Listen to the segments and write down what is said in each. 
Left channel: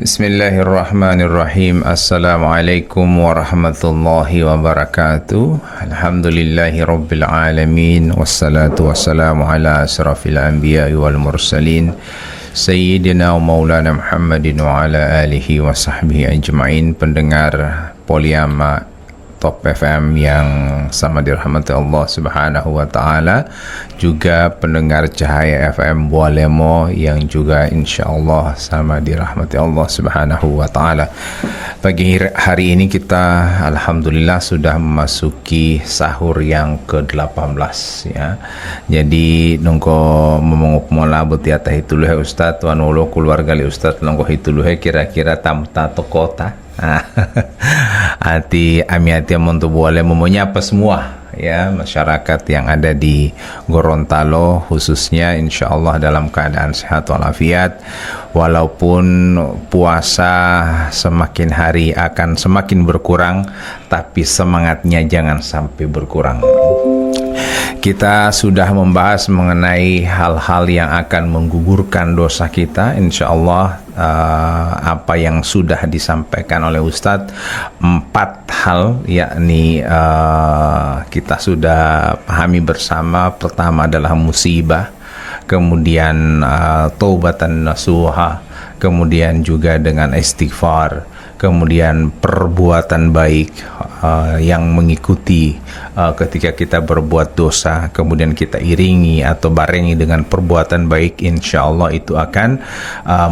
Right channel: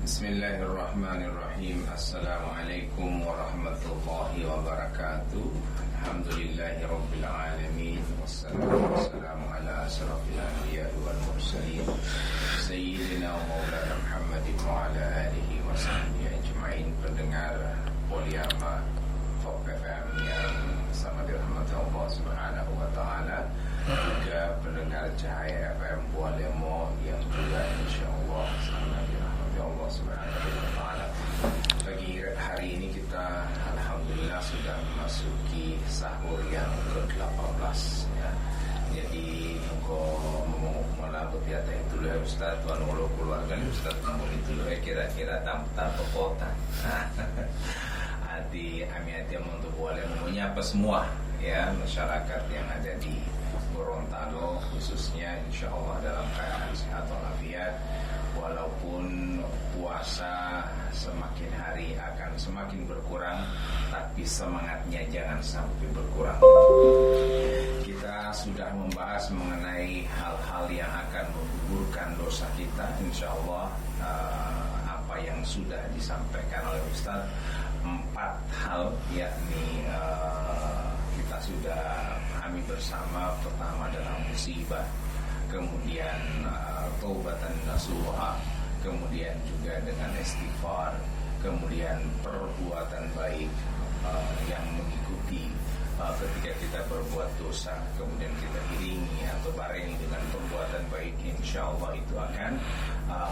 Bismillahirrahmanirrahim. Assalamualaikum warahmatullahi wabarakatuh. Alhamdulillahi rabbil alamin. Wassalatu wassalamu ala asrafil anbiya wal mursalin Sayyidina wa maulana Muhammadin wa ala alihi wa sahbihi ajma'in. Pendengar Poliama Top FM yang sama dirahmati Allah subhanahu wa ta'ala, juga pendengar Cahaya FM Bualemo yang juga insyaAllah sama dirahmati Allah subhanahu wa ta'ala. Pagi hari ini kita alhamdulillah sudah memasuki sahur yang ke-18 ya. Jadi nungko memenguk mola betiata hituluhe Ustaz wan ulo keluarga li Ustaz nungko hituluhe kira-kira tamta tokota hati amiati montu boleh menyapa semua ya masyarakat yang ada di Gorontalo khususnya, insyaallah dalam keadaan sehat walafiat. Walaupun puasa semakin hari akan semakin berkurang, tapi semangatnya jangan sampai berkurang. Kita sudah membahas mengenai hal-hal yang akan menggugurkan dosa kita. Insyaallah apa yang sudah disampaikan oleh Ustadz, 4 hal yakni kita sudah pahami bersama. Pertama adalah musibah, kemudian taubatan nasuha, kemudian juga dengan istighfar, kemudian perbuatan baik yang mengikuti ketika kita berbuat dosa, kemudian kita iringi atau barengi dengan perbuatan baik, insya Allah itu akan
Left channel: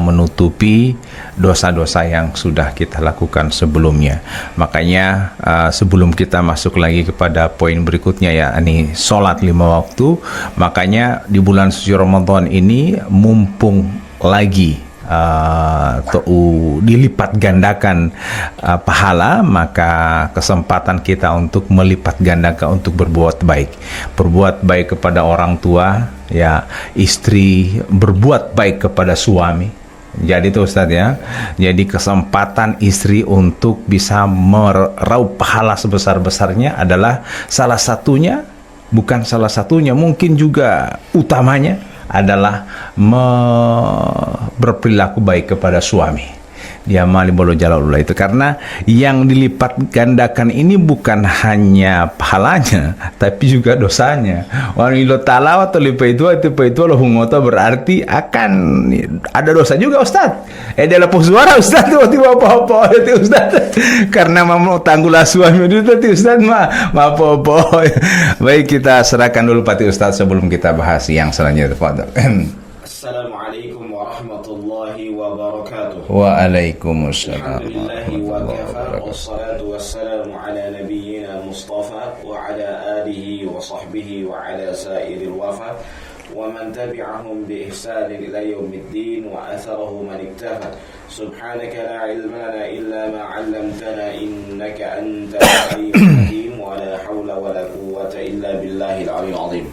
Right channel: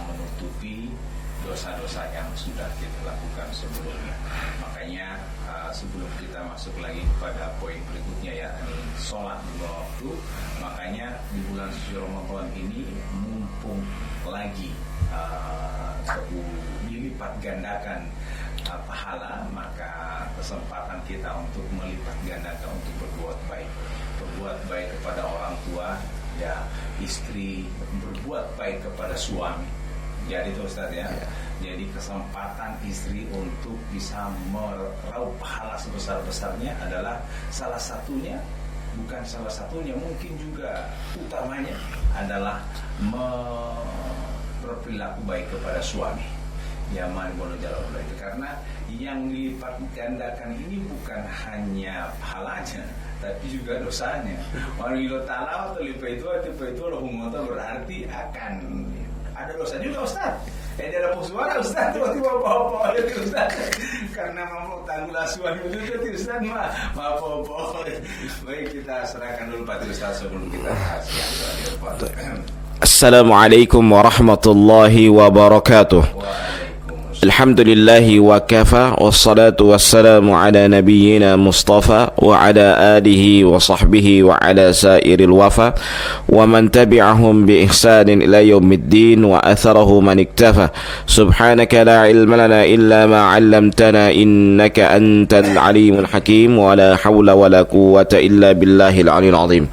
menutupi dosa-dosa yang sudah kita lakukan sebelumnya. Makanya sebelum kita masuk lagi kepada poin berikutnya yakni sholat 5 waktu, makanya di bulan suci Ramadan ini mumpung lagi dilipat gandakan pahala, maka kesempatan kita untuk melipat gandakan untuk berbuat baik kepada orang tua ya, istri berbuat baik kepada suami. Jadi itu Ustadz ya, jadi kesempatan istri untuk bisa meraup pahala sebesar-besarnya adalah salah satunya, bukan salah satunya, mungkin juga utamanya adalah berperilaku baik kepada suami. Dia mali bolo jalalullah itu, karena yang dilipat gandakan ini bukan hanya pahalanya tapi juga dosanya. Wanilo talawa atau lipa itu lo hungoto, berarti akan ada dosa juga Ustaz. Dalam suara Ustaz tuh tiba apa itu Ustaz, karena mau tanggulah suami itu tadi Ustaz mah apa. Baik, kita serahkan dulu Pati Ustaz sebelum kita bahas yang selanjutnya. Fadhil. Assalamualaikum warahmatullahi wabarakatuh. Waalaikumsalam. Alhamdulillahi wa kafa, wassalatu wassalamu ala nabiyyina Mustafa wa ala alihi wa sahbihi wa ala sairil wafa wa man tabi'ahum bi ihsanin ila yaumiddin wa atharahu man iktafa. Subhanaka la ilma lana illa ma 'allamtana innaka antal alimul hakim wa la hawla wa la quwwata illa billahil aliyil azim.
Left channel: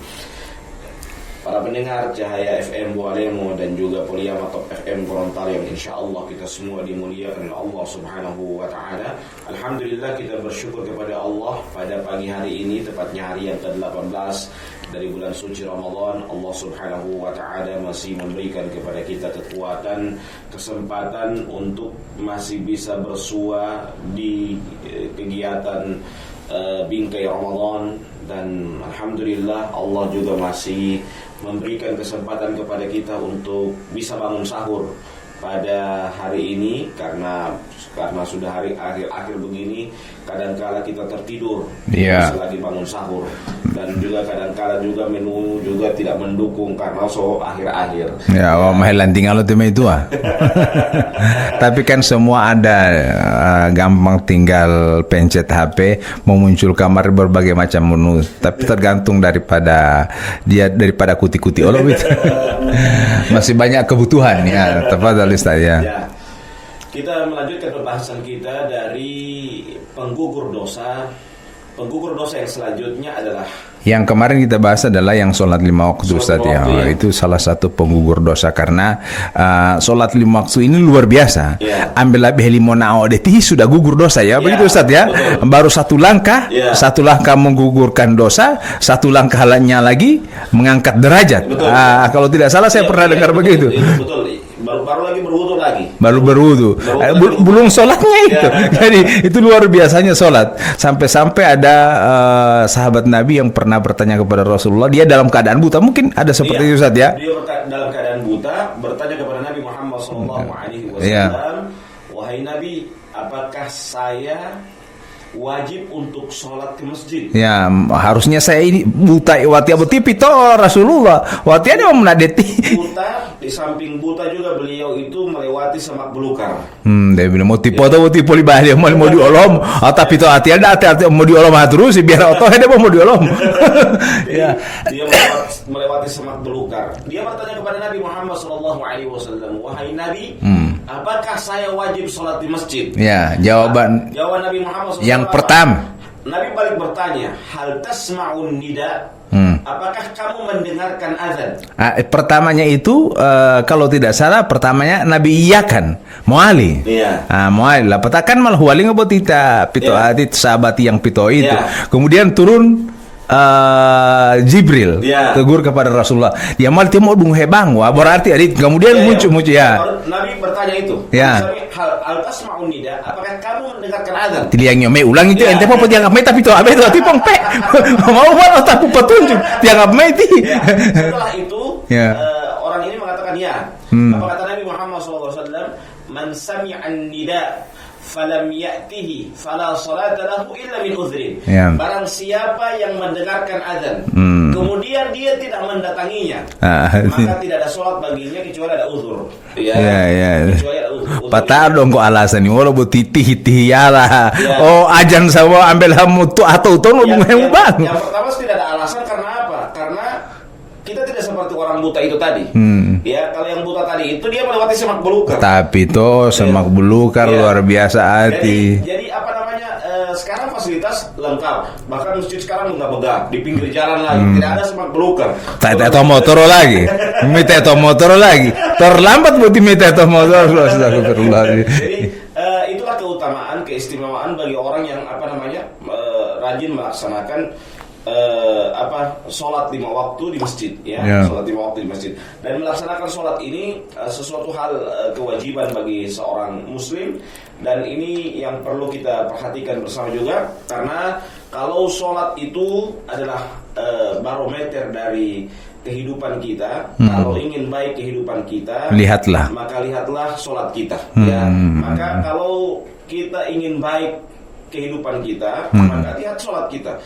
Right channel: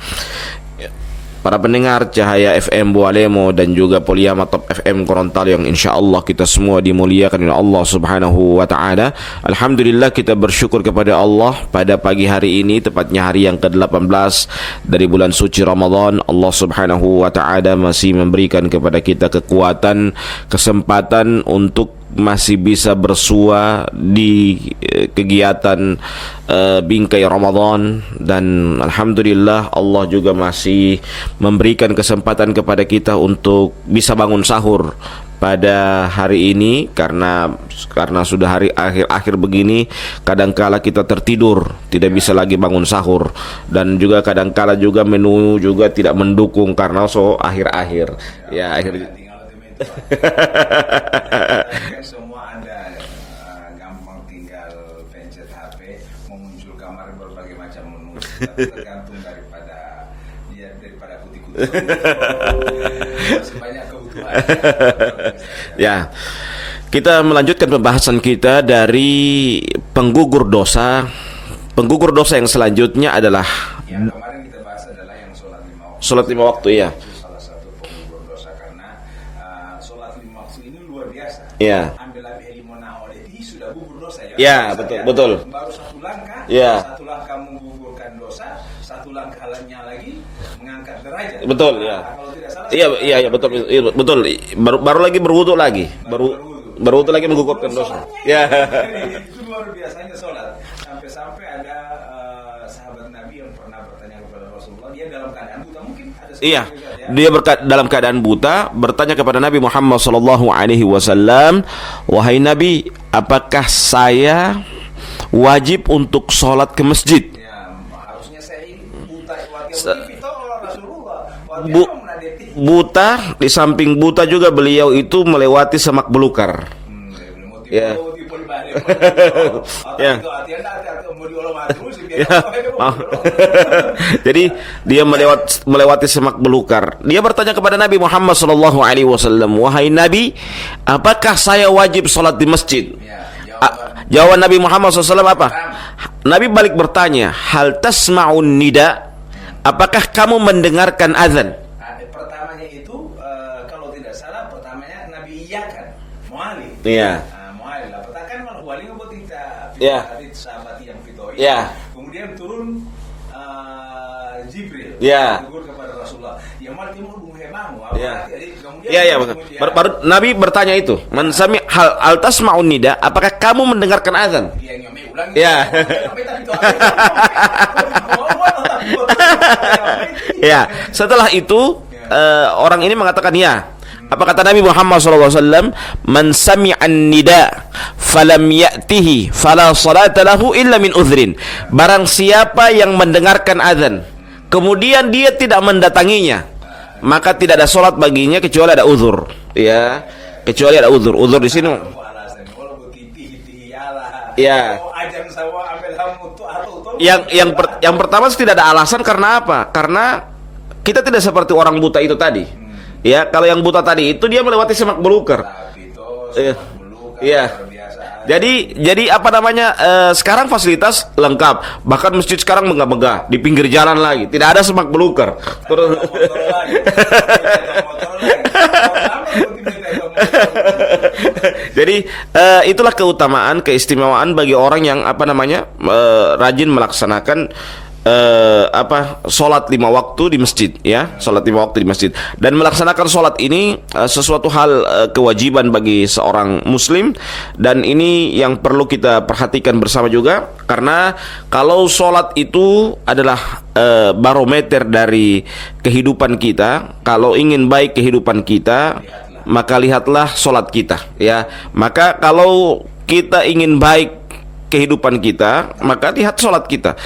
Para pendengar Cahaya FM Bualemo dan juga Poliama Top FM Gorontalo yang insya Allah kita semua dimuliakan oleh Allah subhanahu wa ta'ala. Alhamdulillah kita bersyukur kepada Allah pada pagi hari ini, tepatnya hari yang ke-18 dari bulan suci Ramadan. Allah subhanahu wa ta'ala masih memberikan kepada kita kekuatan, kesempatan untuk masih bisa bersua di kegiatan bingkai Ramadan, dan alhamdulillah Allah juga masih memberikan kesempatan kepada kita untuk bisa bangun sahur pada hari ini, karena sudah hari akhir begini, kadangkala kita tertidur, tidak bisa lagi bangun sahur, dan juga kadangkala juga menu juga tidak mendukung karena akhir-akhir. Tinggal itu tapi kan semua ada, gampang tinggal pencet HP memuncul kamar berbagai macam menu, tapi tergantung daripada kuti-kuti masih banyak kebutuhan ya. Tepat ya. Kita melanjutkan pembahasan kita dari penggugur dosa. Penggugur dosa yang selanjutnya adalah Yang kemarin kita bahas adalah yang sholat 5 waktu, Sholat Ustaz, 5 waktu, ya. Itu salah satu penggugur dosa karena sholat 5 waktu ini luar biasa. Ya. Ambil lebih limona awdetihi sudah gugur dosa ya. Ya, Begitu Ustaz ya. betul. Baru satu langkah, Ya. satu langkah menggugurkan dosa, satu langkah lainnya lagi mengangkat derajat. Betul. Kalau tidak salah saya pernah dengar betul, begitu. Betul. Baru lagi berwudu lagi. Baru berwudu. Berwudu lagi, Belum sholatnya itu. Ya. Jadi itu luar biasanya sholat. Sampai-sampai ada sahabat Nabi yang pernah bertanya kepada Rasulullah, dia dalam keadaan buta, mungkin ada seperti itu Ustaz ya. Dia dalam keadaan buta bertanya kepada Nabi Muhammad SAW, wahai Nabi, apakah saya wajib untuk sholat ke masjid? Ya, harusnya saya ini buta wati aboti pito Rasulullah. Wati ada mau menadeti. Buta, di samping buta juga beliau itu melewati semak belukar. Dia bilang mau tipe atau mau tipe libah mau diolom atau pito hati ada hati mau diolom terus biar atau ada mau diolom. Jadi dia melewati semak belukar. Dia bertanya kepada Nabi Muhammad SAW, wahai Nabi, apakah saya wajib sholat di masjid? Ya, jawaban Jawaban Nabi Muhammad SAW yang apa? pertama. Nabi balik bertanya, hal tasma'un nida? Apakah kamu mendengarkan azan? Pertamanya itu kalau tidak salah pertamanya Nabi iyakan muali. Iya. Muali lah petakan malah huali ngebotita pito adit sahabat yang pito itu. Iya. Kemudian turun Jibril tegur kepada Rasulullah. Ya mal timo dung hebang wah berarti adit kemudian muncul ya. Nabi bertanya itu. Sami hal tasma'un nida? Apakah kamu mendengarkan azan? Tiliangnya me ulang itu ente mau dianggap me tapi itu abe itu pompe. Mau buat otakku betul dianggap me itu. Ya. Setelah itu orang ini mengatakan ya. Apa kata Nabi Muhammad SAW? Man sami'an nida falam ya'tihi fala salata lahu illa min udhrin. Barang siapa yang mendengarkan azan kemudian dia tidak mendatanginya, maka tidak ada salat baginya kecuali ada uzur. Kecuali ada uzur. Uzur di sini dong kok alasan ini walau titih yala. Oh ajan sama ambil hamutu atau yang pertama tidak ada alasan karena apa? Karena kita tidak seperti orang buta itu tadi. Ya, kalau yang buta tadi itu dia melewati semak belukar. Tapi itu semak belukar luar biasa. Jadi apa namanya? Sekarang fasilitas lengkap. Bahkan masjid sekarang megah-megah di pinggir jalan lagi. Tidak ada semak belukar. Teto motor lagi. Teto motor lagi. Terlambat berarti teto motor. Jadi itulah keutamaan, keistimewaan bagi orang yang apa namanya? Rajin melaksanakan sholat 5 waktu di masjid sholat 5 waktu di masjid, dan melaksanakan sholat ini sesuatu hal kewajiban bagi seorang muslim, dan ini yang perlu kita perhatikan bersama juga, karena kalau sholat itu adalah barometer dari kehidupan kita. Kalau ingin baik kehidupan kita, maka lihatlah sholat kita. Maka kalau kita ingin baik kehidupan kita, maka lihat sholat kita,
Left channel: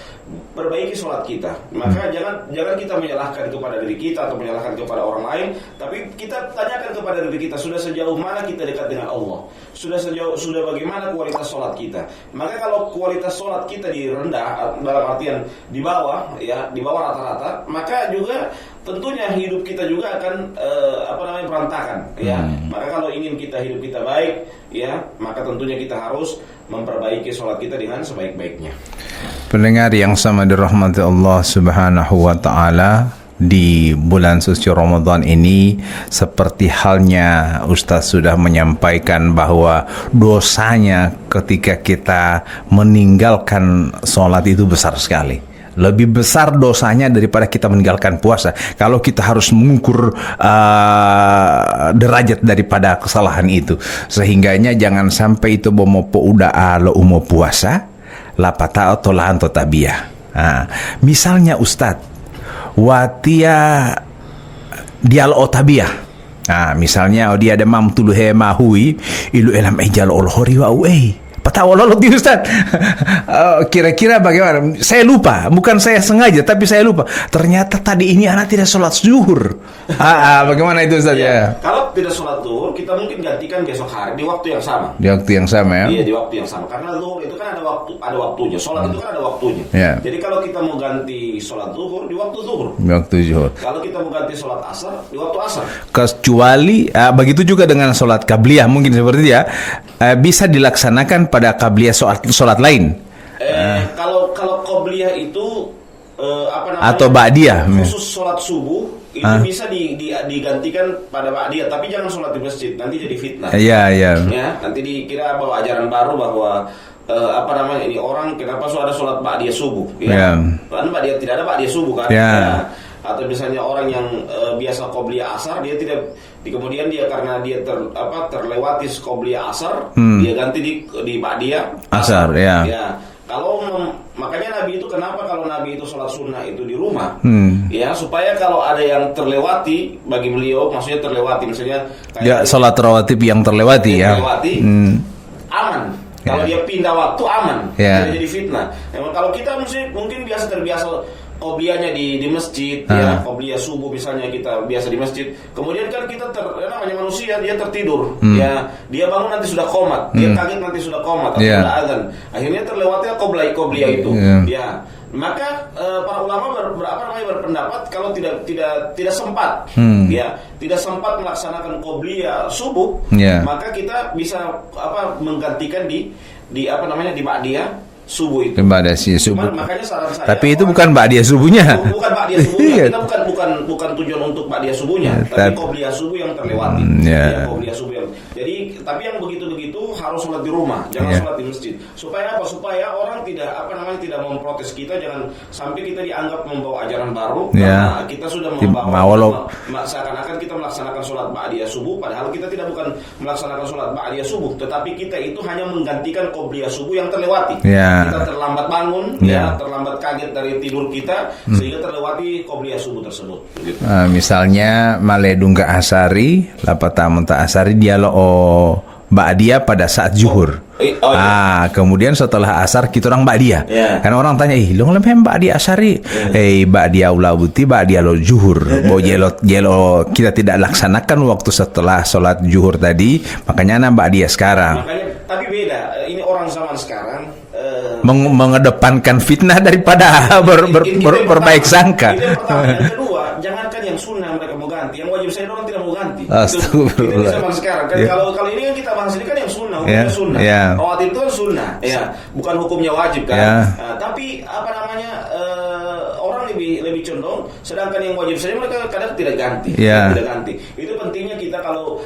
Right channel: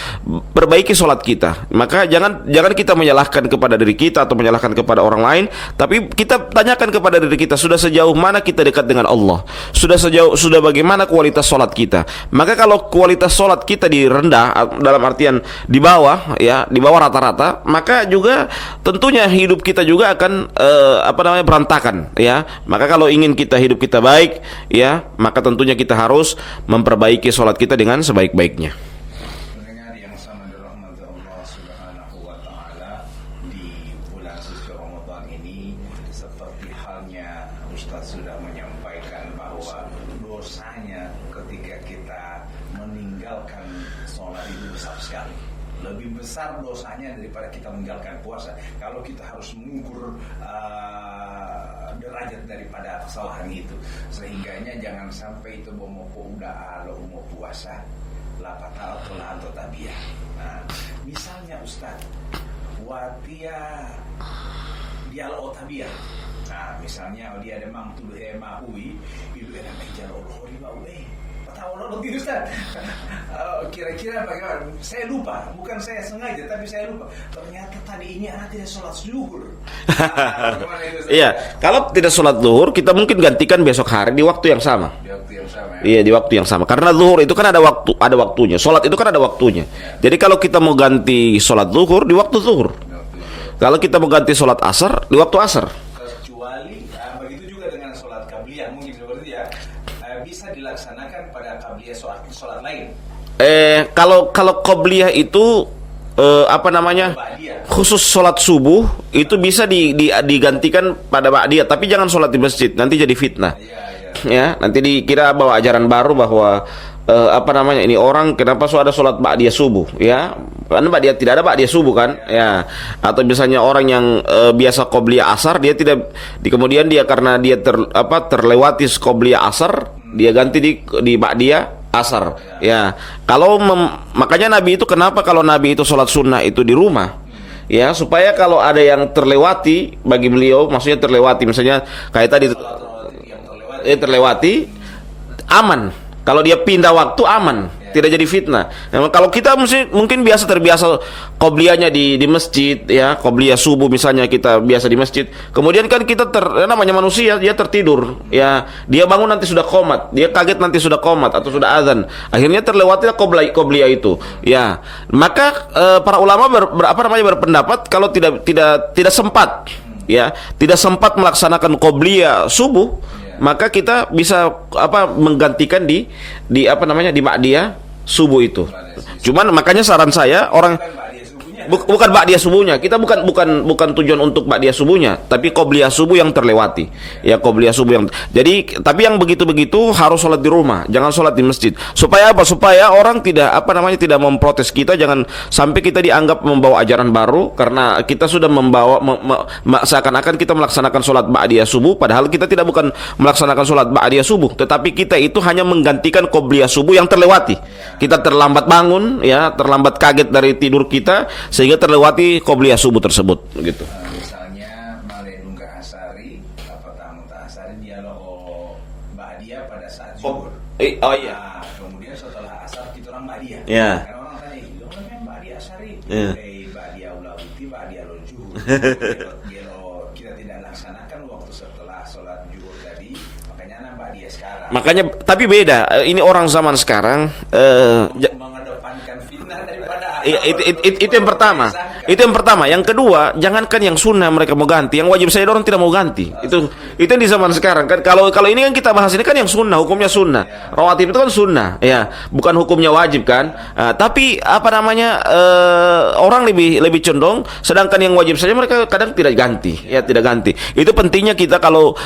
perbaiki sholat kita. Maka jangan kita menyalahkan kepada diri kita atau menyalahkan kepada orang lain, tapi kita tanyakan kepada diri kita, sudah sejauh mana kita dekat dengan Allah, sudah bagaimana kualitas sholat kita. Maka kalau kualitas sholat kita di rendah, dalam artian di bawah rata-rata, maka juga tentunya hidup kita juga akan berantakan. Maka kalau ingin hidup kita baik, maka tentunya kita harus memperbaiki sholat kita dengan sebaik-baiknya. Pendengar yang sama dirahmati Allah Subhanahu wa taala, di bulan suci Ramadan ini seperti halnya Ustaz sudah menyampaikan bahwa dosanya ketika kita meninggalkan sholat itu besar sekali. Lebih besar dosanya daripada kita meninggalkan puasa. Kalau kita harus mengukur derajat daripada kesalahan itu, sehingganya jangan sampai itu bomopo udah alo umo puasa lapata atau lahan tabia. Misalnya Ustadz watia dial otabia. Misalnya dia ada mam tulu he mahui ilu elam ejal olhori wa Patawalolo di Ustaz. Kira-kira bagaimana? Saya lupa, bukan saya sengaja, tapi saya lupa. Ternyata tadi ini anak tidak sholat zuhur. Bagaimana itu Ustaz? Kalau tidak sholat zuhur, kita mungkin gantikan besok hari di waktu yang sama. Di waktu yang sama ya? Iya, di waktu yang sama. Karena zuhur itu kan ada waktunya. Sholat itu kan ada waktunya. Jadi kalau kita mau ganti sholat zuhur di waktu zuhur. Di waktu zuhur. Kalau kita mau ganti sholat asar di waktu asar. Kecuali begitu juga dengan sholat qabliyah, mungkin seperti itu ya. Bisa dilaksanakan pada qabliyah sholat lain. Kalau qabliyah itu apa namanya? Atau ba'diyah. Khusus sholat subuh itu bisa digantikan pada ba'diyah, tapi jangan sholat di masjid, nanti jadi fitnah. Iya, iya. Ya, nanti dikira bawa ajaran baru bahwa apa namanya, ini orang kenapa ada sholat ba'diyah subuh ya? Karena ba'diyah tidak ada ba'diyah subuh kan? Ya. Atau misalnya orang yang biasa qobliyah asar, dia tidak kemudian dia karena dia terlewati qobliyah asar, dia ganti di ba'diyah asar. Ya. Kalau makanya Nabi itu kenapa kalau Nabi itu sholat sunnah itu di rumah, ya supaya kalau ada yang terlewati bagi beliau, maksudnya terlewati, misalnya kayak tadi sholat rawatib yang terlewati, aman. Kalau dia pindah waktu aman, tidak jadi fitnah. Nah, kalau kita mungkin terbiasa qobliyahnya di masjid, ya qobliyah subuh misalnya kita biasa di masjid. Kemudian kan kita namanya manusia, dia tertidur, ya dia bangun nanti sudah qomat, dia kaget nanti sudah qomat atau sudah azan. Akhirnya terlewati qobliyah itu. Ya, maka para ulama berpendapat kalau tidak sempat, ya tidak sempat melaksanakan qobliyah subuh, maka kita bisa menggantikan di ba'diyah subuh itu. Cuman makanya saran saya, tapi itu bukan ba'diyah subuhnya. Bukan ba'diyah subuhnya. Kita bukan tujuan untuk ba'diyah subuhnya, tapi qobliyah subuh yang terlewati. Ya qobliyah subuh yang. Jadi tapi yang begitu-begitu harus sholat di rumah, jangan sholat di masjid. Supaya apa? Supaya orang tidak tidak memprotes kita, jangan sampai kita dianggap membawa ajaran baru karena kita sudah membawa seakan-akan kita melaksanakan sholat ba'diyah subuh, padahal kita bukan melaksanakan sholat ba'diyah subuh, tetapi kita itu hanya menggantikan qobliyah subuh yang terlewati. Kita terlambat bangun, terlambat kaget dari tidur kita, sehingga terlewati qobliyah subuh tersebut. Gitu. Misalnya maledungga asari, lapatamun ta asari dia lo ba'diyah pada saat zuhur. Kemudian setelah asar kita orang ba'diyah. Karena orang tanya, lo ngelem ba'diyah asari, ba'diyah ulabuti, ba'diyah lo zuhur. Jelo kita tidak laksanakan waktu setelah sholat zuhur tadi, makanya ba'diyah sekarang. Makanya, tapi beda. Ini orang zaman sekarang mengedepankan fitnah daripada berbaik sangka. Itu yang pertama. Yang kedua, jangankan yang sunnah mereka mau ganti, yang wajib saya orang tidak mau ganti. Itu di zaman sekarang kan. Kalau ini yang kita bahas ini kan yang sunnah, hukumnya sunnah. Rawatib itu kan sunnah, ya, bukan hukumnya wajib kan. Tapi orang lebih condong, sedangkan yang wajib saja mereka kadang tidak ganti, tidak ganti. Itu pentingnya kita kalau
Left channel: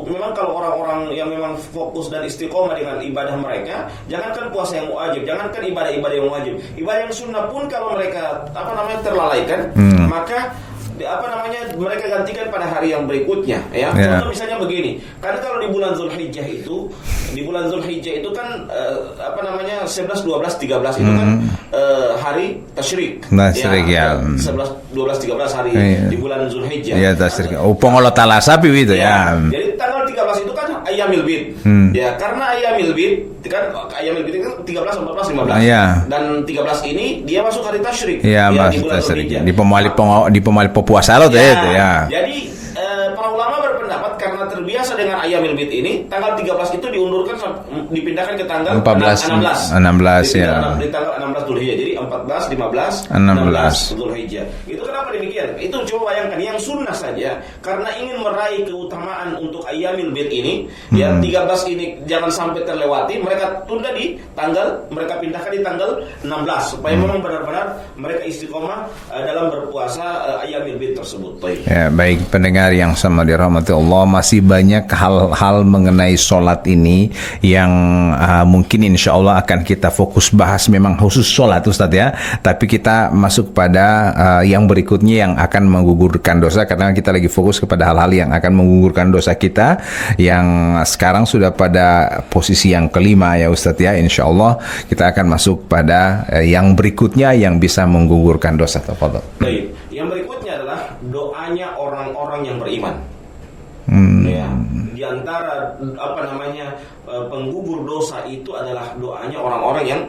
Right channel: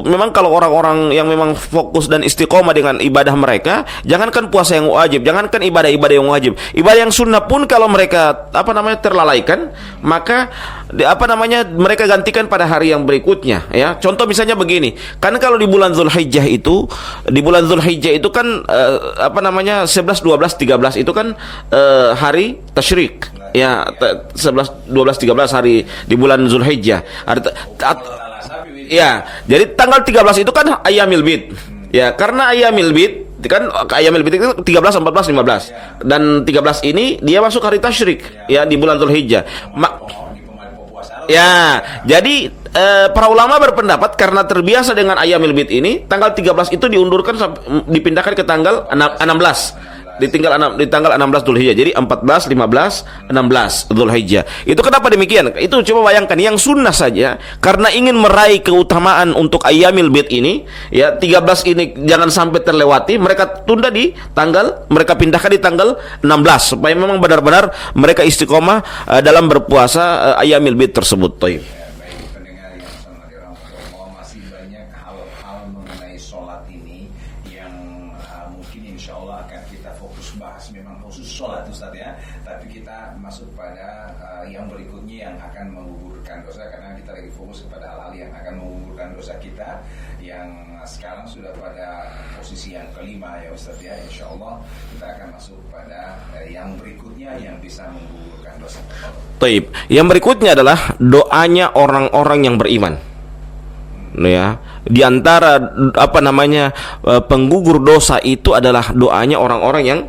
memang kalau orang-orang yang memang fokus dan istiqomah dengan ibadah mereka, jangankan puasa yang wajib, jangankan ibadah-ibadah yang wajib, ibadah yang sunnah pun kalau mereka terlalaikan, maka mereka gantikan pada hari yang berikutnya, ya. Contoh misalnya begini, karena kalau di bulan Zulhijjah itu kan 11, 12, 13 itu kan hari tasyrik. 11, 12, 13 hari di bulan Zulhijjah. Allah Ta'ala sapi itu ya. Jadi tanggal 13 itu kan Ayyamil Bid. Ya, karena Ayyamil Bid kan itu 13, 14, 15. Dan 13 ini dia masuk hari tasyrik, di bulan Zulhijjah. Di pemali puasa lo Jadi para ulama berpendapat karena terbiasa dengan Ayyamil Bid ini, tanggal 13 itu diundurkan dipindahkan ke tanggal 16. Di tanggal 16 Zulhijjah. Jadi 14, 15, 16 Zulhijjah. Itu kenapa demikian? Itu coba bayangkan yang sunnah saja karena ingin meraih keutamaan untuk Ayyamil Bid ini, 13 ini jangan sampai terlewati, mereka tunda mereka pindahkan di tanggal 16 supaya memang benar-benar mereka istiqomah dalam berpuasa Ayyamil Bid tersebut. Ya, baik pendengar yang sama dirahmati Allah, masih banyak hal-hal mengenai sholat ini yang mungkin insya Allah akan kita fokus bahas, memang khusus sholat Ustadz ya, tapi kita masuk pada yang berikutnya yang akan menggugurkan dosa, karena kita lagi fokus kepada hal-hal yang akan menggugurkan dosa kita, yang sekarang sudah pada posisi yang kelima ya Ustadz ya. Insya Allah kita akan masuk pada yang berikutnya yang bisa menggugurkan dosa. Baik, yang berikutnya adalah doanya orang-orang yang beriman. Ya, di antara penggugur dosa itu adalah doanya orang-orang yang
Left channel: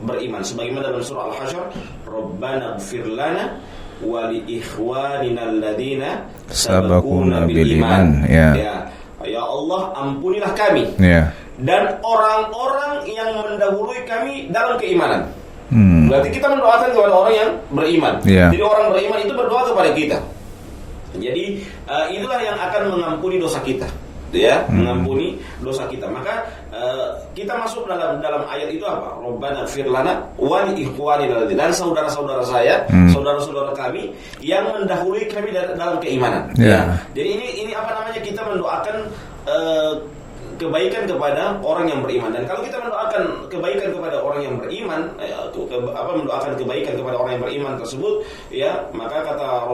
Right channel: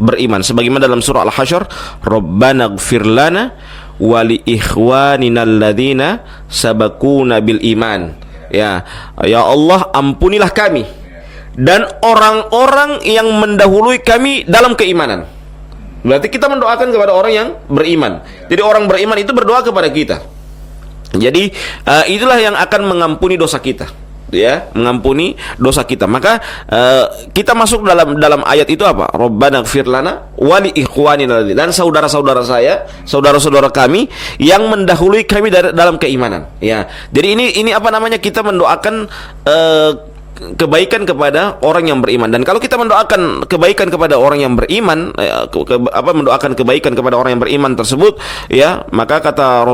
beriman, sebagaimana dalam surah Al-Hasyr, Rabbana ighfir lana wa li ikhwanina alladzina sabaquna bil iman. Ya Allah, ampunilah kami dan orang-orang yang mendahului kami dalam keimanan. Berarti kita mendoakan kepada orang yang beriman. Jadi orang beriman itu berdoa kepada kita. Jadi itulah yang akan mengampuni dosa kita. ya, mengampuni dosa kita. Maka kita masuk dalam ayat itu apa? Rabbana ighfir lana wa li ikhwanina, dan saudara-saudara saya, saudara-saudara kami yang mendahului kami dalam keimanan. Ya. Jadi ini apa namanya, kita mendoakan kebaikan kepada orang yang beriman. Dan kalau kita mendoakan kebaikan kepada orang yang beriman, mendoakan kebaikan kepada orang yang beriman tersebut, ya, maka kata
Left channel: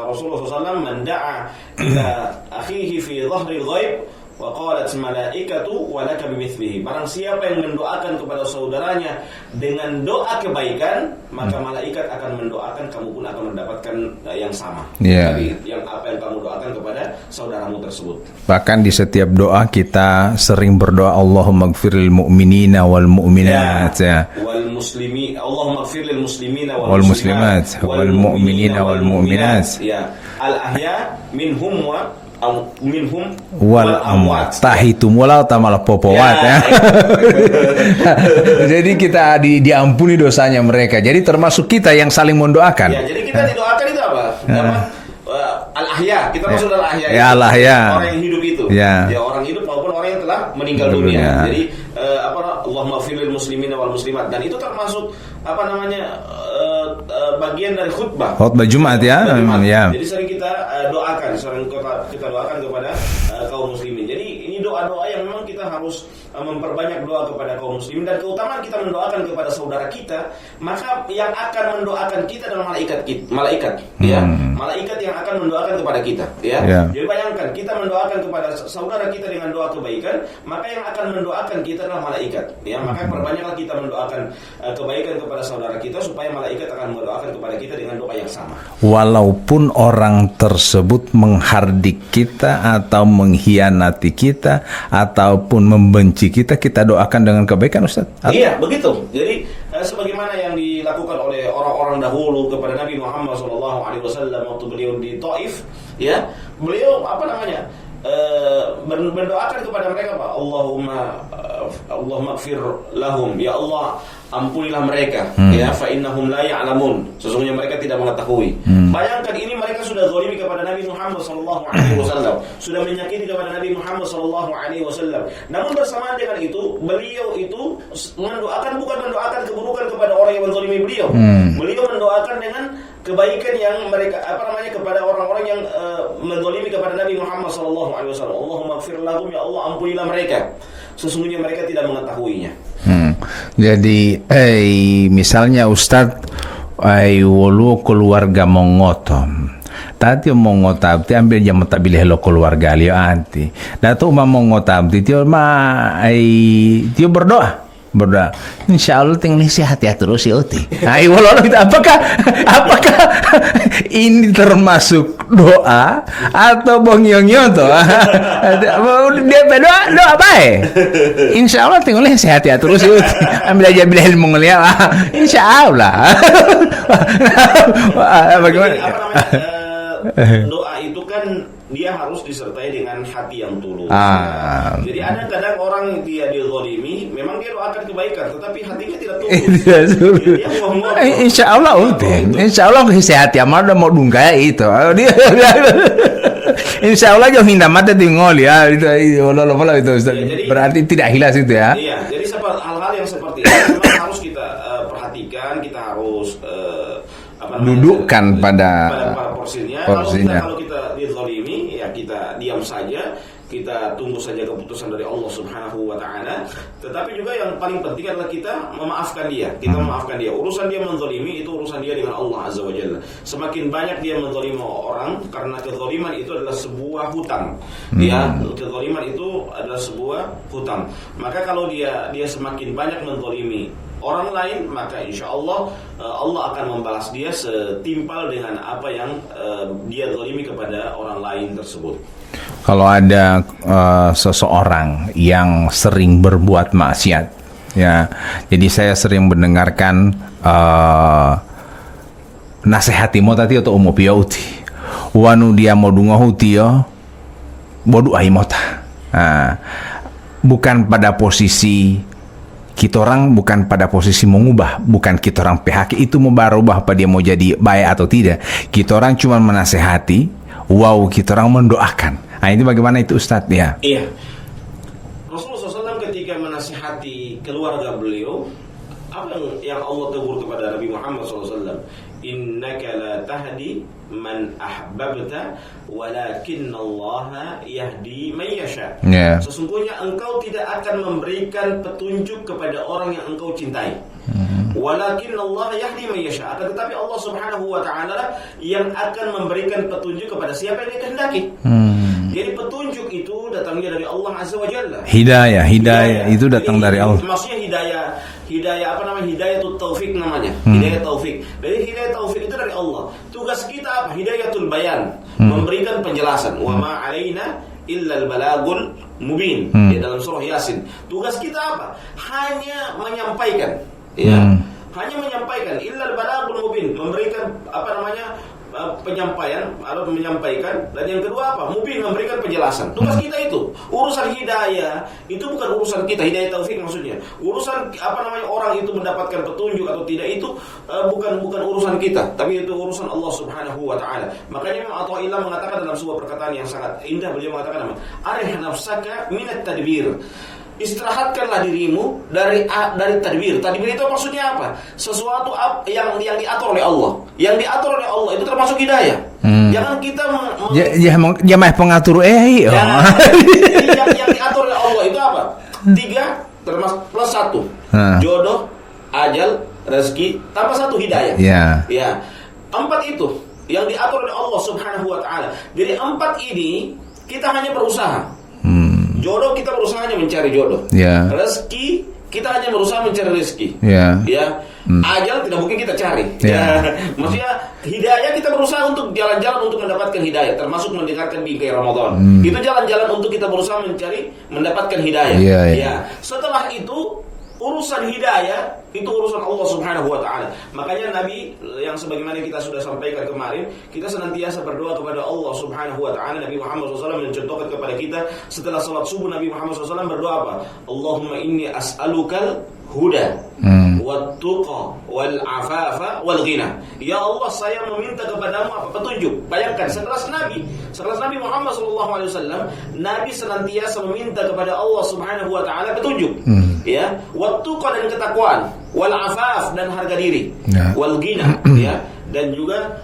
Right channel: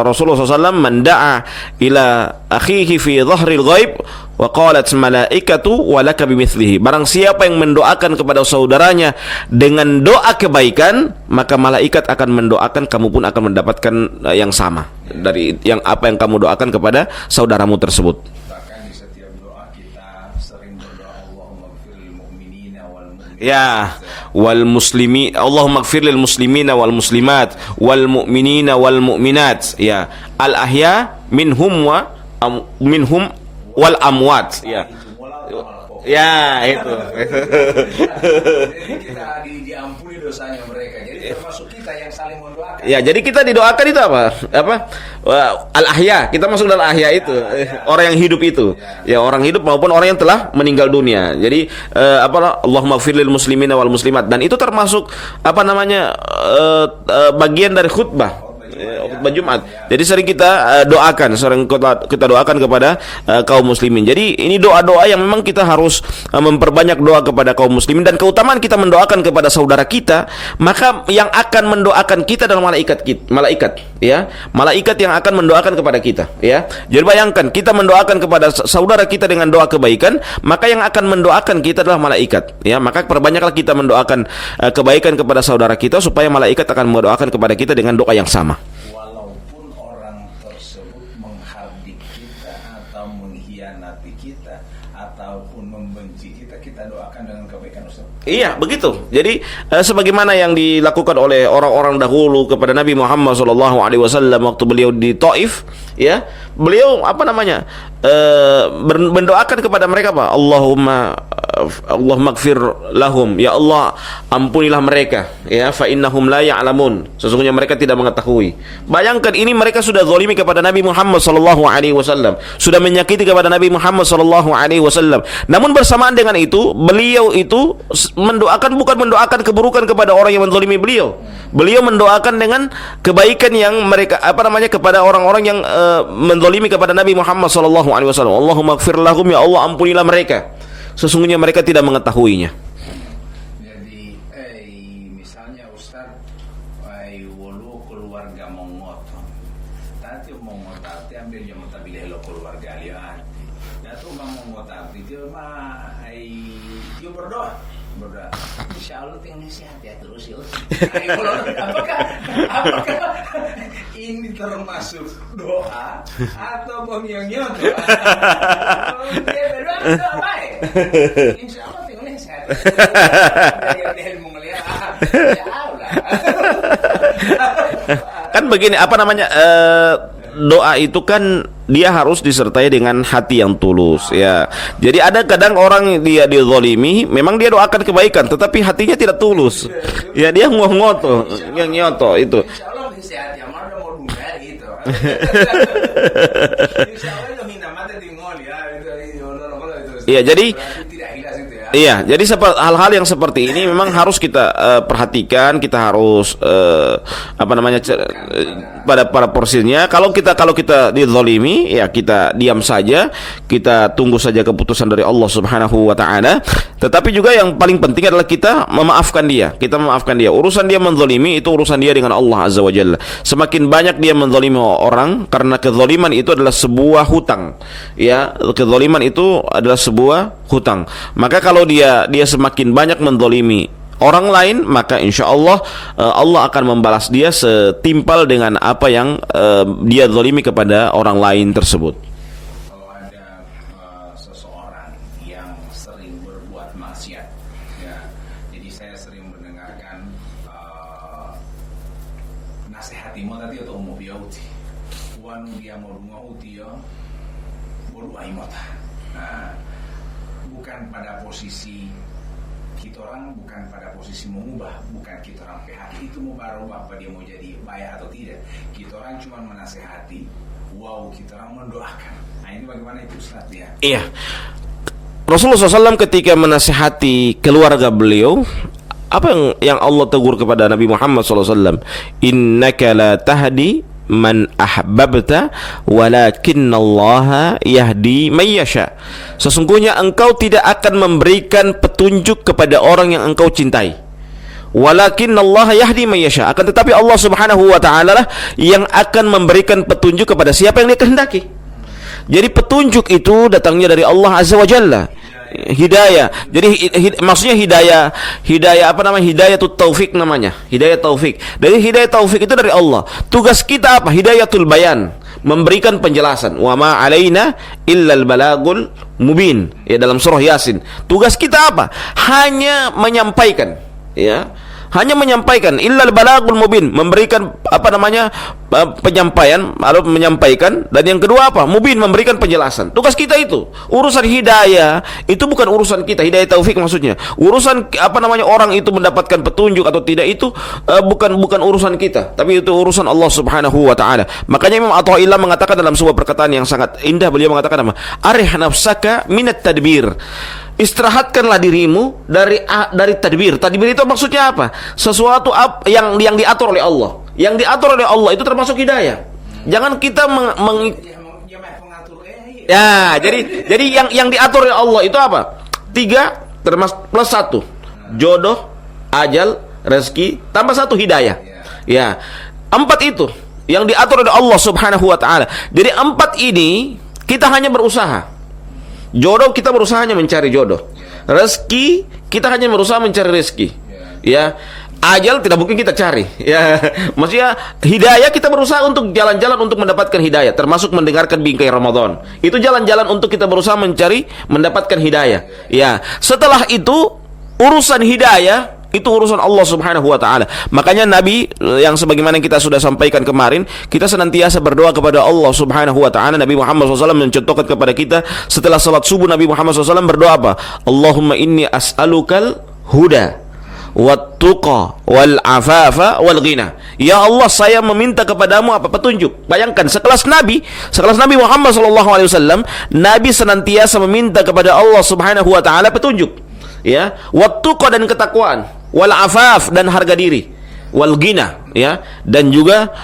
Rasulullah SAW, man da'a ila akhihi fi dhahril ghaib wa qalat malaikatu wa laka bimithlihi. Barang siapa yang mendoakan kepada saudaranya dengan doa kebaikan, maka malaikat akan mendoakan, kamu pun akan mendapatkan yang sama dari yang apa yang kamu doakan kepada saudaramu tersebut. Bahkan di setiap doa kita sering berdoa, Allahumma ighfirlil mu'minina wal mu'minat, wal muslimi, Allahumma ighfirlil muslimina wal muslimat wal mu'minina wal mu'minat, ya, al ahya minhum wal amwat, tahitum wala tamal popowat, Jadi kita diampuni dosanya mereka. Jadi termasuk kita yang saling mendoakan. Ya, jadi kita didoakan itu apa? Al-ahya, kita masuk dalam ahya itu. Orang yang hidup itu. Ya, orang hidup maupun orang yang telah meninggal dunia. Jadi Allahumma ighfirlil muslimina wal muslimat, dan itu termasuk apa namanya, bagian dari khutbah Jumat, ya. Jumat. Jadi sering kita doakan, kita doakan kepada kaum muslimin. Jadi ini doa-doa yang memang kita harus memperbanyak doa kepada kaum muslimin, dan keutamaan kita mendoakan kepada saudara kita, maka yang akan mendoakan kita adalah malaikat, ya. Malaikat yang akan mendoakan kepada kita, ya. Jadi bayangkan kita mendoakan kepada saudara kita dengan doa kebaikan, maka yang akan mendoakan kita adalah malaikat, ya. Maka perbanyaklah kita mendoakan kebaikan kepada saudara kita, supaya malaikat akan mendoakan kepada kita dengan doa yang sama. Walaupun orang tersebut menghardik kita atau mengkhianati kita ataupun membenci kita, kita doakan dengan kebaikan, Ustaz. Iya, begitu. Jadi sebagaimana yang dilakukan oleh orang-orang dahulu kepada Nabi Muhammad SAW waktu beliau di Taif, ya, beliau apa namanya, mendoakan kepada mereka apa? Allahumma ighfir lahum, ya Allah ampunilah mereka, ya, fa innahum la ya'lamun, sesungguhnya mereka tidak mengetahui. Bayangkan, ini mereka sudah zalimi kepada Nabi Muhammad sallallahu alaihi wasallam, sudah menyakiti kepada Nabi Muhammad sallallahu alaihi wasallam. Namun bersamaan dengan itu, beliau itu bukan mendoakan keburukan kepada orang yang menzalimi beliau. Beliau mendoakan dengan kebaikan yang mereka kepada orang-orang yang menzalimi kepada Nabi Muhammad sallallahu alaihi wasallam. Allahumma ighfir lahum, ya Allah ampunilah mereka, sesungguhnya mereka tidak mengetahuinya. Jadi misalnya Ustadz, wolu keluarga mongotom tati mongotabti ambil jam tabileh lo keluarga liyo anti datu mongotabti tio tio berdoa insya Allah tinggal sehat ya terus ya uti. Walau kita apakah ini termasuk doa atau bongyongyo toh? Dia doa baik. Insya Allah tinggal sehat ya terus ya uti. Ambil aja bila ilmu ngeliat. Insya Allah. Begini, doa itu kan dia harus disertai dengan hati yang tulus, ya. Jadi ada kadang orang dia dizalimi, memang dia doakan kebaikan, tetapi hatinya tidak tulus. Ya, dia ngotot. Insya Allah itu. Insya Allah sehat ya, mau dungkaya itu. Insya Allah jauh hinda mata tinggal ya itu. Ya, jadi berarti tidak hilas itu ya. Iya, jadi hal-hal yang seperti ini memang harus kita perhatikan, kita harus dudukkan pada porsinya. Kalau kita dizalimi, ya kita diam saja, kita tunggu saja keputusan dari Allah Subhanahu wa taala. Tetapi juga yang paling penting adalah kita memaafkan dia. Memaafkan dia. Urusan dia menzalimi itu urusan dia dengan Allah Azza wa Jalla. Semakin banyak dia menzalimi orang, karena kezaliman itu adalah sebuah hutang. Ya, kezaliman itu adalah sebuah hutang. Maka kalau dia semakin banyak menzalimi orang lain, maka insya Allah Allah akan membalas dia setimpal dengan apa yang dia zalimi kepada orang lain tersebut. Kalau ada seseorang yang sering berbuat maksiat, ya, jadi saya sering mendengarkan nasihati mo tadi atau umo piauti, wanu dia mau dunga huti yo, bodu aimota. Bukan pada posisi kita orang, bukan pada posisi mengubah, bukan kita orang PHK itu mau berubah apa dia mau jadi baik atau tidak. Kita orang cuma menasehati, kita orang mendoakan Nah, itu bagaimana itu Ustadz ya? Iya. Rasulullah SAW ketika menasihati keluarga beliau, apa yang Allah tegur kepada Nabi Muhammad SAW? Innaka la tahdi man ahbabta walakinallaha yahdi man yasha. Sesungguhnya engkau tidak akan memberikan petunjuk kepada orang yang engkau cintai. Walakinallaha yahdi man yasha. Akan tetapi Allah Subhanahu wa taala lah yang akan memberikan petunjuk kepada siapa yang Dia kehendaki. Jadi petunjuk itu datangnya dari Allah Azza wa Jalla. Hidayah itu datang dari Allah. Maksudnya hidayah apa namanya? Hidayah itu taufik namanya. Hidayah taufik. Dari hidayah taufik itu dari Allah. Tugas kita apa? Hidayatul bayan, memberikan penjelasan. Wa ma alaina illal balagul mubin. Ya, dalam surah Yasin. Tugas kita apa? Hanya menyampaikan, ya. Hanya menyampaikan, illal balagul mubin, memberikan apa namanya, penyampaian atau menyampaikan, dan yang kedua apa? Mubin, memberikan penjelasan. Tugas kita itu. Urusan hidayah itu bukan urusan kita, hidayah taufik maksudnya. Urusan apa namanya, orang itu mendapatkan petunjuk atau tidak itu bukan urusan kita, tapi itu urusan Allah Subhanahu wa taala. Makanya Imam Athaillah mengatakan dalam sebuah perkataan yang sangat indah, beliau mengatakan apa? Arih nafsaka minat tadbir. Istirahatkanlah dirimu dari tadbir. Tadbir itu maksudnya apa? Sesuatu yang diatur oleh Allah. Yang diatur oleh Allah itu termasuk hidayah. Jangan kita dia mah pengatur Ya, jadi yang diatur oleh Allah itu apa? 3 termasuk plus 1. Jodoh, ajal, rezeki, tambah 1 hidayah. Ya. 4 itu yang diatur oleh Allah Subhanahu wa taala. Jadi 4 ini kita hanya berusaha. Jodoh, kita berusaha hanya mencari jodoh. Rezeki, kita hanya berusaha mencari rezeki. Ya. Ajal tidak mungkin kita cari. Ya. Maksudnya hidayah, kita berusaha untuk jalan-jalan untuk mendapatkan hidayah, termasuk mendengarkan bingkai Ramadan. Itu jalan-jalan untuk kita berusaha mendapatkan hidayah. Ya. Setelah itu urusan hidayah itu urusan Allah Subhanahu wa taala. Makanya Nabi, yang sebagaimana kita sudah sampaikan kemarin, kita senantiasa berdoa kepada Allah Subhanahu wa taala. Nabi Muhammad SAW mencontohkan kepada kita setelah salat subuh, Nabi Muhammad SAW berdoa apa? Allahumma inni as'alukal huda wat tuqa wal afafa wal ghina. Ya Allah, saya meminta kepadamu apa? Petunjuk. Bayangkan sekelas Nabi Muhammad SAW, Nabi senantiasa meminta kepada Allah Subhanahu wa taala petunjuk. Ya, wat tuqa dan ketakwaan, wal afaf dan harga diri, wal ghina, ya, dan juga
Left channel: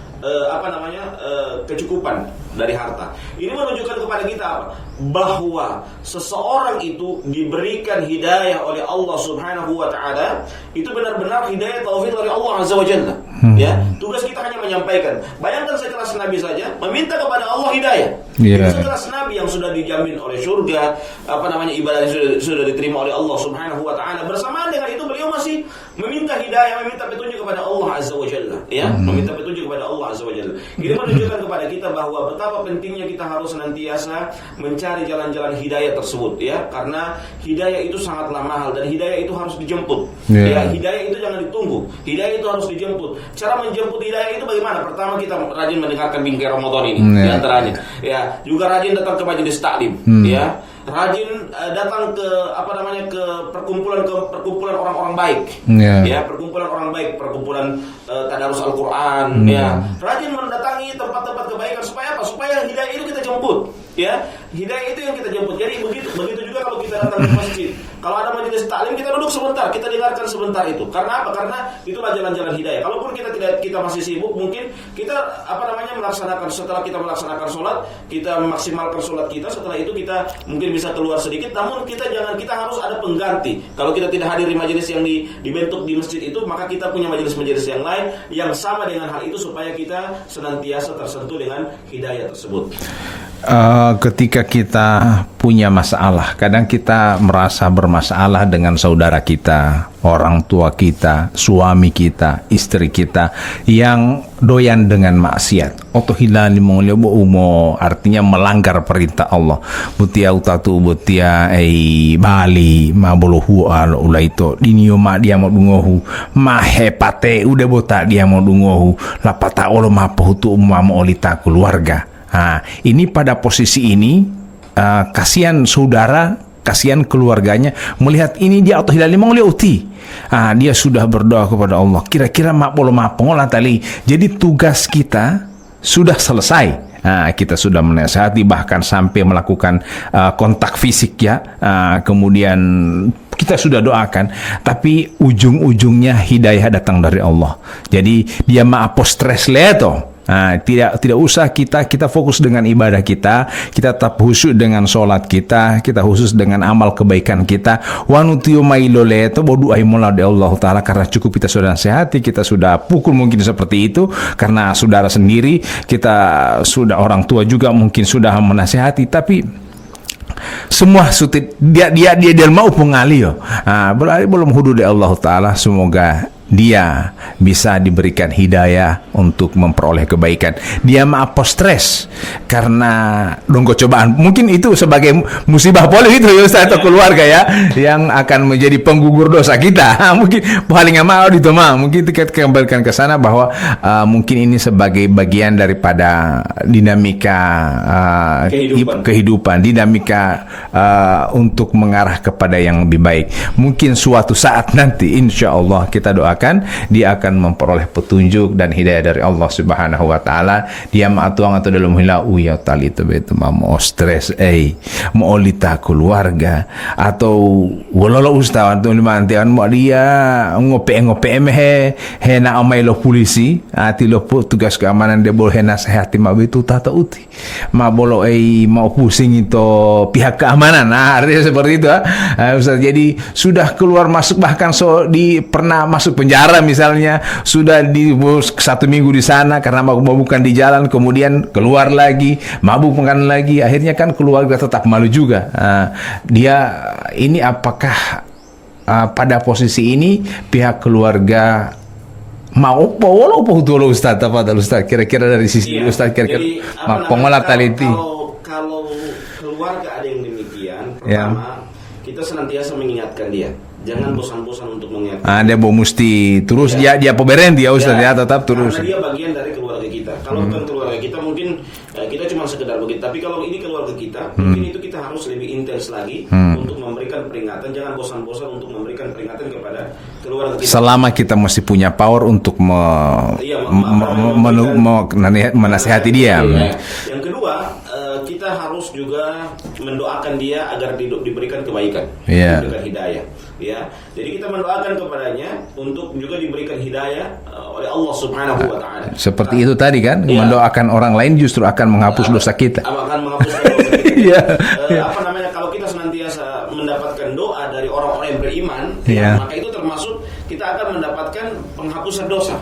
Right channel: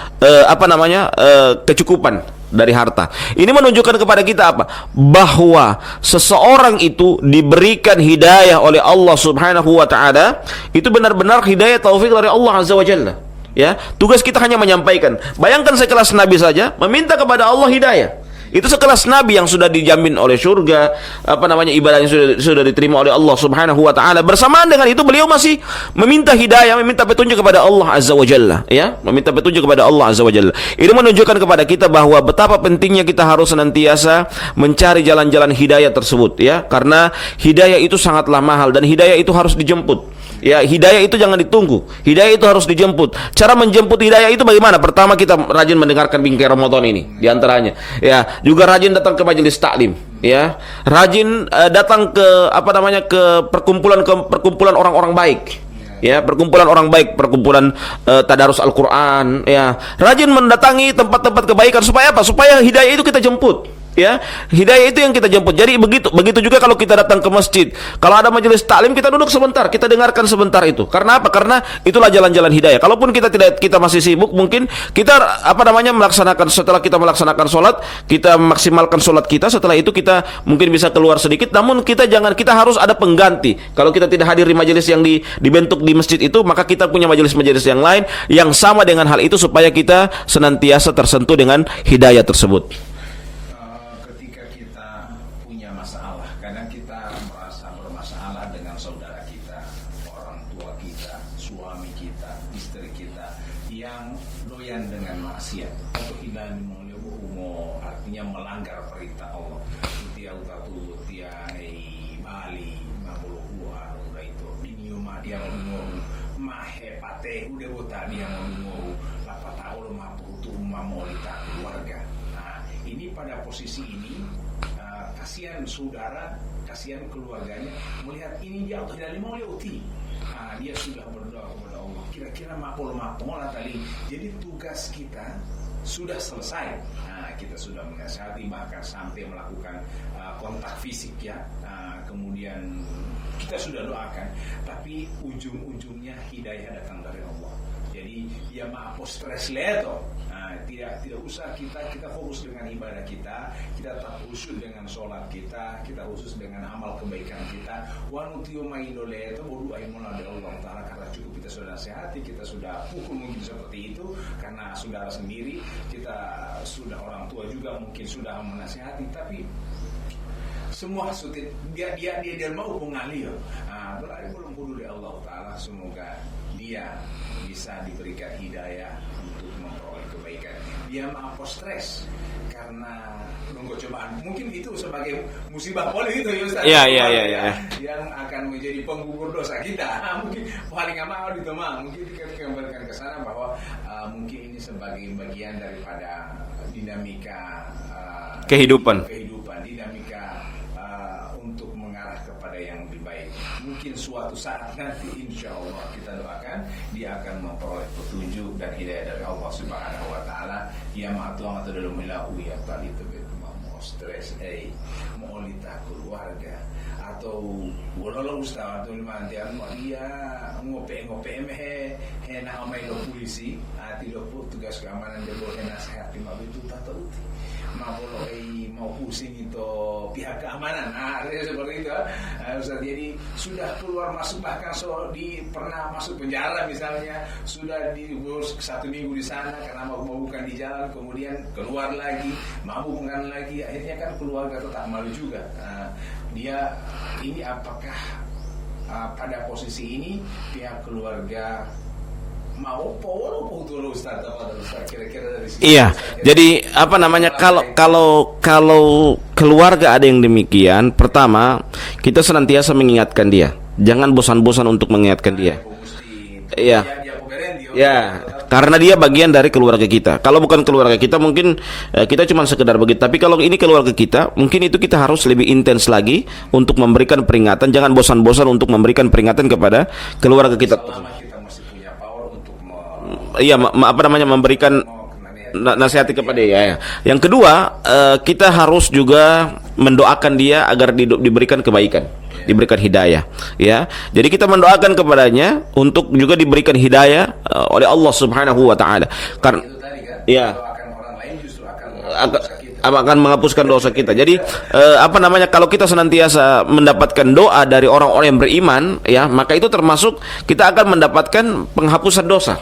kecukupan dari harta. Ini menunjukkan kepada kita apa? Bahwa seseorang itu diberikan hidayah oleh Allah Subhanahu wa taala, itu benar-benar hidayah taufik dari Allah Azza wa Jalla. Ya, tugas kita hanya menyampaikan. Bayangkan sekelas Nabi saja meminta kepada Allah hidayah. Itu sekelas Nabi yang sudah dijamin oleh surga, ibadahnya sudah diterima oleh Allah Subhanahu wa taala. Bersamaan dengan itu beliau masih meminta hidayah, meminta petunjuk kepada Allah Azza wa Jalla, ya, meminta petunjuk kepada Allah Azza wa Jalla. Ini menunjukkan kepada kita bahwa betapa pentingnya kita harus senantiasa mencari jalan-jalan hidayah tersebut, ya, karena hidayah itu sangatlah mahal dan hidayah itu harus dijemput. Ya, hidayah itu jangan ditunggu. Hidayah itu harus dijemput. Cara menjemput hidayah itu bagaimana? Pertama, kita rajin mendengarkan bingkai Ramadan ini, diantaranya. Ya, juga rajin datang ke majelis taklim, ya, rajin datang ke perkumpulan orang-orang baik, ya, perkumpulan orang baik, perkumpulan tadarus Al-Quran, ya, rajin mendatangi tempat-tempat kebaikan supaya apa? Supaya hidayah itu kita jemput. Ya, hidayah itu yang kita jemput. Jadi begitu juga kalau kita datang ke masjid. Kalau ada majelis taklim, kita duduk sebentar, kita dengarkan sebentar itu. Karena apa? Karena itulah jalan-jalan hidayah. Kalaupun kita masih sibuk, mungkin kita setelah kita melaksanakan sholat, kita maksimalkan sholat kita. Setelah itu kita mungkin bisa keluar sedikit. Namun kita harus ada pengganti. Kalau kita tidak hadir di majelis yang dibentuk di masjid itu, maka kita punya majelis-majelis yang lain yang sama dengan hal itu supaya kita senantiasa tersentuh dengan hidayah tersebut. Ketika kita punya masalah, kadang kita merasa bermasalah dengan saudara kita, orang tua kita, suami kita, istri kita yang doyan dengan maksiat. Otohilali mongolio umo, artinya melanggar perintah Allah. Butia utatu butia bali mabolohu al ulaito dinio ma dia mau dungohu ma hepate udah botak dia mau dungohu lapata olo ma pohutu umama olita keluarga. Nah, ini pada posisi ini kasihan saudara, kasihan keluarganya melihat ini dia atau hilali mengliuti. Dia sudah berdoa kepada Allah. Kira-kira mak polo mak pengolah tali. Jadi tugas kita sudah selesai. kita sudah menasihati, bahkan sampai melakukan kontak fisik ya. Kemudian kita sudah doakan, tapi ujung-ujungnya hidayah datang dari Allah. Jadi dia maapos stres leto. Tidak usah kita fokus dengan ibadah kita tetap khusyuk dengan sholat kita khusus dengan amal kebaikan kita. Wa nutiu mailole itu bodu aimola de Allah Ta'ala, karena cukup kita sudah nasihati, kita sudah pukul mungkin seperti itu karena saudara sendiri, kita sudah orang tua juga mungkin sudah menasihati, tapi semua sutit dia mau pengali yo. Belum hudu de Allah Ta'ala, semoga dia bisa diberikan hidayah untuk memperoleh kebaikan. Dia maapos stres karena donggo cobaan. Mungkin itu sebagai musibah poli itu ya Ustaz, atau keluarga ya, yang akan menjadi penggugur dosa kita. Mungkin paling mau itu mungkin kita kembalikan ke sana bahwa mungkin ini sebagai bagian daripada dinamika kehidupan, dinamika untuk mengarah kepada yang lebih baik. Mungkin suatu saat nanti insya Allah kita doakan dia akan memperoleh petunjuk dan hidayah dari Allah Subhanahu wa Ta'ala. Dia maatuang atau dalam hilau ya tali itu mau stres mau lita keluarga atau walala ustaz atau limantian mau dia ngope hena amai lo polisi ati lo tugas keamanan dia boleh nasihati ma itu tata uti ma bolo mau pusing itu pihak keamanan. Artinya seperti itu Ustaz. Jadi sudah keluar masuk, bahkan pernah masuk penjara misalnya, sudah di 1 minggu di sana karena mabukan di jalan, kemudian keluar lagi mabukan lagi, akhirnya kan keluarga tetap malu juga. Dia ini apakah pada posisi ini pihak keluarga mau walau dulu Ustaz, kira-kira dari sisi Ustaz, jadi apa namanya, kalau keluarga ada yang demikian, pertama kita senantiasa mengingatkan dia, jangan bosan-bosan untuk mengingatkan dia. Dia mesti terus dia pemberian dia Ustaz ya, tetap terus. Karena dia bagian dari keluarga kita. Kalau bukan keluarga kita mungkin kita cuma sekedar begitu, tapi kalau ini keluarga kita, mungkin itu kita harus lebih intens lagi untuk memberikan peringatan. Jangan bosan-bosan untuk memberikan peringatan kepada keluarga kita. Selama kita masih punya power untuk memberikan menasihati dia. Yang kedua, kita harus juga mendoakan dia agar diberikan kebaikan, diberikan hidayah. Ya, jadi kita mendoakan kepadanya untuk juga diberikan hidayah oleh Allah Subhanahu wa Ta'ala. Seperti itu tadi kan, mendoakan orang lain justru akan menghapus dosa kita. Akan menghapuskan dosa kita. Jadi kalau kita senantiasa mendapatkan doa dari orang-orang yang beriman, maka itu termasuk kita akan mendapatkan penghapusan dosa.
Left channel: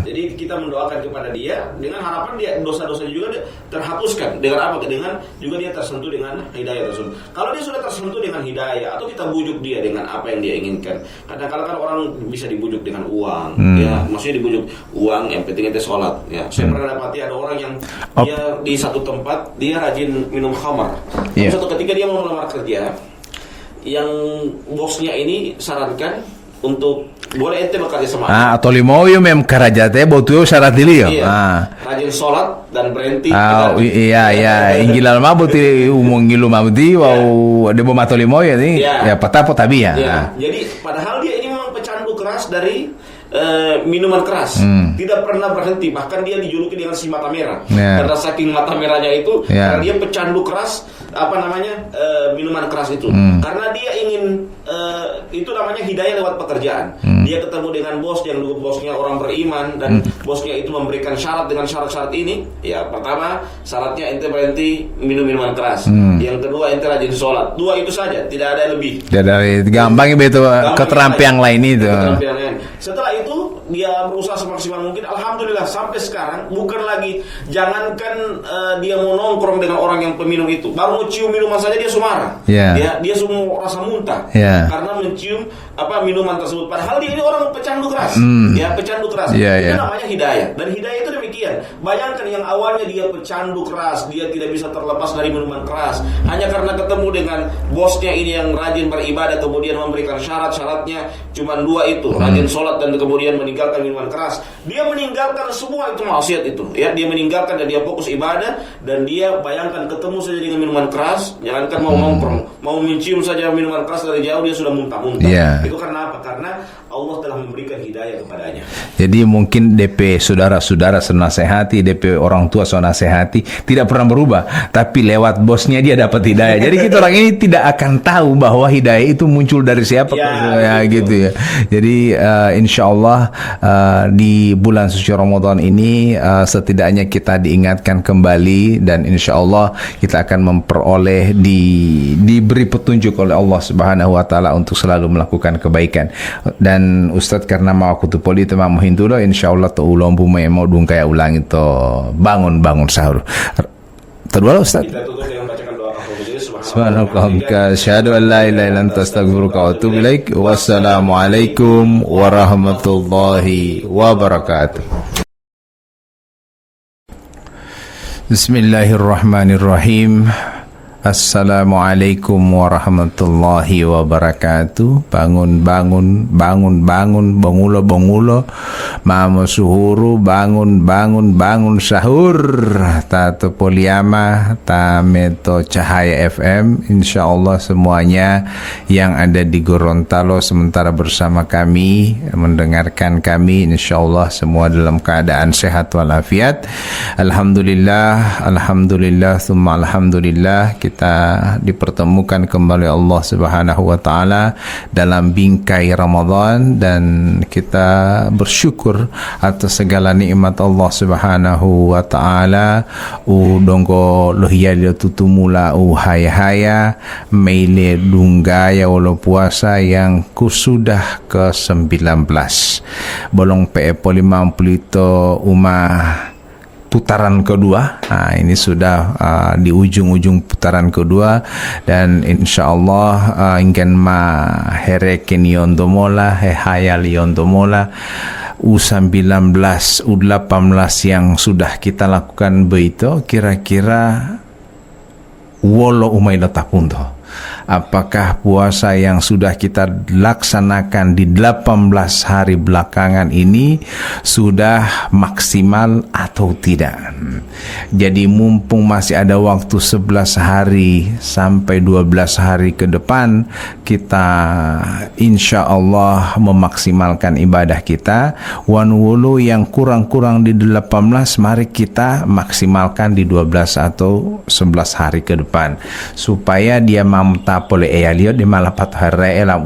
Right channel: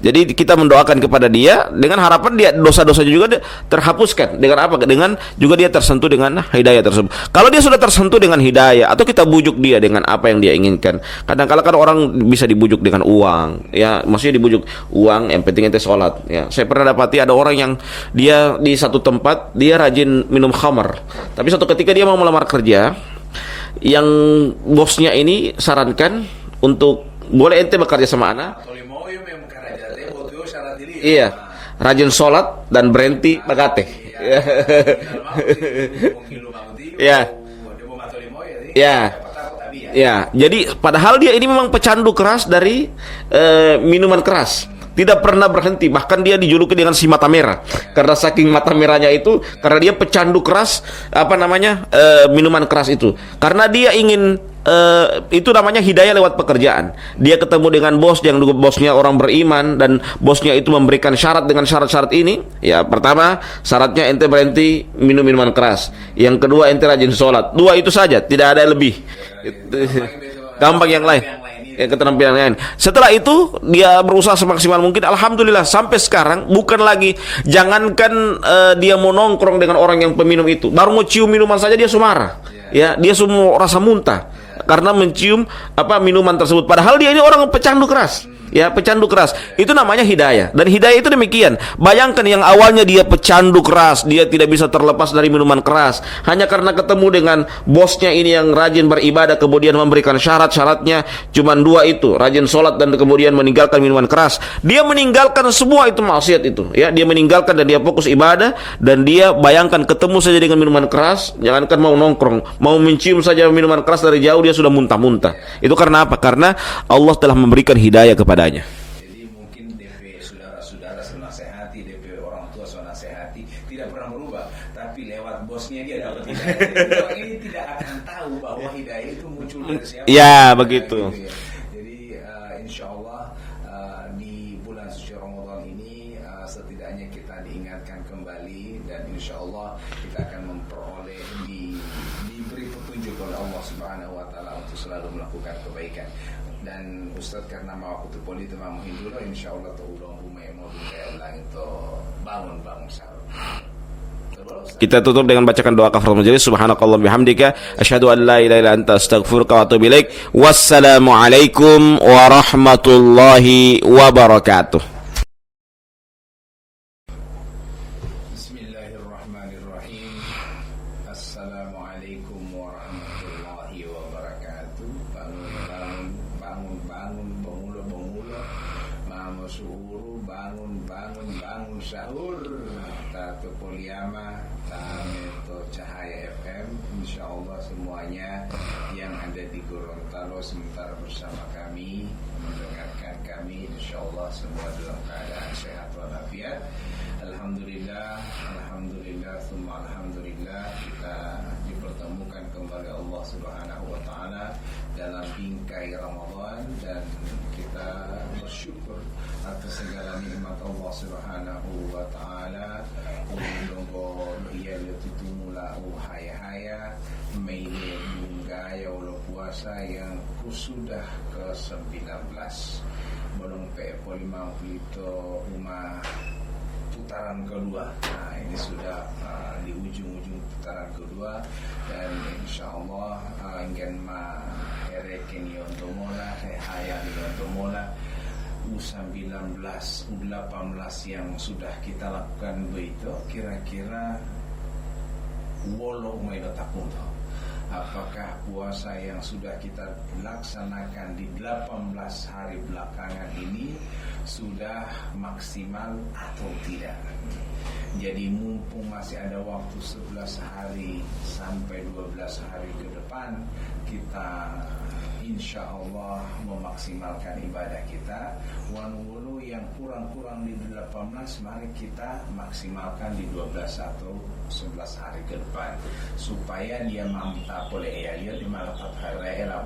Jadi kita mendoakan kepada dia dengan harapan dia dosa-dosanya juga terhapuskan. Dengan apa? Dengan juga dia tersentuh dengan hidayah tersebut. Kalau dia sudah tersentuh dengan hidayah atau kita bujuk dia dengan apa yang dia inginkan. Kadang-kala kan orang bisa dibujuk dengan uang, maksudnya dibujuk uang, yang penting ente sholat. Saya pernah dapati ada orang yang dia di satu tempat dia rajin minum khamar, tapi suatu ketika dia mau melamar kerja, yang bosnya ini sarankan untuk boleh ente bekerja sama anak. Atau limau yo mem karajate botu syarat dili yo. Rajin sholat dan berhenti inggilal mabuti umungilu mabuti debo mato limau ya ni patapo tabi ya. Jadi padahal dia ini memang pecandu keras dari minuman keras. Tidak pernah berhenti, bahkan dia dijuluki dengan si mata merah. Karena saking mata merahnya itu, karena dia pecandu keras minuman keras itu. Karena dia ingin itu namanya hidayah lewat pekerjaan. Dia ketemu dengan bos yang bosnya orang beriman dan bosnya itu memberikan syarat dengan syarat-syarat ini. Ya, pertama syaratnya ente berhenti minum minuman keras. Yang kedua ente rajin sholat. 2 itu saja, tidak ada lebih. Gampang itu keterampilan lain itu. Keterampilan lain. Setelah itu dia berusaha semaksimal mungkin. Alhamdulillah sampai sekarang bukan lagi, jangankan dia mau nongkrong dengan orang yang peminum itu, baru mau cium minuman saja dia sumarah. Dia semua rasa muntah karena mencium minuman tersebut. Padahal dia ini orang pecandu keras, pecandu keras. Itu namanya hidayah. Dan hidayah itu demikian. Bayangkan yang awalnya dia pecandu keras, dia tidak bisa terlepas dari minuman keras, hanya karena ketemu dengan bosnya ini yang rajin beribadah, kemudian memberikan syarat-syaratnya cuma 2 itu, rajin sholat dan kemudian meninggalkan minuman keras. Dia meninggalkan semua itu maksiat itu. Dia meninggalkan dan dia fokus ibadah. Dan dia bayangkan ketemu saja dengan minuman keras, jangankan mau nongkrong, mau mencium saja minuman keras dari jauh dia sudah muntah-muntah. Itu karena apa? Karena Allah telah memberikan hidayah kepadanya. Jadi mungkin DP saudara-saudara senasehati, DP orang tua senasehati tidak pernah berubah, tapi lewat bosnya dia dapat hidayah. Jadi kita orang ini tidak akan tahu bahwa hidayah itu muncul dari siapa. Ya, begitu. Gitu ya. Jadi insya Allah di bulan suci Ramadan ini setidaknya kita diingatkan kembali, dan insya Allah kita akan memperoleh diberi petunjuk oleh Allah Subhanahu wa taala untuk selalu melakukan kebaikan. Dan Ustadz karena mau aku tu poli tu mau hindu insyaallah tu ulong bumi mau dung kaya ulang itu bangun sahur. Kedua Ustaz. Kita tutup dengan bacakan doa kafaratul majelis. Subhanakallah bihamdika asyhadu an la ilaha illa anta astaghfiruka wa atubu ilaik. Wassalamualaikum warahmatullahi wabarakatuh. Bismillahirrahmanirrahim. Assalamualaikum warahmatullahi wabarakatuh. Bangun, bangulo, mamo suhuru, bangun sahur. Tato Poliama, Tameto Cahaya FM. Insyaallah semuanya yang ada di Gorontalo sementara bersama kami, mendengarkan kami, insyaallah semua dalam keadaan sehat walafiat. Alhamdulillah, summa alhamdulillah, kita dipertemukan kembali Allah Subhanahu wa taala dalam bingkai Ramadan, dan kita bersyukur atas segala nikmat Allah Subhanahu wa taala. Dongko lohia dia tutumula haya meile dunggaya walau puasa yang kusudah ke-19 bolong PE Poli 50 itu putaran kedua. Nah, ini sudah di ujung-ujung putaran kedua, dan insyaallah ingin ma hereken yondomola hayal yondomola U19 U18 yang sudah kita lakukan begitu kira-kira wolo umaila tapundo. Apakah puasa yang sudah kita laksanakan di 18 hari belakangan ini sudah maksimal atau tidak? Jadi mumpung masih ada waktu 11 hari sampai 12 hari ke depan, kita insya Allah memaksimalkan ibadah kita. Wan wulu yang kurang-kurang di 18, mari kita maksimalkan di 12 atau 11 hari ke depan, supaya dia mampu boleh lihat di malapat hari elam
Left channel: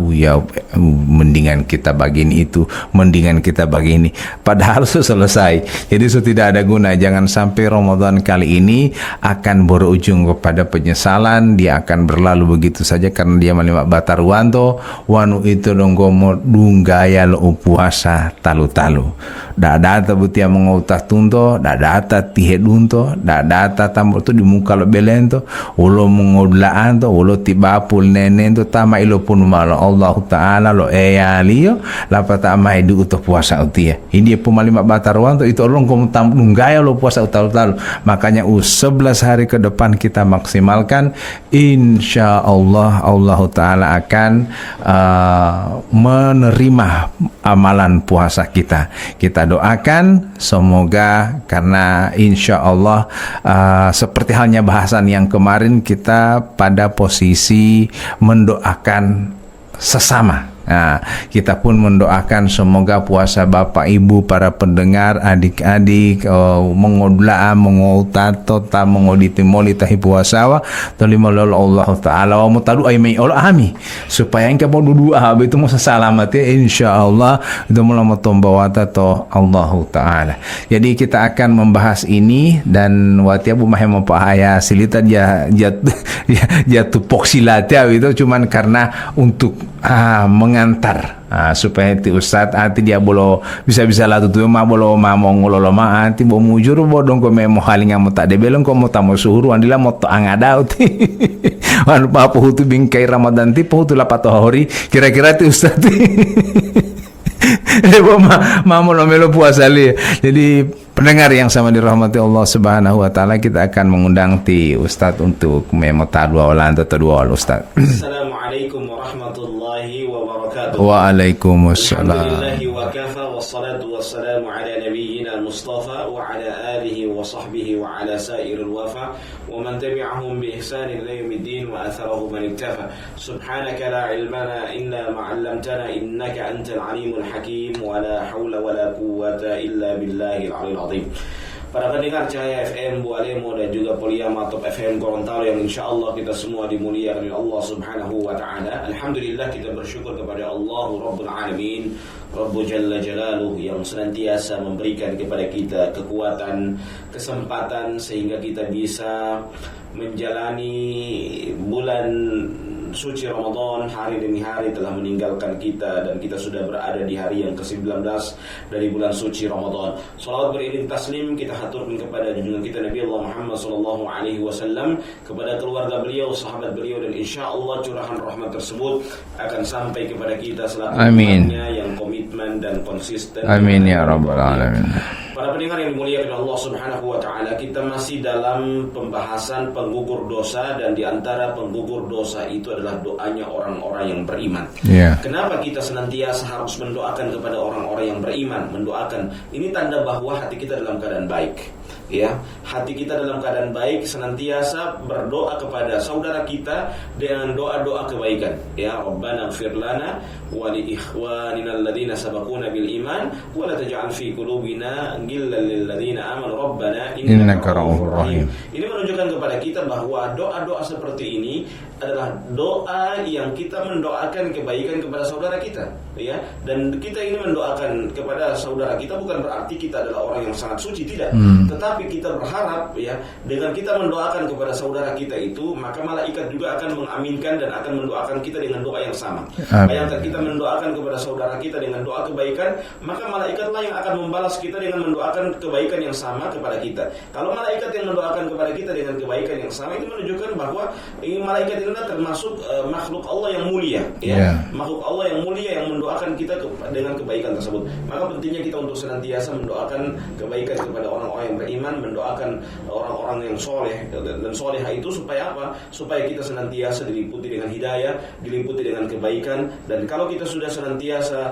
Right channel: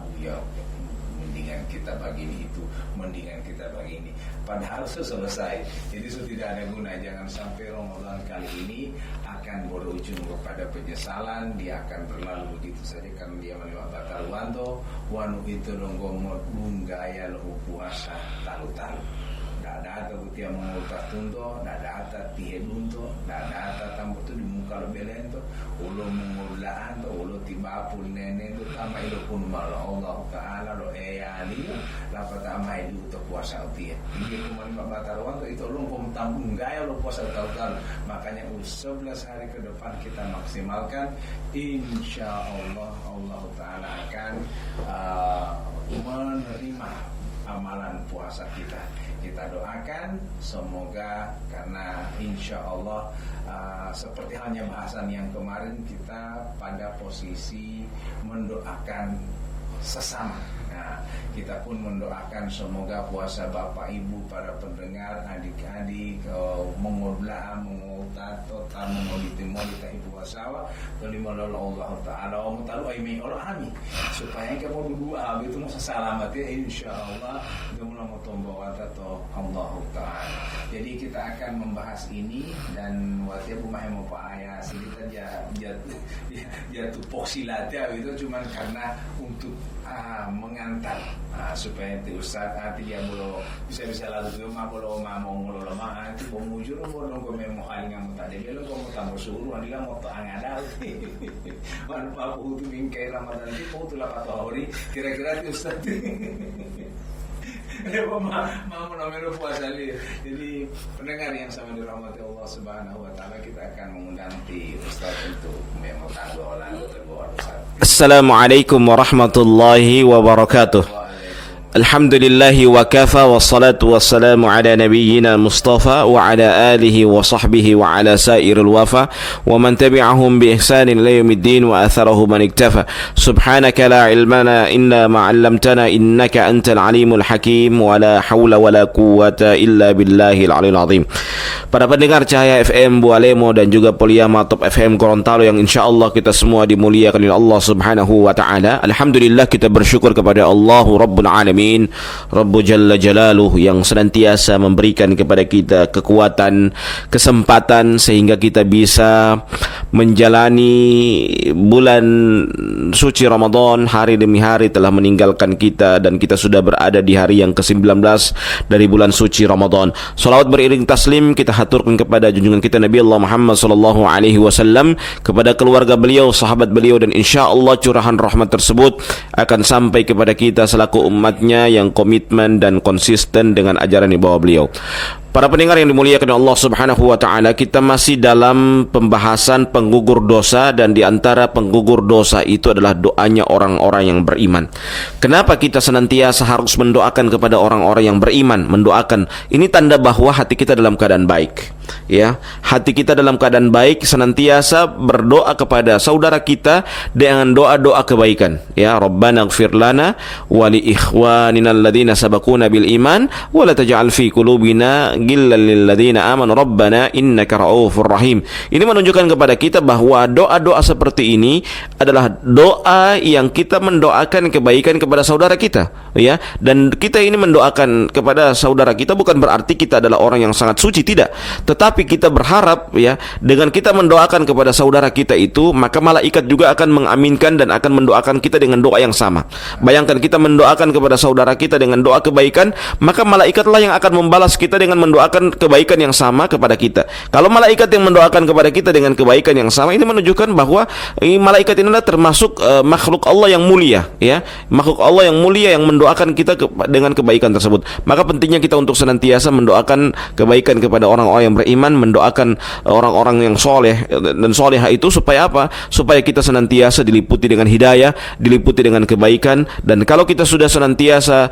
mendingan kita begini itu, mendingan kita begini, padahal sudah selesai. Jadi sudah tidak ada guna. Jangan sampai Ramadan kali ini akan berujung kepada penyesalan. Dia akan berlalu begitu saja karena dia melimak batar wanto wanu itu donggomo dunggaya lo puasa talu-talu. Data butia mengutah tunto, data tihe dunto, data tamu tu di muka lo belento, ulo mengodlaan to, ulo tibapul nenen to, tama ilo pun malo Allah Taala lo liyo, lapa tama idu utuh puasa utia. Ini pemalima batarwan to itu orang kamu tamu gaya lo puasa utalu-talu. Makanya 11 hari ke depan kita maksimalkan, insya Allah Allah Taala akan menerima amalan puasa kita. Kita doakan semoga, karena insya Allah seperti halnya bahasan yang kemarin, kita pada posisi mendoakan sesama. Nah, kita pun mendoakan semoga puasa Bapak Ibu, para pendengar, adik-adik, mengodlaan, mengotato, mengoditi molitahi puasawa, tolima lolo Allah Ta'ala wa mutadu aimai Allah ami, supaya engkau mau dudua itu mau selamat ya insyaallah itu mulama tombawata to Allah Ta'ala. Jadi kita akan membahas ini, dan watia bu mahema pahaya silita dia tupok silatnya itu cuman karena untuk mengantar supaya ti ustad ati dia bolo bisa-bisa lah tu ma bolo ma mongolo ma ati bo mujur bo dong ko memo halinga mo ta de belong ko mo ta mo suhuru andila mo to angada uti wan pa po hutu bingkai Ramadan ti po hutu lapato hori kira-kira ti ustad Bo mamo lo melo puasa li. Jadi Pendengar yang sama dirahmati Allah Subhanahu wa taala, kita akan mengundang ti Ustaz untuk memota dua ulang atau dua ulang Ustaz. Assalamualaikum warahmatullahi wabarakatuh. Waalaikumsalam. Alhamdulillahi wa kafa wassalatu wassalamu ala nabiyyina Mustafa wa ala alihi wa sahbihi wa ala sairil wafa wa man tabi'ahum bi ihsanin ila yaumiddin wa atharahu man iktafa. Subhanaka la ilmana illa ma 'allamtana innaka antal alimul hakim wa la haula wa la quwwata illa billahil aliyil azim. Para pendengar Cahaya FM Bualemo dan juga Poliama Top FM Gorontalo yang insyaallah kita semua dimuliakan oleh Allah Subhanahu wa taala. Alhamdulillah, kita bersyukur kepada Allah Rabbul Alamin, Rabbu Jalla Jalaluh, yang senantiasa memberikan kepada kita kekuatan, kesempatan sehingga kita bisa menjalani bulan suci Ramadan. Hari demi hari telah meninggalkan kita dan kita sudah berada di hari yang ke-19 dari bulan suci Ramadan. Salawat beriring taslim kita haturkan kepada junjungan kita Nabi Allah Muhammad sallallahu alaihi wasallam, kepada keluarga beliau, sahabat beliau, dan insyaallah curahan rahmat tersebut akan sampai kepada kita selaku umatnya yang komitmen dan konsisten dengan ajaran di bawah beliau. Para pendengar yang dimuliakan Allah Subhanahu wa taala, kita masih dalam pembahasan penggugur dosa, dan di antara penggugur dosa itu adalah doanya orang-orang yang beriman. Kenapa kita senantiasa harus mendoakan kepada orang-orang yang beriman? Mendoakan ini tanda bahwa hati kita dalam keadaan baik. Ya, hati kita dalam keadaan baik, senantiasa berdoa kepada saudara kita dengan doa-doa kebaikan. Ya, Rabbana ighfir lana wa li ikhwanina alladhina sabaquna bil iman wa la taj'al fi qulubina ghillan lil ladzina amanu rabbana innaka ra'ufur rahim. Ini menunjukkan kepada kita bahwa doa-doa seperti ini adalah doa yang kita mendoakan kebaikan kepada saudara kita, ya. Dan kita ini mendoakan kepada saudara kita bukan berarti kita adalah orang yang sangat suci, tidak. Tetapi kita berharap, ya, dengan kita mendoakan kepada saudara kita itu, maka malaikat juga akan mengaminkan dan akan mendoakan kita dengan doa yang sama. Bayangkan kita mendoakan kepada saudara kita dengan doa kebaikan, maka malaikatlah yang akan membalas kita dengan mendoakan kebaikan yang sama kepada kita. Kalau malaikat yang mendoakan kepada kita dengan kebaikan yang sama, ini menunjukkan bahwa malaikat ini adalah termasuk makhluk Allah yang mulia, ya. Makhluk Allah yang mulia yang mendoakan kita dengan kebaikan tersebut. Maka pentingnya kita untuk senantiasa mendoakan kebaikan kepada orang-orang yang beriman, mendoakan orang-orang yang soleh dan soleha itu supaya apa? Supaya kita senantiasa diliputi dengan hidayah, diliputi dengan kebaikan. Dan kalau kita sudah senantiasa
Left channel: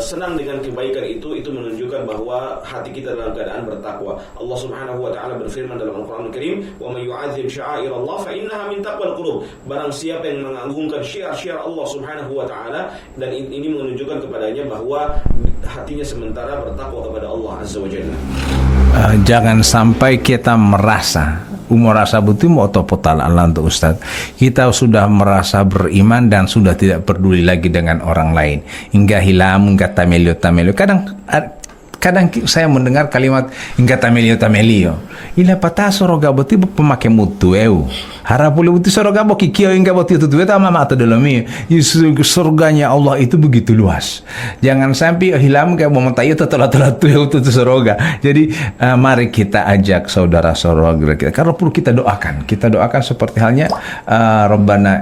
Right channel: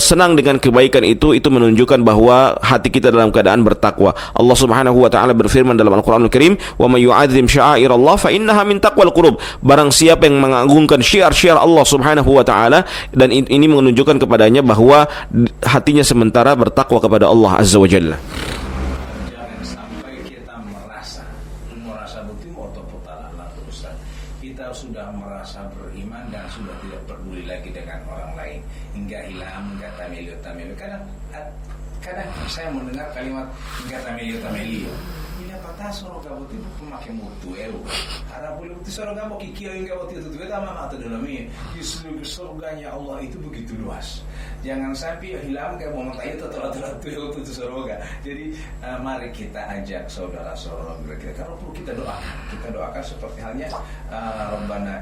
senang dengan kebaikan itu menunjukkan bahwa hati kita dalam keadaan bertakwa. Allah Subhanahu wa taala berfirman dalam Al-Qur'anul Karim, "Wa may yu'azzim sya'airallah fa innaha min taqwal qulub." Barang siapa yang mengagungkan syiar-syiar Allah Subhanahu wa taala, dan ini menunjukkan kepadanya bahwa hatinya sementara bertakwa kepada Allah Azza wa Jalla. Jangan sampai kita merasa betul mau topotal Allah untuk Ustaz. Kita sudah merasa beriman dan sudah tidak peduli lagi dengan orang lain. Hingga hilam, hingga tamelio. Kadang saya mendengar kalimat hingga tamelio. Ila patah soroga boti pemakai mutu harapule boti soroga boki kio hingga boti itu mama atau dalamnya. Surganya Allah itu begitu luas. Jangan sampai hilam kayak mau tayo telat itu soroga. Jadi mari kita ajak saudara-saudara kita. Kalau perlu kita doakan seperti halnya Rabbana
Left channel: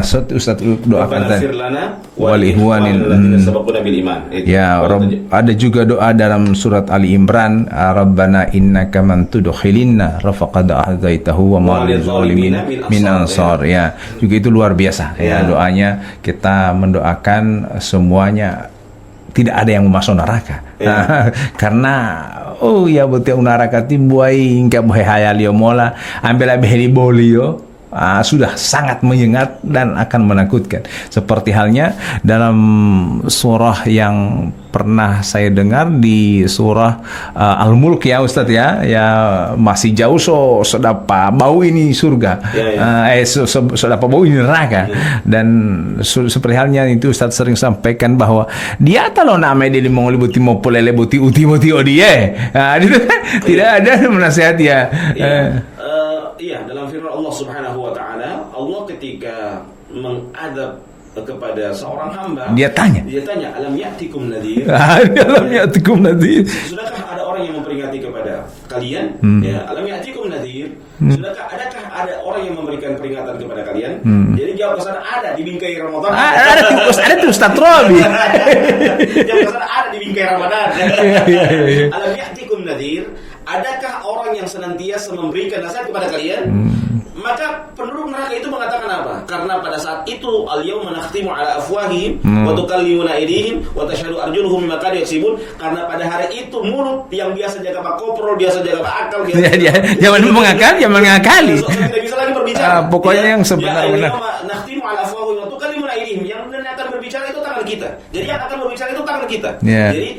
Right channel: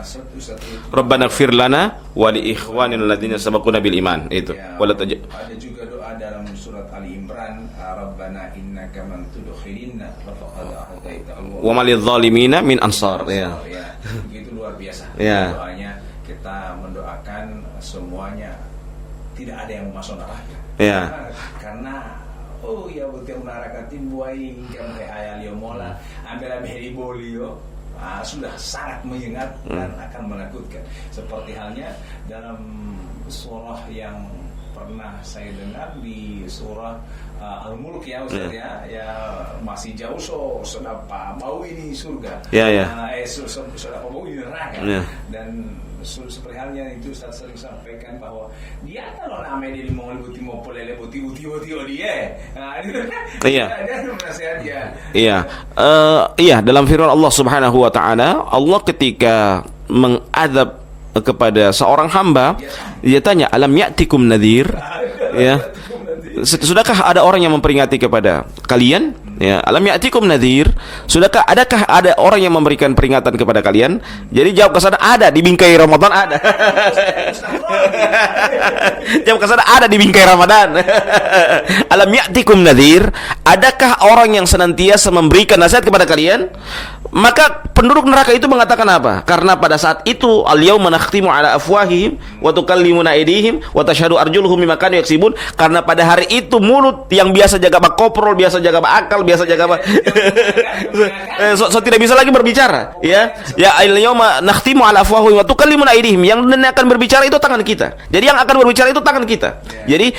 Ustaz doakan. Rabbana ighfir lana wa li ikhwanina alladziina sabaquna bil iman. Ya, ada juga doa dalam surat Ali Imran, Rabbana innaka man tudkhilinna rafaqad ahdaitahu wa ma lidzalimina min ansar. Ya, juga itu luar biasa. Ya, doanya kita mendoakan semuanya tidak ada yang masuk neraka. Karena betul neraka tibuai hingga bohe hayalio mola ambil abeli bolio. Sudah sangat menyengat dan akan menakutkan. Seperti halnya dalam surah yang pernah saya dengar di surah Al-Mulk, ya Ustaz, ya masih jauh sedapa bau ini surga, sedapa bau ini neraka. Dan seperti halnya itu Ustaz sering sampaikan bahwa dia kalau nama dia mau libuti mau polele buti uti odie, itu kan tidak ada menasihat ya. Iya, dalam firman Allah Subhanahu wa taala, Allah ketika mengadab kepada seorang hamba, Dia tanya, alam ya'tikum nadhir? Ya. Sudahkah ada orang yang memperingati kepada kalian? Ya, alam ya'tikum nadhir? Adakah ada orang yang memberikan peringatan kepada kalian? Jadi jawab ke sana, ada di bingkai Ramadan. Ada tuh Ustaz Robi. Jawab ke sana, ada di bingkai Ramadan. Alam ya'tikum nadhir? Adakah orang yang senantiasa memberikan nasihat kepada kalian? Maka penduduk neraka itu mengatakan apa? Karena pada saat itu al-yauma nakhtimu ala afwahihim wa tukallimuna aydihim wa tashhadu arjuluhum bima kanu yaksibun. Karena pada hari itu mulut yang biasa jaga bak koprol, biasa jaga bak akal, biasa jaga bak Jangan mengakali. so tidak bisa lagi berbicara. Pokoknya yang al-yauma nakhtimu ala afwahihim wa tukallimuna aydihim. Yang akan berbicara itu tangan kita. Jadi yang akan berbicara itu tangan kita. Jadi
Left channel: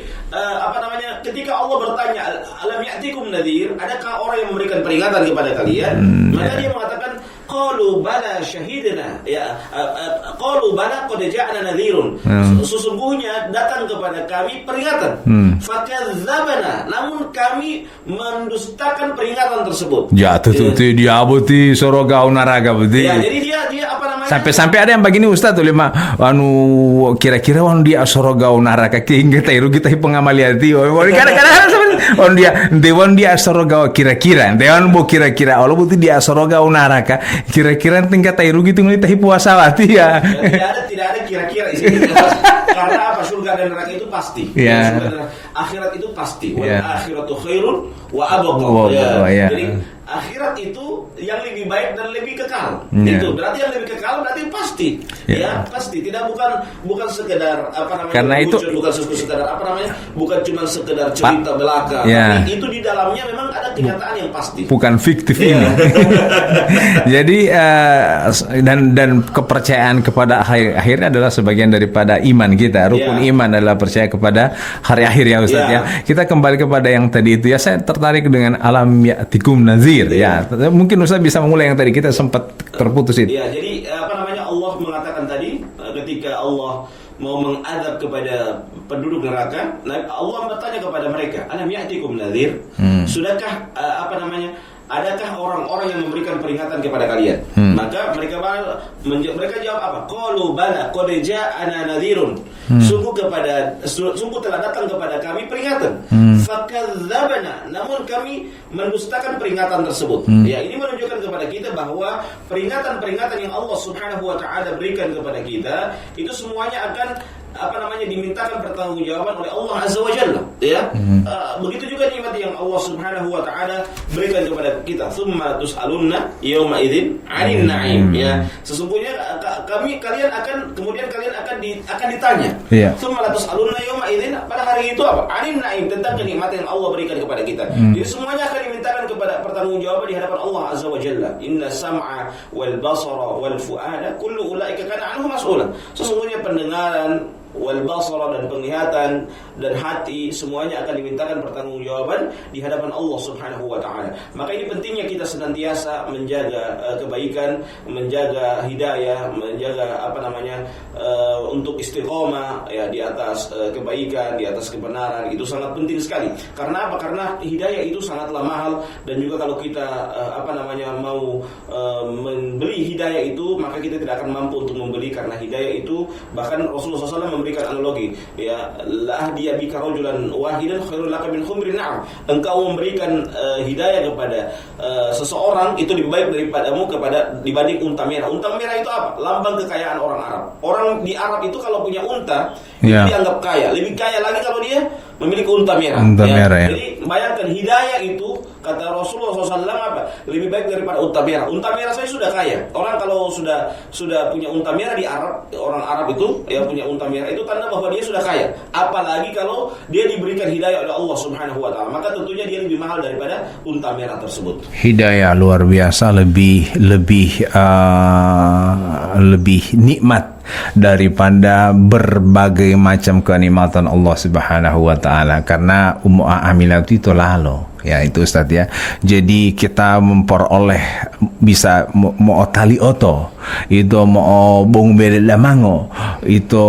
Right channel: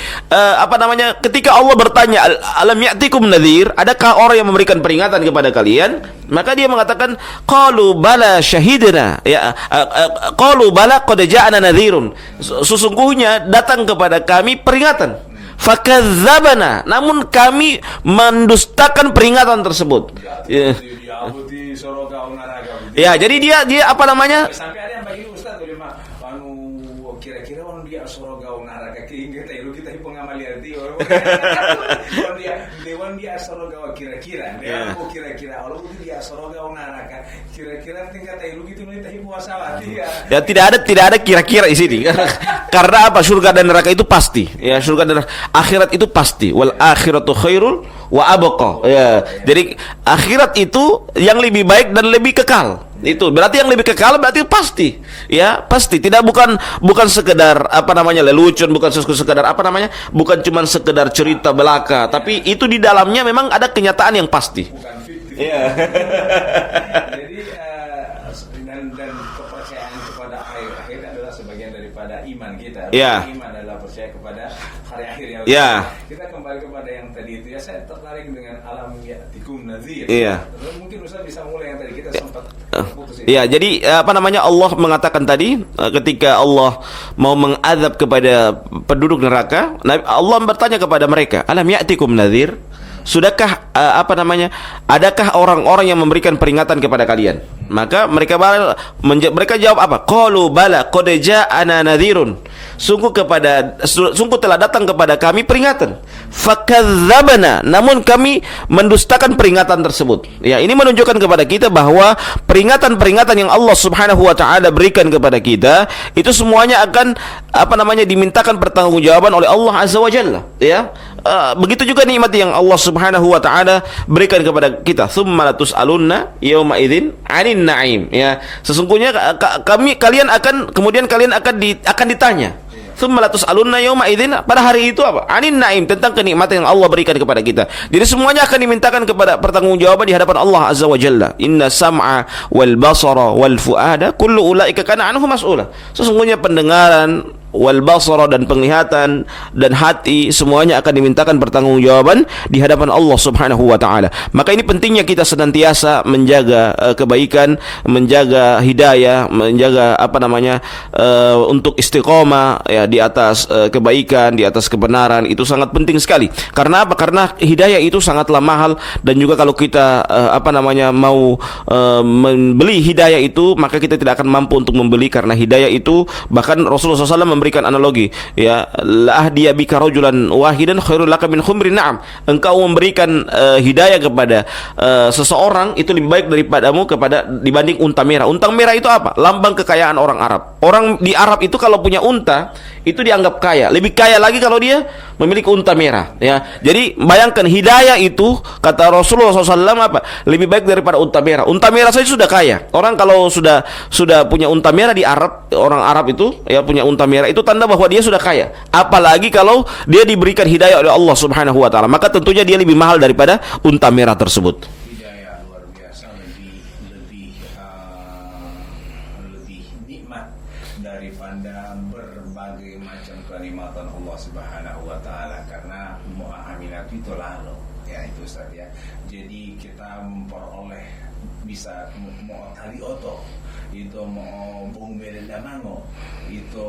ketika Allah bertanya, alam ya'tikum nadhir? Adakah orang yang memberikan peringatan kepada kalian? Maka dia mengatakan, qalu bala syahidna, qalu bala qad ja'ana nadhirun. Sesungguhnya datang kepada kami peringatan. Fakadzabana, namun kami mendustakan peringatan tersebut. Dia buti sorogau naraga buti. Ya, jadi dia apa namanya? Sampai ada yang begini Ustaz tuh lima kira-kira dia sorogau naraga hingga tairu kita pengamaliati. Kadang-kadang dia sorogau kira-kira. Dewan bu kira-kira Allah buti dia sorogau naraka. Kira-kira tingkat tairu gitu ngelihat puasa wati ya. Ya tidak ada kira-kira di sini. Karena apa? Surga dan neraka itu pasti. Ya, surga dan akhirat itu pasti. Wal akhiratu khairul wa abqa. Jadi akhirat itu yang lebih baik dan lebih kekal. Itu berarti yang lebih kekal berarti pasti. Ya, pasti. Tidak bukan sekedar lelucon, bukan sekedar bukan cuma sekedar cerita belaka, tapi itu di dalamnya memang ada kenyataan yang pasti. Bukan fiktif ini. Jadi dan kepercayaan kepada akhirnya adalah sebagian daripada iman kita. Rukun iman adalah percaya kepada hari akhir ya Ustaz ya. Kita kembali kepada yang tadi itu ya, saya tertarik dengan alam ya'tikum nazir ya. Mungkin Ustaz bisa memulai yang tadi kita sempat terputus itu. Ya, jadi Allah mengatakan tadi ketika Allah mau mengadab kepada penduduk neraka, Allah bertanya kepada mereka, alam ya'tikum nazir? Sudahkah adakah orang-orang yang memberikan peringatan kepada kalian? Maka mereka jawab apa? Qalu bala qad ja'ana nadhirun. Sungguh telah datang kepada kami peringatan. Fakadzabana, namun kami mendustakan peringatan tersebut. Ya, ini menunjukkan kepada kita bahwa peringatan-peringatan yang Allah Subhanahu wa taala berikan kepada kita itu semuanya akan dimintakan pertanggungjawaban oleh Allah Azza wa Jalla, ya. Begitu juga nikmat yang Allah Subhanahu wa taala berikan kepada kita. Tsumma latus'alunna yauma idzin 'anil na'im, ya. Sesungguhnya kalian akan ditanya. Tsumma latus'alunna yauma idzin, pada hari itu apa? 'Anil na'im, tentang kenikmatan yang Allah berikan kepada kita. Jadi semuanya akan dimintakan kepada pertanggungjawaban di hadapan Allah Azza wa Jalla. Inna sam'a wal basara wal fuada kullu ulaika kana anhu mas'ula. Sesungguhnya pendengaran, wal basara, dan penglihatan dan hati semuanya akan dimintakan pertanggungjawaban di hadapan Allah Subhanahu wa taala. Maka ini pentingnya kita senantiasa menjaga kebaikan, menjaga hidayah, menjaga untuk istiqomah ya di atas kebaikan, di atas kebenaran. Itu sangat penting sekali. Karena apa? Karena hidayah itu sangatlah mahal, dan juga kalau kita mau membeli hidayah itu, maka kita tidak akan mampu untuk membeli, karena hidayah itu bahkan Rasulullah SAW memberikan analogi, ya, la ahdiya bika rajulan wahidan khairul laka min khumrin na'am. Engkau memberikan hidayah kepada seseorang itu lebih baik daripadamu dibanding unta merah. Unta merah itu apa? Lambang kekayaan orang Arab. Orang di Arab itu kalau punya unta itu dianggap kaya. Lebih kaya lagi kalau dia memiliki unta merah. Ya. Jadi bayangkan hidayah itu, kata Rasulullah SAW lebih baik daripada unta merah. Unta merah saja sudah kaya. Orang kalau sudah punya unta merah di Arab, orang Arab itu ya punya unta merah, itu tanda bahwa dia sudah kaya. Apalagi kalau dia diberikan hidayah oleh Allah Subhanahu wa taala, maka tentunya dia lebih mahal daripada unta merah tersebut. Hidayah luar biasa, lebih nikmat daripada berbagai macam kenikmatan Allah Subhanahu wa taala, karena amilat itu lalu ya itu Ustaz ya. Jadi kita memperoleh bisa mau tali oto itu mau bung bere lamango itu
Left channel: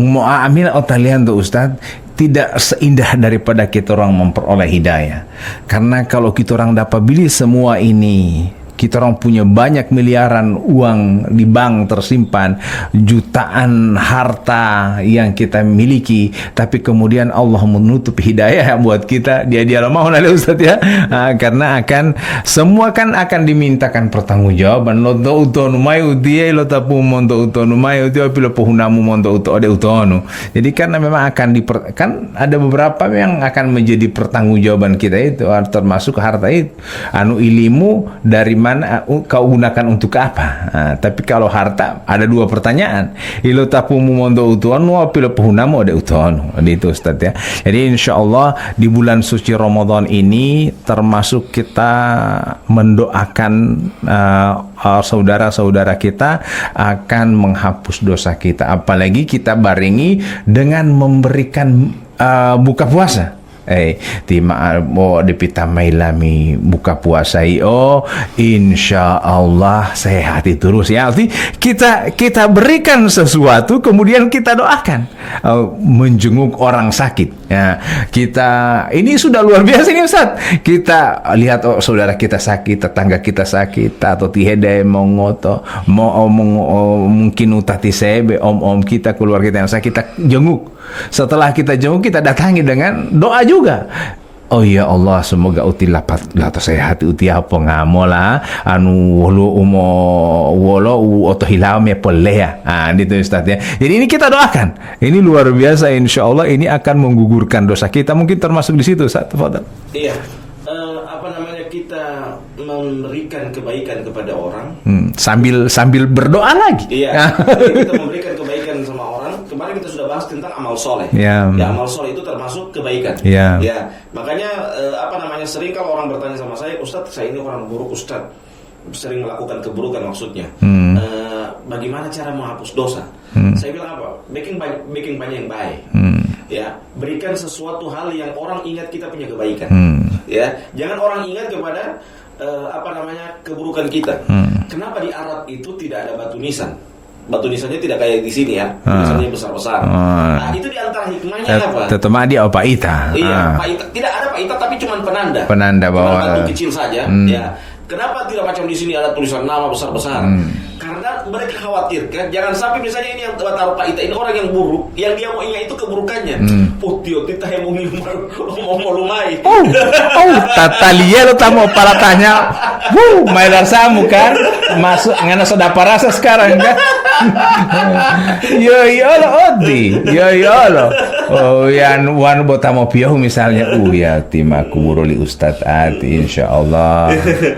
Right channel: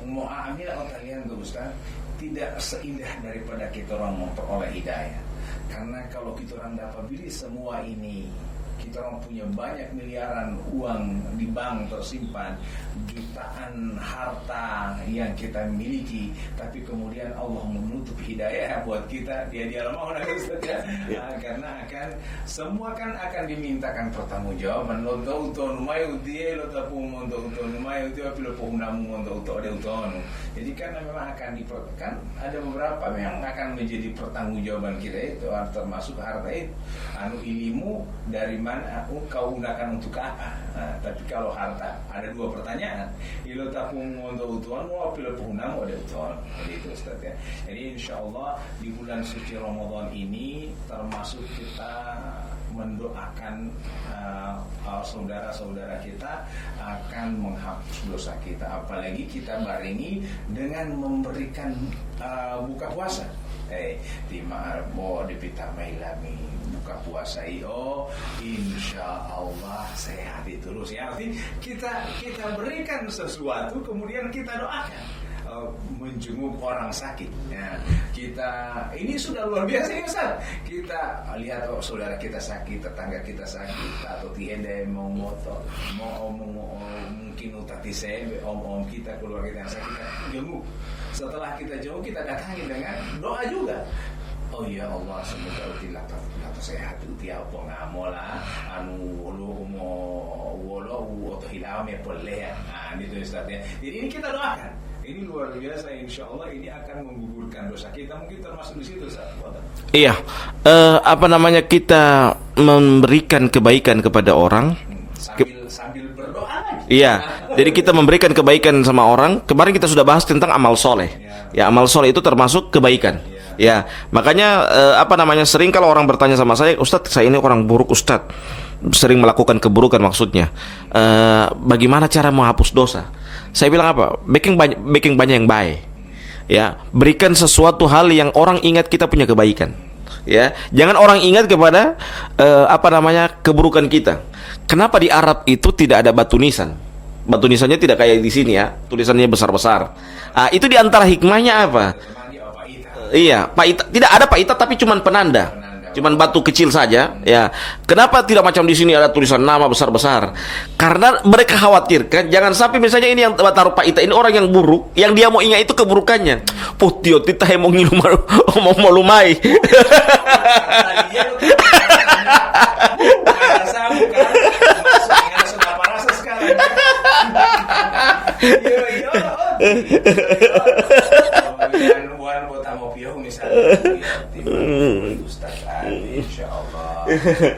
mau amil otalian tuh Ustaz, tidak seindah daripada kita orang memperoleh hidayah. Karena kalau kita orang dapat beli semua ini kita orang punya banyak miliaran uang di bank tersimpan, jutaan harta yang kita miliki, tapi kemudian Allah menutup hidayah buat kita. Dia mau oleh Ustaz ya. Karena semua kan akan dimintakan pertanggungjawaban. Lo to utonu mai utie, lo tapu mondo utonu mai utie, pilo pohunamu mondo ode utonu. Jadi karena memang kan ada beberapa yang akan menjadi pertanggungjawaban kita itu, termasuk harta itu. Ilimu dari mana kau gunakan untuk apa? Tapi kalau harta ada dua pertanyaan. Ilo tapumu mondo utuanu apilo puhunamu ada utuanu. Itu Ustaz ya. Jadi insyaallah di bulan suci Ramadan ini termasuk kita mendoakan saudara-saudara kita akan menghapus dosa kita. Apalagi kita barengi dengan memberikan buka puasa. Dipita mailami buka puasa insya Allah sehat terus ya. Arti kita berikan sesuatu kemudian kita doakan, menjenguk orang sakit ya. Ini sudah luar biasa ini Ustaz. Kita lihat saudara kita sakit, tetangga kita sakit, atau tihede mongoto mungkin utati sebe om kita, keluarga kita yang sakit, kita jenguk. Setelah kita jenguk, kita datangi dengan doa juga. Oh ya Allah, semoga uti lapat atau sehat uti apa ngamola wolo oto hilam ya polea. Itu Ustaz ya. Jadi ini kita doakan. Ini luar biasa, insya Allah ini akan menggugurkan dosa kita. Mungkin termasuk di situ Ustaz. Fadal. Iya. Kita memberikan kebaikan kepada orang sambil berdoa lagi. Iya. Jadi kita memberikan kebaikan sama orang. Kemarin kita sudah bahas tentang amal soleh. Ya, amal soleh itu termasuk kebaikan. Ya, makanya sering kalau orang bertanya sama saya, Ustadz, saya ini orang buruk Ustadz, sering melakukan keburukan maksudnya. Bagaimana cara menghapus dosa? Saya bilang apa? Bikin banyak yang baik. Ya, berikan sesuatu hal yang orang ingat kita punya kebaikan. Ya, jangan orang ingat kepada keburukan kita. Kenapa di Arab itu tidak ada batu nisan? Batu nisannya tidak kayak di sini ya, tulisannya besar-besar. Itu di antara hikmahnya apa? Tetema dia paita. Iya, paita. Tidak ada paita tapi cuman penanda. Cuman batu kecil saja. Ya. Kenapa tidak macam di sini ada tulisan nama besar-besar? Karena mereka khawatirkan jangan sampai misalnya ini yang taruh paita ini orang yang buruk, yang dia mau ingat itu keburukannya. Putio tita mau nginum mau lumai. Tatalia lo tamu para tanya. Main rasamu kan masuk ngana sudah parasa sekarang kan. Yo lo. Yan wan botamo piau misalnya ya timak buruli Ustaz ati insyaallah.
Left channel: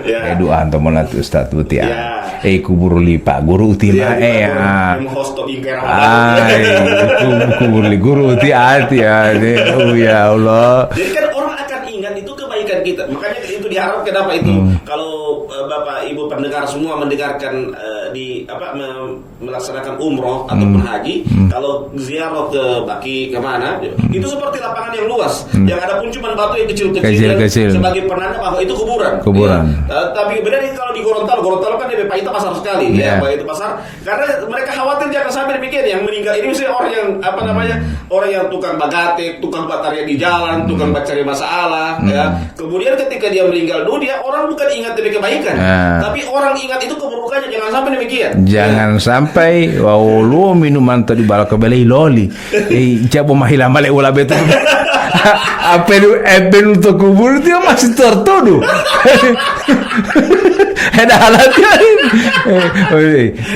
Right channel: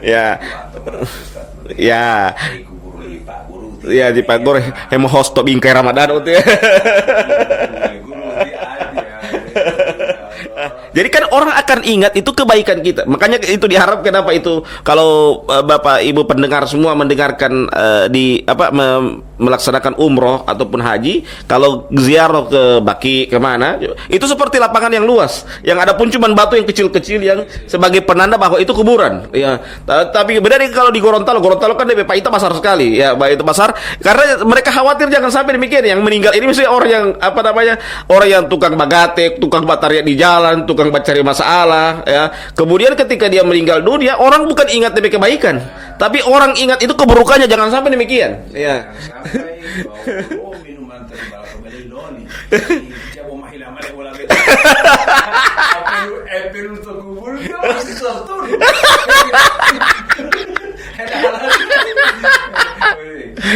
Ya. Doa anto molat Ustaz uti. Ya. Kuburuli Pak Guru uti. Ya di Pak Guru emo hosto bingkai Ramadan. Kuburuli guru uti ati ya. Ya Allah. Jadi kan orang akan ingat itu kebaikan kita. Makanya itu diharap kenapa itu kalau Bapak Ibu pendengar semua mendengarkan melaksanakan umroh ataupun haji, kalau ziarah ke Baki kemana, itu seperti lapangan yang luas, yang ada pun cuma batu yang kecil-kecil yang sebagai penanda bahwa itu kuburan. Ya. Tapi beda nih kalau di Gorontalo kan DP Paita besar sekali, ya itu besar, karena mereka khawatir jangan sampai demikian yang meninggal ini misalnya orang yang orang yang tukang bagatek, tukang bataria di jalan, tukang cari masalah, ya. Kemudian ketika dia meninggal dunia, orang bukan ingat DP kebaikan, tapi orang ingat itu keburukannya, jangan sampai demikian. Jangan sampai lu minuman tadi bala kebeli loli. Jabo mahila male ula betu. Apelu untuk kubur dia masih tertuduh. Ada halat.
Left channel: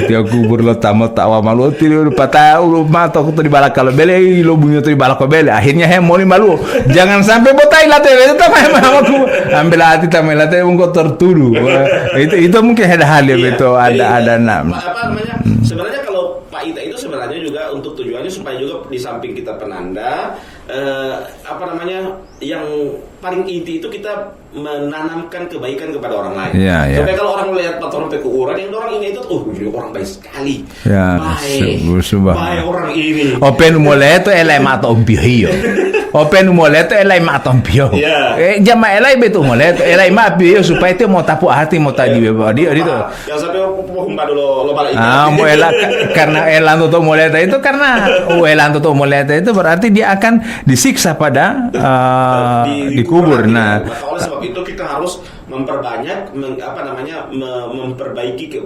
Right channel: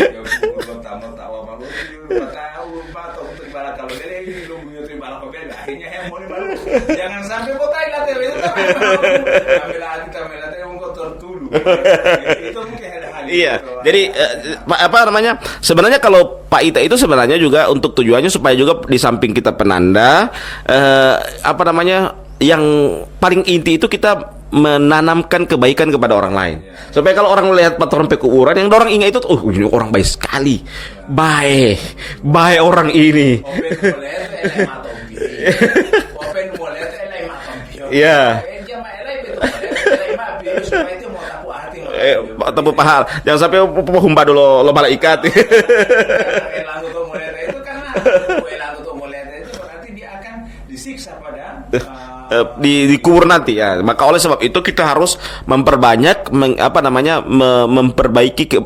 Dia kubur lo tamat tawa malu tiru patah lu mata aku tadi bala kebeli lo bunyi tadi bala kebeli. Akhirnya moli malu. Jangan sampai botai late itu tamai aku. Ambil hati tamai late engkau tertuduh. Itu mungkin ada hal yang itu ada sebenarnya kalau paita itu sebenarnya juga untuk tujuannya supaya juga di samping kita penanda yang paling inti itu kita menanamkan kebaikan kepada orang lain. Supaya kalau orang melihat patron pekuuran yang orang ingat itu ini orang baik sekali. Baik orang ini. Open mulai itu elai mata ompio. Open mulai itu elai mata ompio. Jama elai betul mulai elai mapio supaya itu mau tapu hati mau tadi. Jangan sampai humba dulu lo malaikat. Karena elan tutup muleta itu karena elan tutup muleta itu berarti dia akan disiksa pada di kubur nanti. Nah, Maka oleh sebab itu kita harus memperbanyak memperbaiki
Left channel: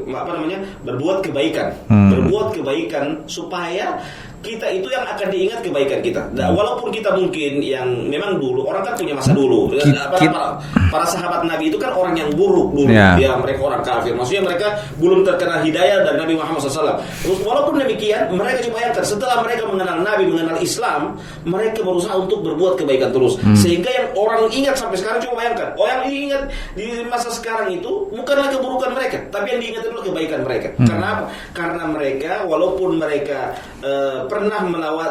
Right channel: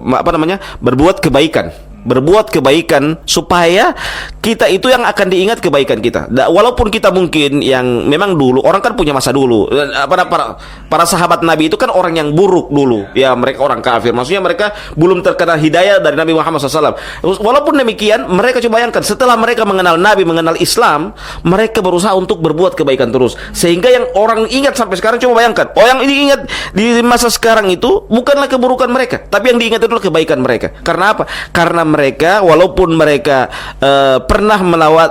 berbuat kebaikan. Berbuat kebaikan supaya kita itu yang akan diingat kebaikan kita. Walaupun kita mungkin yang memang dulu orang kan punya masa dulu. Para sahabat Nabi itu kan orang yang buruk dulu. Ya, mereka orang kafir. Maksudnya mereka belum terkena hidayah dari Nabi Muhammad SAW. Walaupun demikian, mereka coba bayangkan setelah mereka mengenal Nabi, mengenal Islam, mereka berusaha untuk berbuat kebaikan terus. Sehingga yang orang ingat sampai sekarang, coba bayangkan, yang diingat di masa sekarang itu bukanlah keburukan mereka, tapi yang diingat adalah kebaikan mereka. Karena apa? Karena mereka walaupun mereka pernah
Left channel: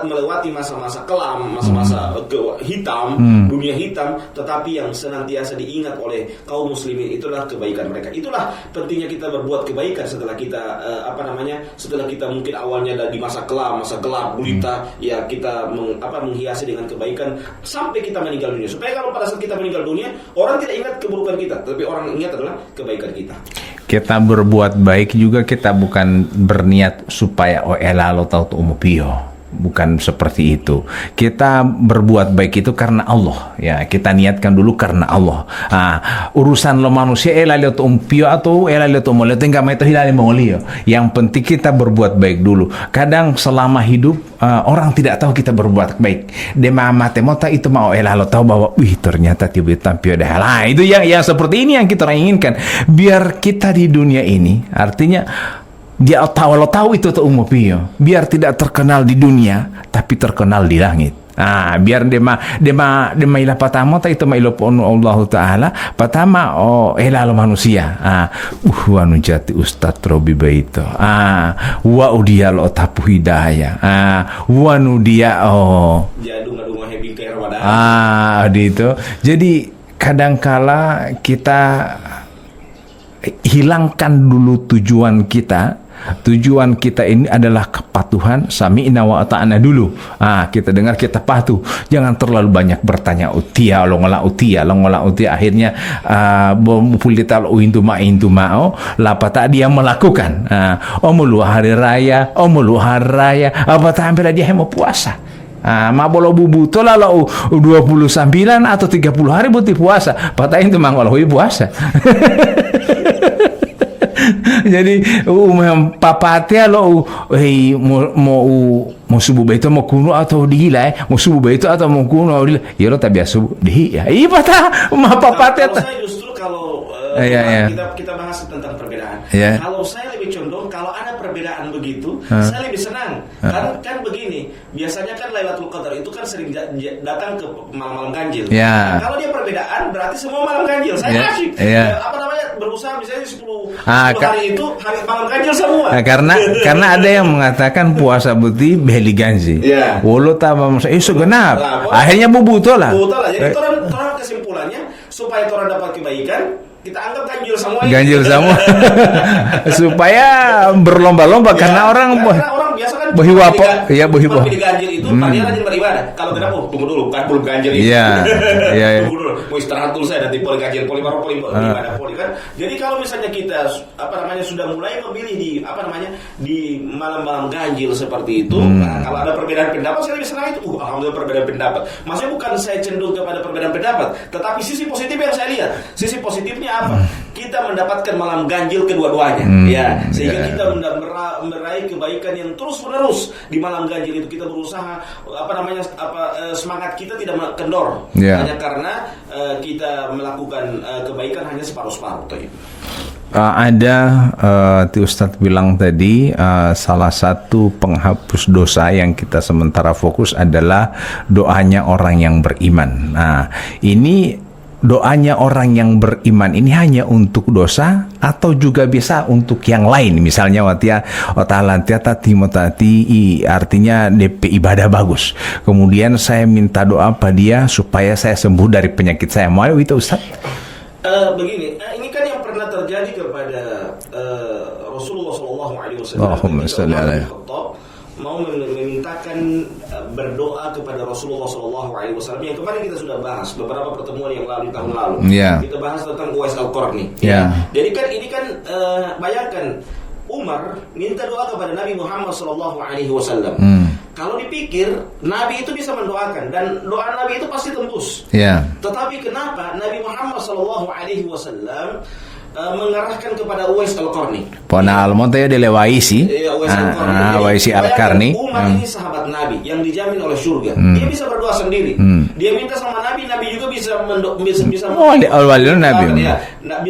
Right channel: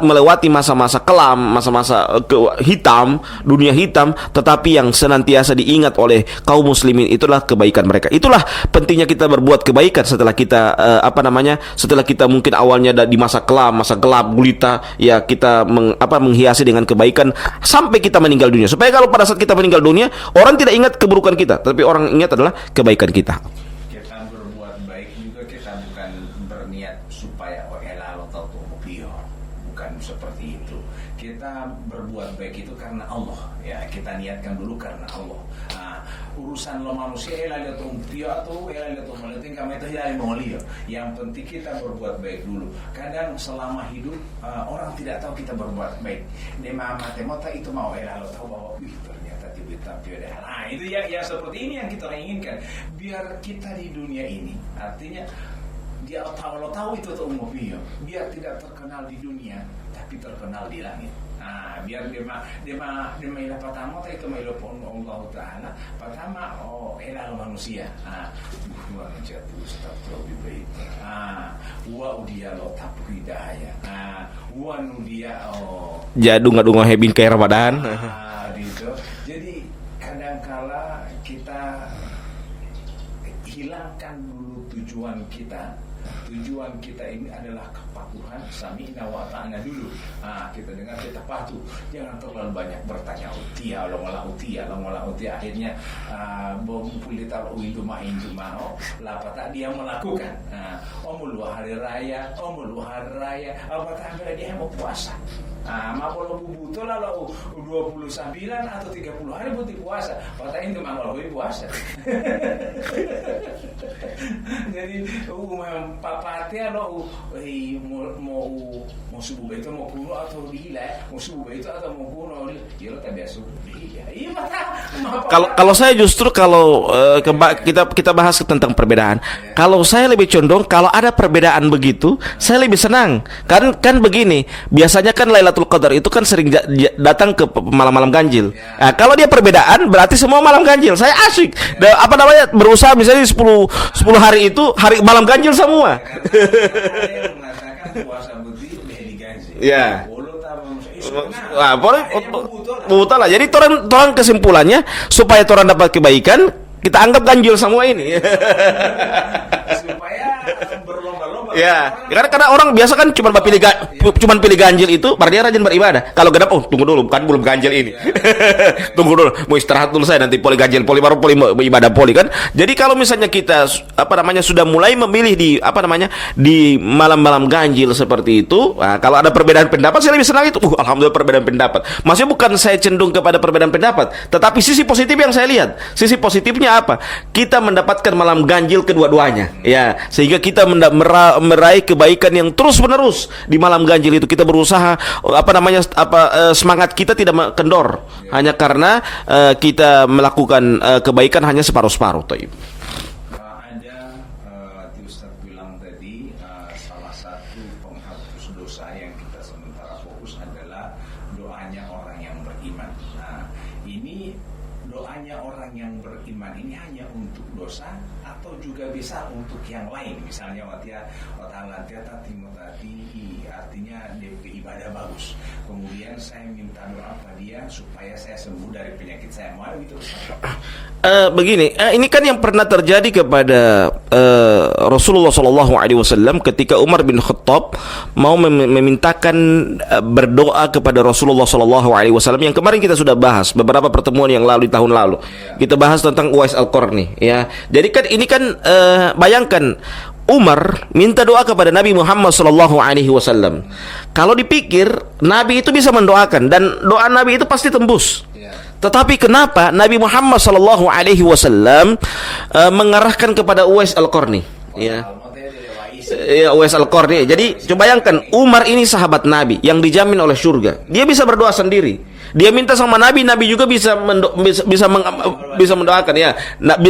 melewati masa-masa kelam, masa-masa hitam, dunia hitam, tetapi yang senantiasa diingat oleh kaum muslimin itulah kebaikan mereka. Itulah pentingnya kita berbuat kebaikan setelah kita setelah kita mungkin awalnya di masa kelam, masa gelap gulita, ya kita menghiasi dengan kebaikan sampai kita meninggal dunia. Supaya kalau pada saat kita meninggal dunia, orang tidak ingat keburukan kita, tapi orang ingat adalah kebaikan kita. Kita berbuat baik juga, kita bukan berniat supaya elalo tahu umupio. Bukan seperti itu. Kita berbuat baik itu karena Allah. Ya, kita niatkan dulu karena Allah. Urusan lo manusia lihat umpio atau lihat umolio enggak mau itu hilali mongolio. Yang penting kita berbuat baik dulu. Kadang selama hidup orang tidak tahu kita berbuat baik. Dema matemota itu mau lo tahu bahwa ternyata tiba-tiba tampio dah. Itu yang seperti ini yang kita inginkan. Biar kita di dunia ini artinya dia tahu itu umupio, biar tidak terkenal di dunia tapi terkenal di langit. Biar dema ila patama ta itu mailo pon Allah taala patama elalo manusia. Wanu jati Ustaz Robi Baito. Wa udia lo tapu hidayah. Wanu dia jadunga hebin kayak Ramadan. Itu. Jadi kadangkala kita hilangkan dulu tujuan kita. Tujuan kita ini adalah kepatuhan, sami'na wa ata'na dulu. Kita dengar, kita patuh. Jangan terlalu banyak bertanya utia, longola utia. Akhirnya pulital uintu ma'o lapata dia melakukan. Mulu hari raya, apa tampil dia mau puasa. Mabolo bubuto lalu 29 atau 30 hari buti puasa. Patahin itu mangoloi puasa. Jadi papatya lo mau subuh itu mau kuno atau dihila mau subuh itu atau mau kuno ya lo tak biasa dihi ya kalau saya justru kita bahas tentang perbedaan. Kalau saya lebih condong kalau ada perbedaan begitu saya lebih senang. Kan begini, biasanya kan Lailatul Qadar itu kan sering datang ke malam-malam ganjil. Kalau dia perbedaan berarti semua malam ganjil. Saya asik berusaha misalnya 10 hari itu hari malam ganjil semua. Karena ada yang mengatakan puasa putih beli ganjil. Walau tambah segenap. Akhirnya bubuto lah. Jadi toran kesimpulannya supaya toran dapat kebaikan, kita anggap ganjil semua ini. Ganjil semua. Supaya berlomba-lomba karena orang biasa kan cuma pilih ganjil itu, dia rajin beribadah. Kalau genap tunggu dulu kan belum ganjil itu. Tunggu dulu, mau istirahat dulu saya nanti poli ganjil, poli baru poli ibadah poli kan. Jadi kalau misalnya kita sudah mulai memilih di malam-malam ganjil seperti itu, kalau ada perbedaan pendapat saya lebih senang itu. Alhamdulillah perbedaan pendapat. Maksudnya bukan saya cenderung kepada perbedaan pendapat, tetapi sisi positif yang saya lihat. Sisi positifnya apa? Kita mendapatkan malam ganjil kedua-duanya, sehingga kita meraih kebaikan yang terus-menerus di malam ganjil itu. Kita berusaha semangat kita tidak kendor hanya karena kita melakukan kebaikan hanya separuh-separuh. Ustadz bilang tadi salah satu penghapus dosa yang kita sementara fokus adalah doanya orang yang beriman. Ini doanya orang yang beriman ini hanya untuk dosa atau juga bisa untuk yang lain, misalnya artinya DP ibadah bagus, kemudian saya minta doa pada dia supaya saya sembuh dari penyakit saya. Mau itu Ustaz? Begini, ini kan yang pernah terjadi kepada Rasulullah SAW ketika Umar bin Khattab mau memintakan berdoa kepada Rasulullah SAW yang kemarin kita sudah bahas beberapa pertemuan yang lalu di tahun lalu. Kita bahas tentang Uwais Al-Qarni. Jadi kan ini kan bayangkan Umar minta doa kepada Nabi Muhammad sallallahu alaihi wasallam. Kalau dipikir Nabi itu bisa mendoakan dan doa Nabi itu pasti tembus. Ya. Tetapi kenapa Nabi Muhammad sallallahu alaihi wasallam mengarahkan kepada Uwais Al-Qarni? Pona almonte ya dilewaisi. Ya, Uwais Al-Qarni. Jadi bayangkan Umar ini sahabat Nabi yang dijamin oleh surga. Dia bisa berdoa sendiri. Dia minta sama Nabi, Nabi juga bisa mendoakan ya.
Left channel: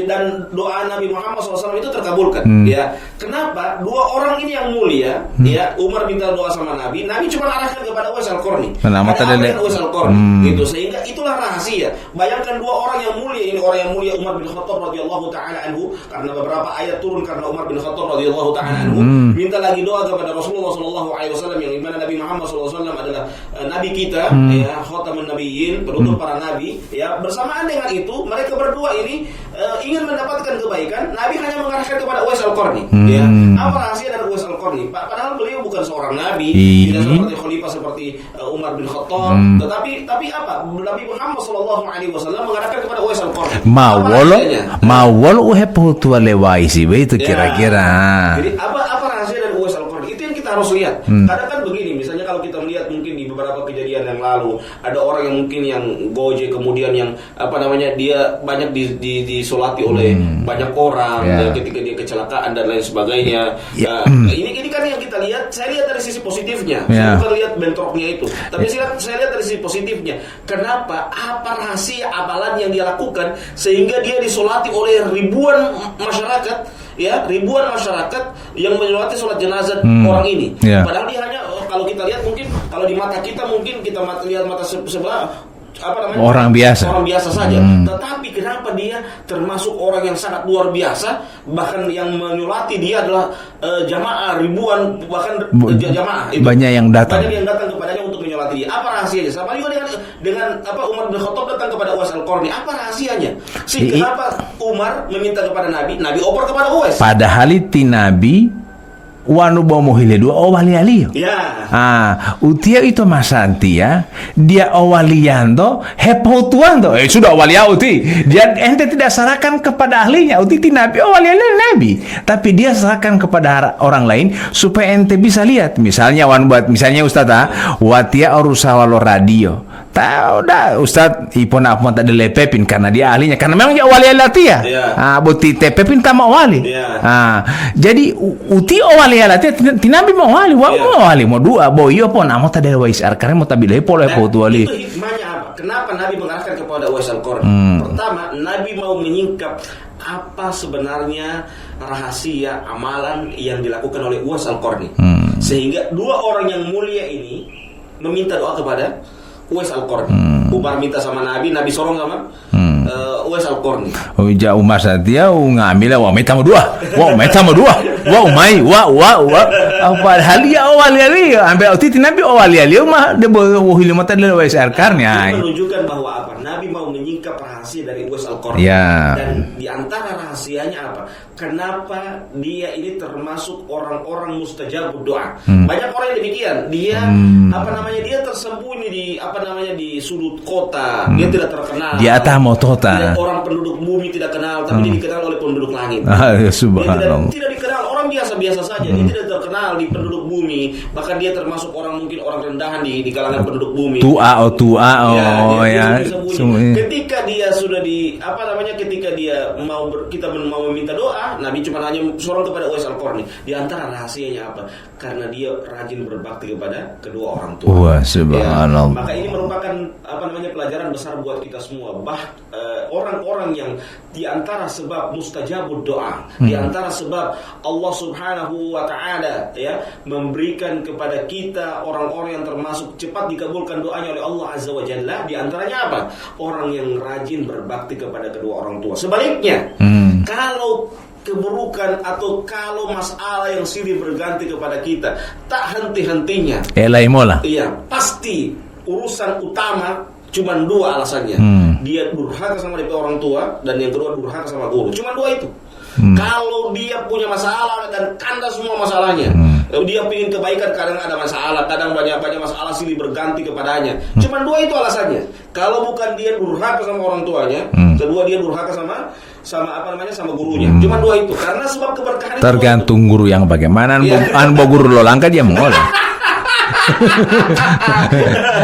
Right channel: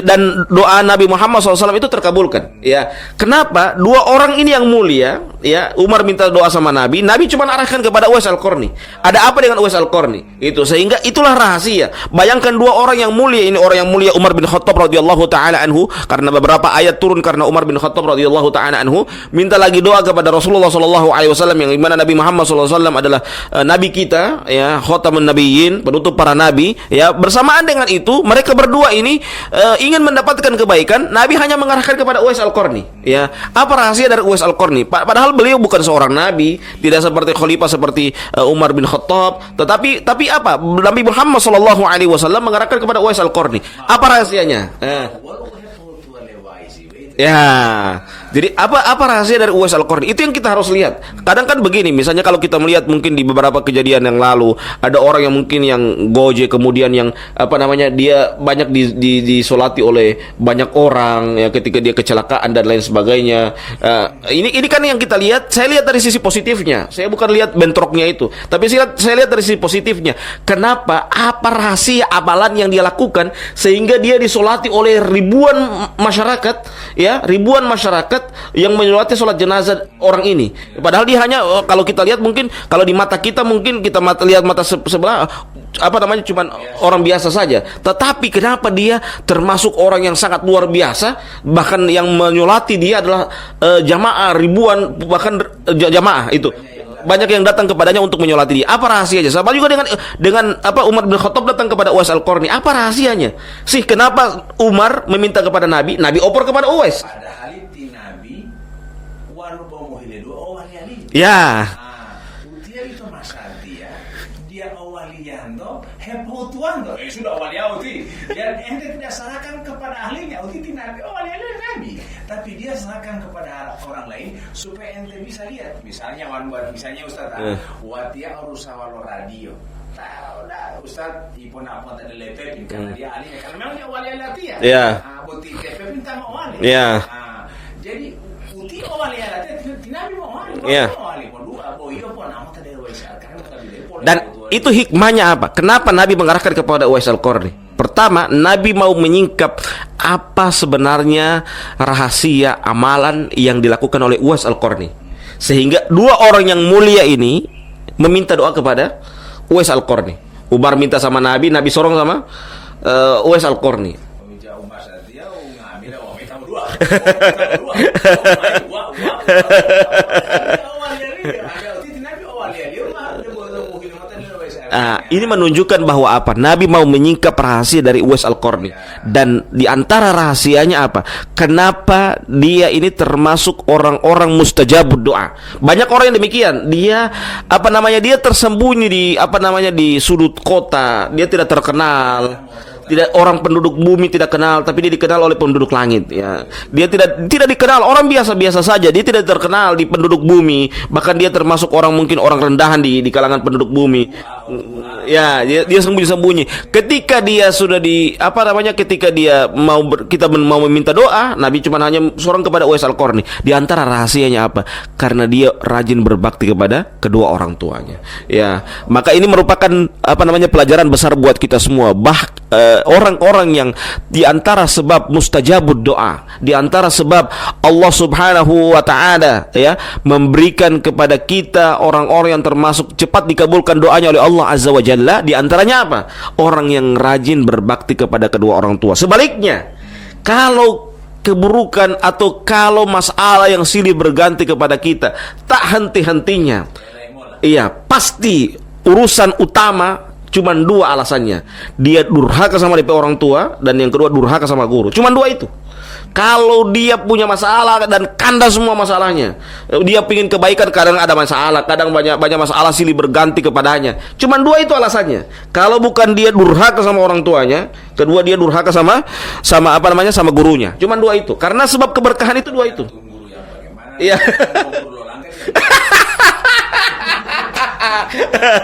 Dan doa Nabi Muhammad SAW itu terkabulkan. Ya. Kenapa? Dua orang ini yang mulia, ya, Umar minta doa sama Nabi, Nabi cuma arahkan kepada Uwais Al-Qarni. Ada apa dengan Uwais Al-Qarni? Itu sehingga itulah rahasia. Bayangkan dua orang yang mulia ini, orang yang mulia Umar bin Khattab radhiyallahu taala anhu, karena beberapa ayat turun karena Umar bin Khattab radhiyallahu taala anhu, minta lagi doa kepada Rasulullah sallallahu alaihi wasallam, yang dimana Nabi Muhammad sallallahu alaihi wasallam adalah nabi kita, ya, khatamun nabiyyin, penutup para nabi, ya. Bersamaan dengan itu, mereka berdua ini ingin mendapatkan kebaikan, Nabi hanya mengarahkan kepada Uwais Al-Qarni. Ya, apa rahasia dari Uwais Al-Qarni? Padahal beliau bukan seorang nabi, tidak seperti khalifah seperti Umar bin Khattab, tetapi apa? Nabi Muhammad sallallahu alaihi wasallam mengarahkan kepada Uwais Al-Qarni. Apa rahasianya? Mawal uheputua lewaisi begitu kira-kira. Jadi apa rahasia dari Uwais Al-Qarni? Itu yang kita harus lihat. Kadang kan begini, misalnya kalau kita melihat mungkin di beberapa kejadian yang lalu, ada orang yang mungkin yang goje, kemudian yang apa namanya, dia banyak disolati oleh banyak orang, ya, ketika dia kecelakaan dan lain sebagainya. Nah, ini kan yang kita lihat. Saya lihat dari sisi positifnya. Saya bukan lihat bentroknya itu, tapi saya lihat dari sisi positifnya. Kenapa? Apa rahasia amalan yang dia lakukan sehingga dia disolati oleh ribuan masyarakat, ya, ribuan masyarakat yang menyolati sholat jenazah orang ini. Padahal dia hanya, kalau kita lihat mungkin kalau di mata kita, mungkin kita lihat mata sebelah, apa namanya, orang biasa saja. Tetapi kenapa dia termasuk orang yang sangat luar biasa, bahkan yang menyolati dia adalah jamaah ribuan, bahkan jamaah itu banyak yang datang kepadanya untuk menyolati dia. Apa rahasianya? Sama juga dengan apa, Umar bin Khattab datang kepada Uwais Al-Qarni. Apa rahasianya sih? Kenapa Umar meminta kepada Nabi, Nabi opor kepada Uwais? Padahal itu Nabi wanu bomo hile dua owali alio. Ya. Utia itu masanti ya. Dia owaliando, hepotuando. Sudah owali uti. Dia ente tidak serahkan kepada ahlinya. Uti Nabi owali Nabi. Tapi dia serahkan kepada orang lain supaya ente bisa lihat. Misalnya misalnya Ustaz, watia urusawalo radio. Tahu dah Ustaz, ipon apa tak dilepepin karena dia ahlinya, karena memang dia wali alatia. Buti tepepin tama wali. Jadi uti wali alatia tinabi mau wali, mau dua boyo pon amo tak ada Uwais Al-Qarni mau tabilai pola. Dan itu hikmahnya apa? Kenapa Nabi mengarahkan kepada Uwais Al-Qarni? Pertama, Nabi mau menyingkap apa sebenarnya rahasia amalan yang dilakukan oleh Uwais Al-Qarni, sehingga dua orang yang mulia ini meminta doa kepada Uwais Al-Qarni. Umar minta sama Nabi, Nabi sorong sama Uwais Al-Qarni. Ja Umar satia ngambil meta mau dua. Umai apa halia awali ambil uti Nabi awali mah de bohili mata de Uwais Al-Qarni. Ini menunjukkan bahwa apa? Nabi mau menyingkap rahasia dari Uwais Al-Qarni. Dan di antara rahasianya apa? Kenapa dia ini termasuk orang-orang mustajabud doa? Banyak orang yang demikian. Dia apa namanya? Dia tersembunyi di sudut kota. Dia tidak terkenal. Di atas motota. Tidak, orang penduduk bumi tidak kenal, tapi dia dikenal oleh penduduk langit. Dia tidak dikenal, orang biasa-biasa saja. Dia tidak terkenal di penduduk bumi. Bahkan dia termasuk orang, mungkin orang rendahan di kalangan penduduk bumi. Dia sembunyi-sembunyi. Ketika dia sudah ketika dia kita mau meminta doa, Nabi cuma hanya seorang kepada Uwais Al-Qarni. Di antara rahasianya apa? Karena dia rajin berbakti kepada kedua orang tua. Maka ini merupakan pelajaran besar buat kita semua. Orang-orang yang di antara sebab mustajabud doa, di antara sebab Allah Subhanahu wa taala ya memberikan kepada kita orang-orang yang termasuk cepat dikabulkan doanya oleh Allah Azza wa Jalla, di antaranya apa? Orang yang rajin berbakti kepada kedua orang tua. Sebaliknya, kalau keburukan atau kalau masalah yang silih berganti kepada kita, tak henti-hentinya. Pasti urusan utama cuma dua alasannya. Dia durhaka sama DP orang tua, dan yang kedua durhaka sama guru. Cuma dua itu. Kalau dia punya masalah dan kandas semua masalahnya, dia pingin kebaikan, kadang ada masalah, kadang banyak masalah silih berganti kepadanya. Cuman dua itu alasannya. Kalau bukan dia durhaka sama orang tuanya, kedua dia durhaka sama sama gurunya. Cuman dua itu. Karena sebab keberkahan itu tergantung guru yang bagaimana. Iya. Guru lo langka dia mengolah.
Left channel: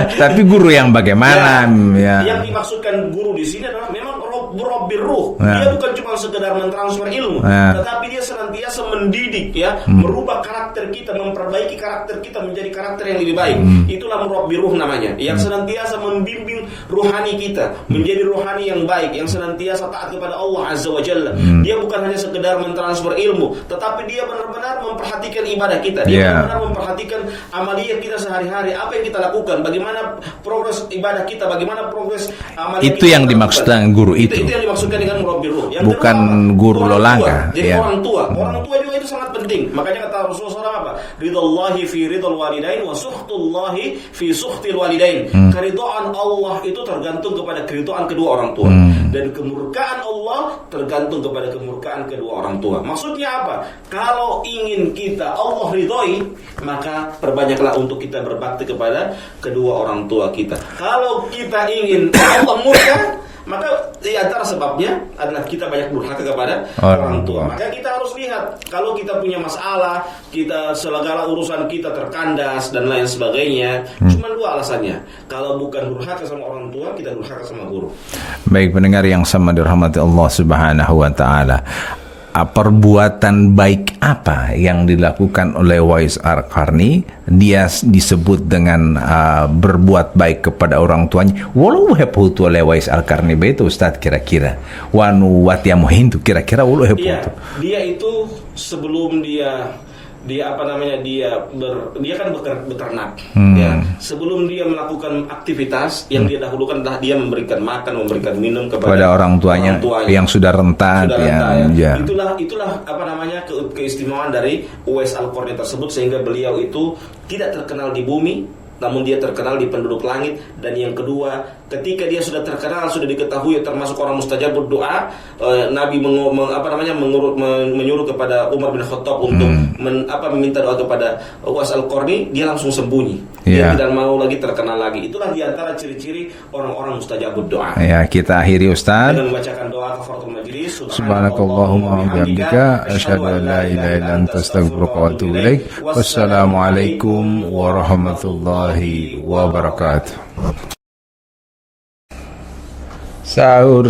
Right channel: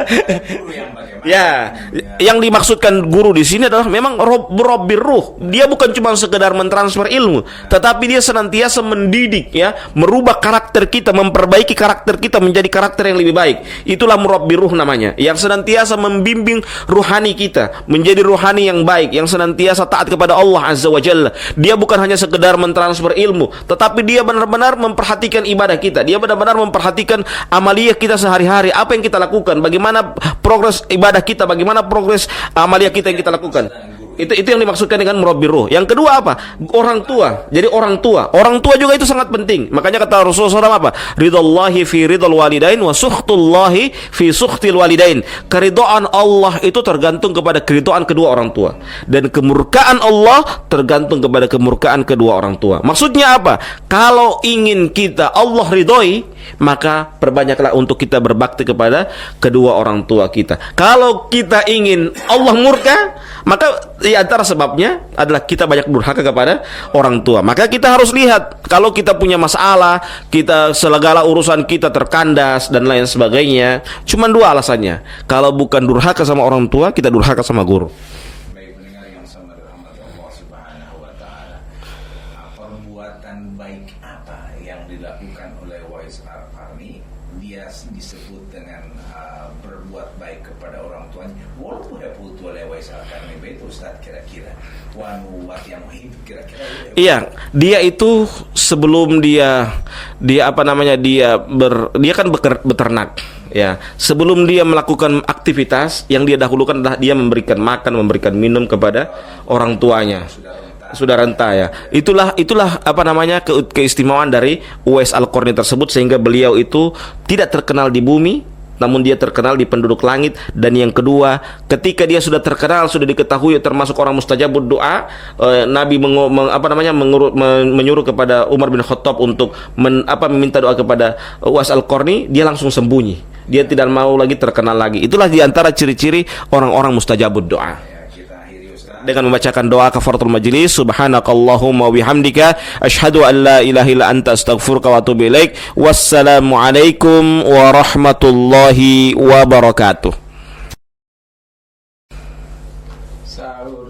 Tapi guru yang bagaimana? Ya. Yang dimaksudkan guru di sini adalah memang Rabbir ruh. Ya. Dia bukan cuma sekedar mentransfer ilmu, tetapi dia senantiasa mendidik, merubah karakter kita, memperbaiki karakter kita menjadi karakter yang lebih baik. Itulah Murabbir ruh namanya, yang senantiasa membimbing ruhani kita menjadi ruhani yang baik, yang senantiasa taat kepada Allah Azza wa Jalla. Dia bukan hanya sekedar mentransfer ilmu, tetapi dia benar-benar memperhatikan ibadah kita. Dia benar-benar memperhatikan amaliyah kita sehari-hari, apa yang kita lakukan, bagaimana progres ibadah kita, bagaimana progres amaliyah kita yang kita lakukan. Guru itu Baik pendengar yang sama dirahmati Allah Subhanahu wa taala. Perbuatan baik apa yang dilakukan oleh Uwais Al-Qarni? Dia disebut dengan berbuat baik kepada orang tuanya. Walau heputu oleh Uwais Al-Qarni itu Ustaz, kira-kira wanu watiamu hindu, kira-kira walau heputu. Iya, dia itu sebelum dia kan beternak, ya. Sebelum dia melakukan aktivitas, yang dia dahulukan adalah dia memberikan makan, memberikan minum kepada orang tuanya yang sudah renta. Ya. Itulah keistimewaan dari Uwais Al-Qarni tersebut, sehingga beliau itu tidak terkenal di bumi, namun dia terkenal di penduduk langit. Dan yang kedua, ketika dia sudah terkenal, sudah diketahui termasuk orang mustajabud doa, Nabi menyuruh kepada Umar bin Khattab untuk meminta doa kepada Uwais Al-Qarni, dia langsung sembunyi. Dia tidak mau lagi terkenal lagi. Itulah diantara ciri-ciri orang-orang mustajabud doa. Ya, kita akhiri Ustaz dengan membacakan doa kafaratul majlis. Subhanakallahumma wa bihamdika asyhadu an la ilaha illa anta astaghfiruka wa atubu ilaik. Wassalamualaikum warahmatullahi wabarakatuh. Sahur,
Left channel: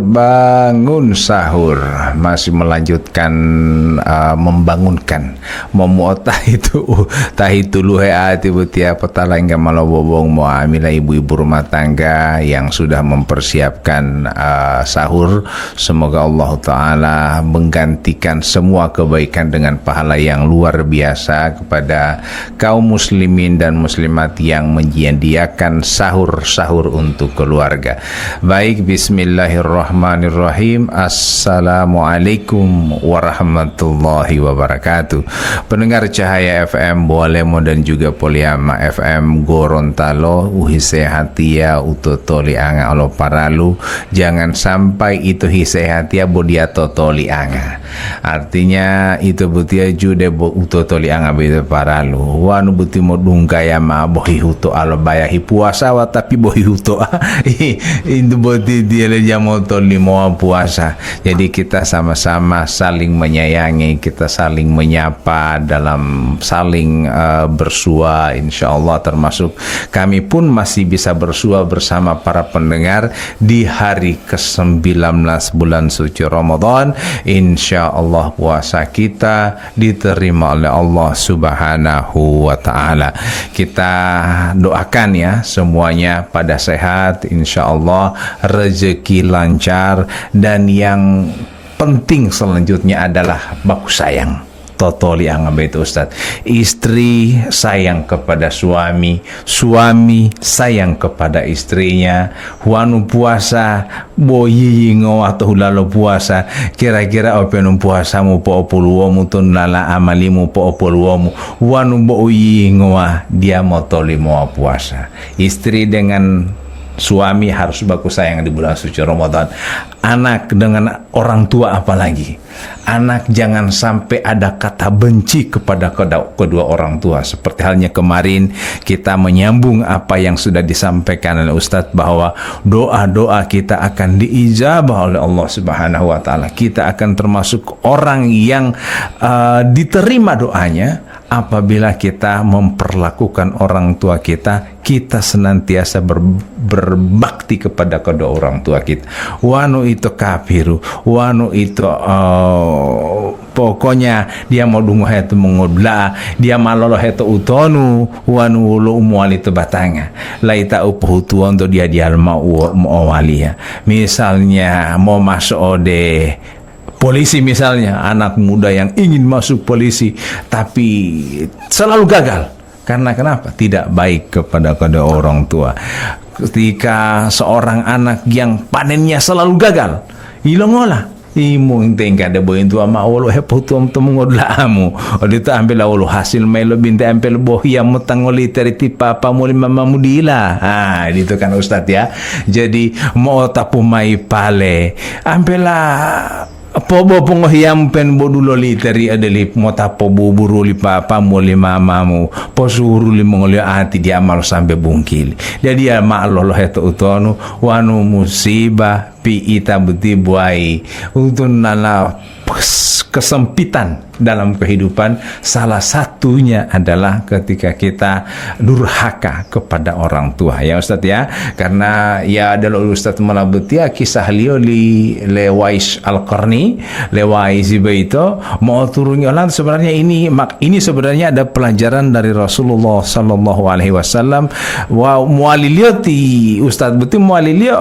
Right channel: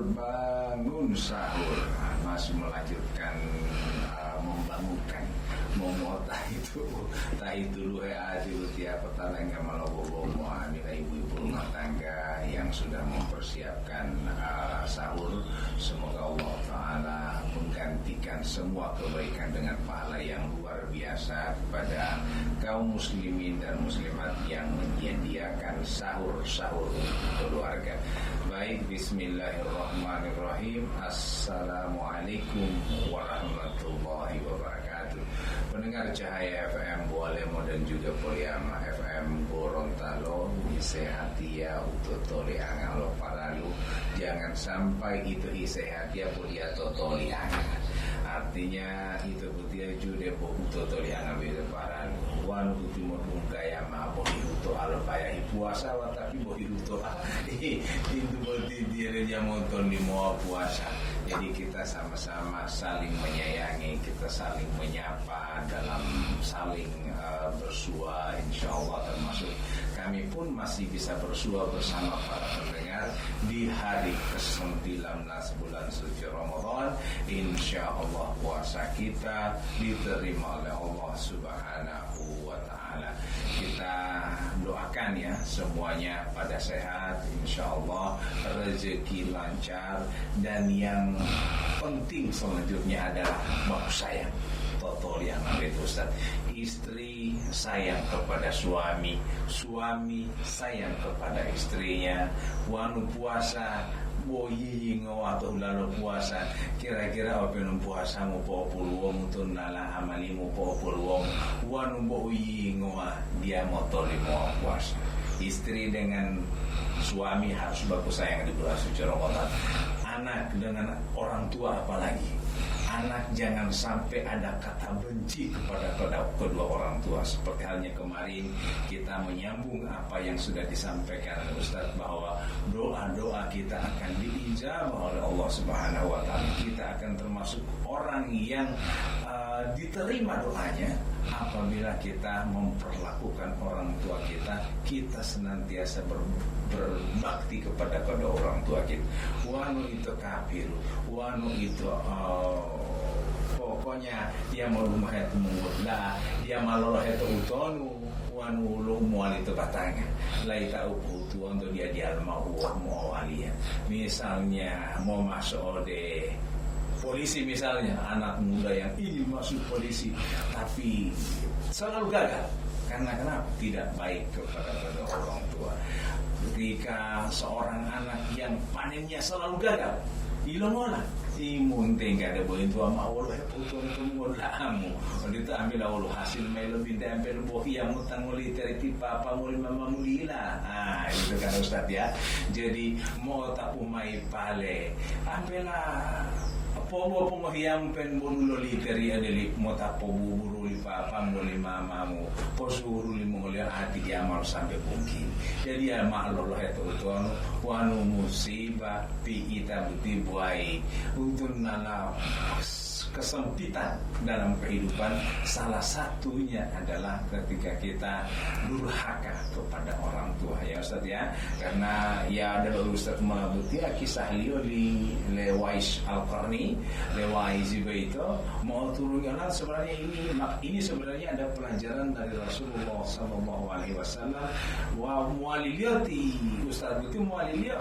bangun sahur. Masih melanjutkan membangunkan tahitu luhe ati butia petala hingga malobobong muamilah ibu-ibu rumah tangga yang sudah mempersiapkan sahur. Semoga Allah Ta'ala menggantikan semua kebaikan dengan pahala yang luar biasa kepada kaum muslimin dan muslimat yang menyediakan sahur-sahur untuk keluarga. Baik, bismillahirrahmanirrahim. Assalamualaikum warahmatullahi wabarakatuh. Pendengar Cahaya FM Boalemo dan juga Poliama FM Gorontalo, uhisehatia utotoli anga alo paralu. Jangan sampai itu hisehatia bodia totoli anga. Artinya itu butia jude bo utotoli anga beda paralu. Wanu buti modungga ya ma bohi huto alo bayahi puasa wa tapi bohi huto itu boti dia jamoto limo puasa. Jadi kita sama-sama saling menyayangi, kita saling menyapa dalam saling bersua, insyaallah, termasuk kami pun masih bisa bersua bersama para pendengar di hari ke-19 bulan suci Ramadan. Insyaallah puasa kita diterima oleh Allah Subhanahu wa taala. Kita doakan ya semuanya pada sehat, insyaallah, rezeki lancar, dan yang penting selanjutnya adalah baku sayang. Totoli angam itu Ustaz. Istri sayang kepada suami, suami sayang kepada istrinya. Wanu puasa boyi ngo atau lalu puasa. Kira-kira openum puasamu po opuluomu tun lala amalimu po opuluomu. Wanu boyi ngo dia motoli mau puasa. Istri dengan suami harus baku sayang di bulan suci Ramadan, anak dengan orang tua apalagi. Anak jangan sampai ada kata benci kepada kedua orang tua. Seperti halnya kemarin kita menyambung apa yang sudah disampaikan oleh Ustadz, bahwa doa-doa kita akan diijabah oleh Allah Subhanahu wa taala. Kita akan termasuk orang yang diterima doanya apabila kita memperlakukan orang tua kita senantiasa berbakti kepada kedua orang tua kita. Wanu itu kafiru, wanu itu pokoknya dia mau dungu itu mengodla, dia malolo itu utonu, wanu lo umuali itu batanga. Laita upuhutu untuk dia mau walia. Misalnya mau masuk ode polisi, misalnya anak muda yang ingin masuk polisi tapi selalu gagal. Karena kenapa? Tidak baik kepada kedua orang tua. Ketika seorang anak yang panennya selalu gagal, ilongola imo ingtenga de boy tua ma wolo he putum tum ngodla amu odita ambil awolo hasil melo binte ampel bohia mutangoli teriti papa muli mama mudila. Itu kan Ustaz ya. Jadi mau tapu mai pale ampela pobo pongohiam pen bodulo literi adeli mota pobo buruli papa muli mamamu posuru li mongoli ati dia mal sampai bungkil. Jadi ya ma lolo heto utonu wanu musibah pi ita buti buai untuk nala kesempitan dalam kehidupan. Salah satunya adalah ketika kita durhaka kepada orang tua ya Ustaz ya. Karena ya adalah Ustaz malabutia kisah lioli lewais al-Qarni lewais itu mau turunnya lan sebenarnya ini sebenarnya ada pelajaran dari Rasulullah sallallahu alaihi wasallam. Wa mualilioti Ustaz betul mualilio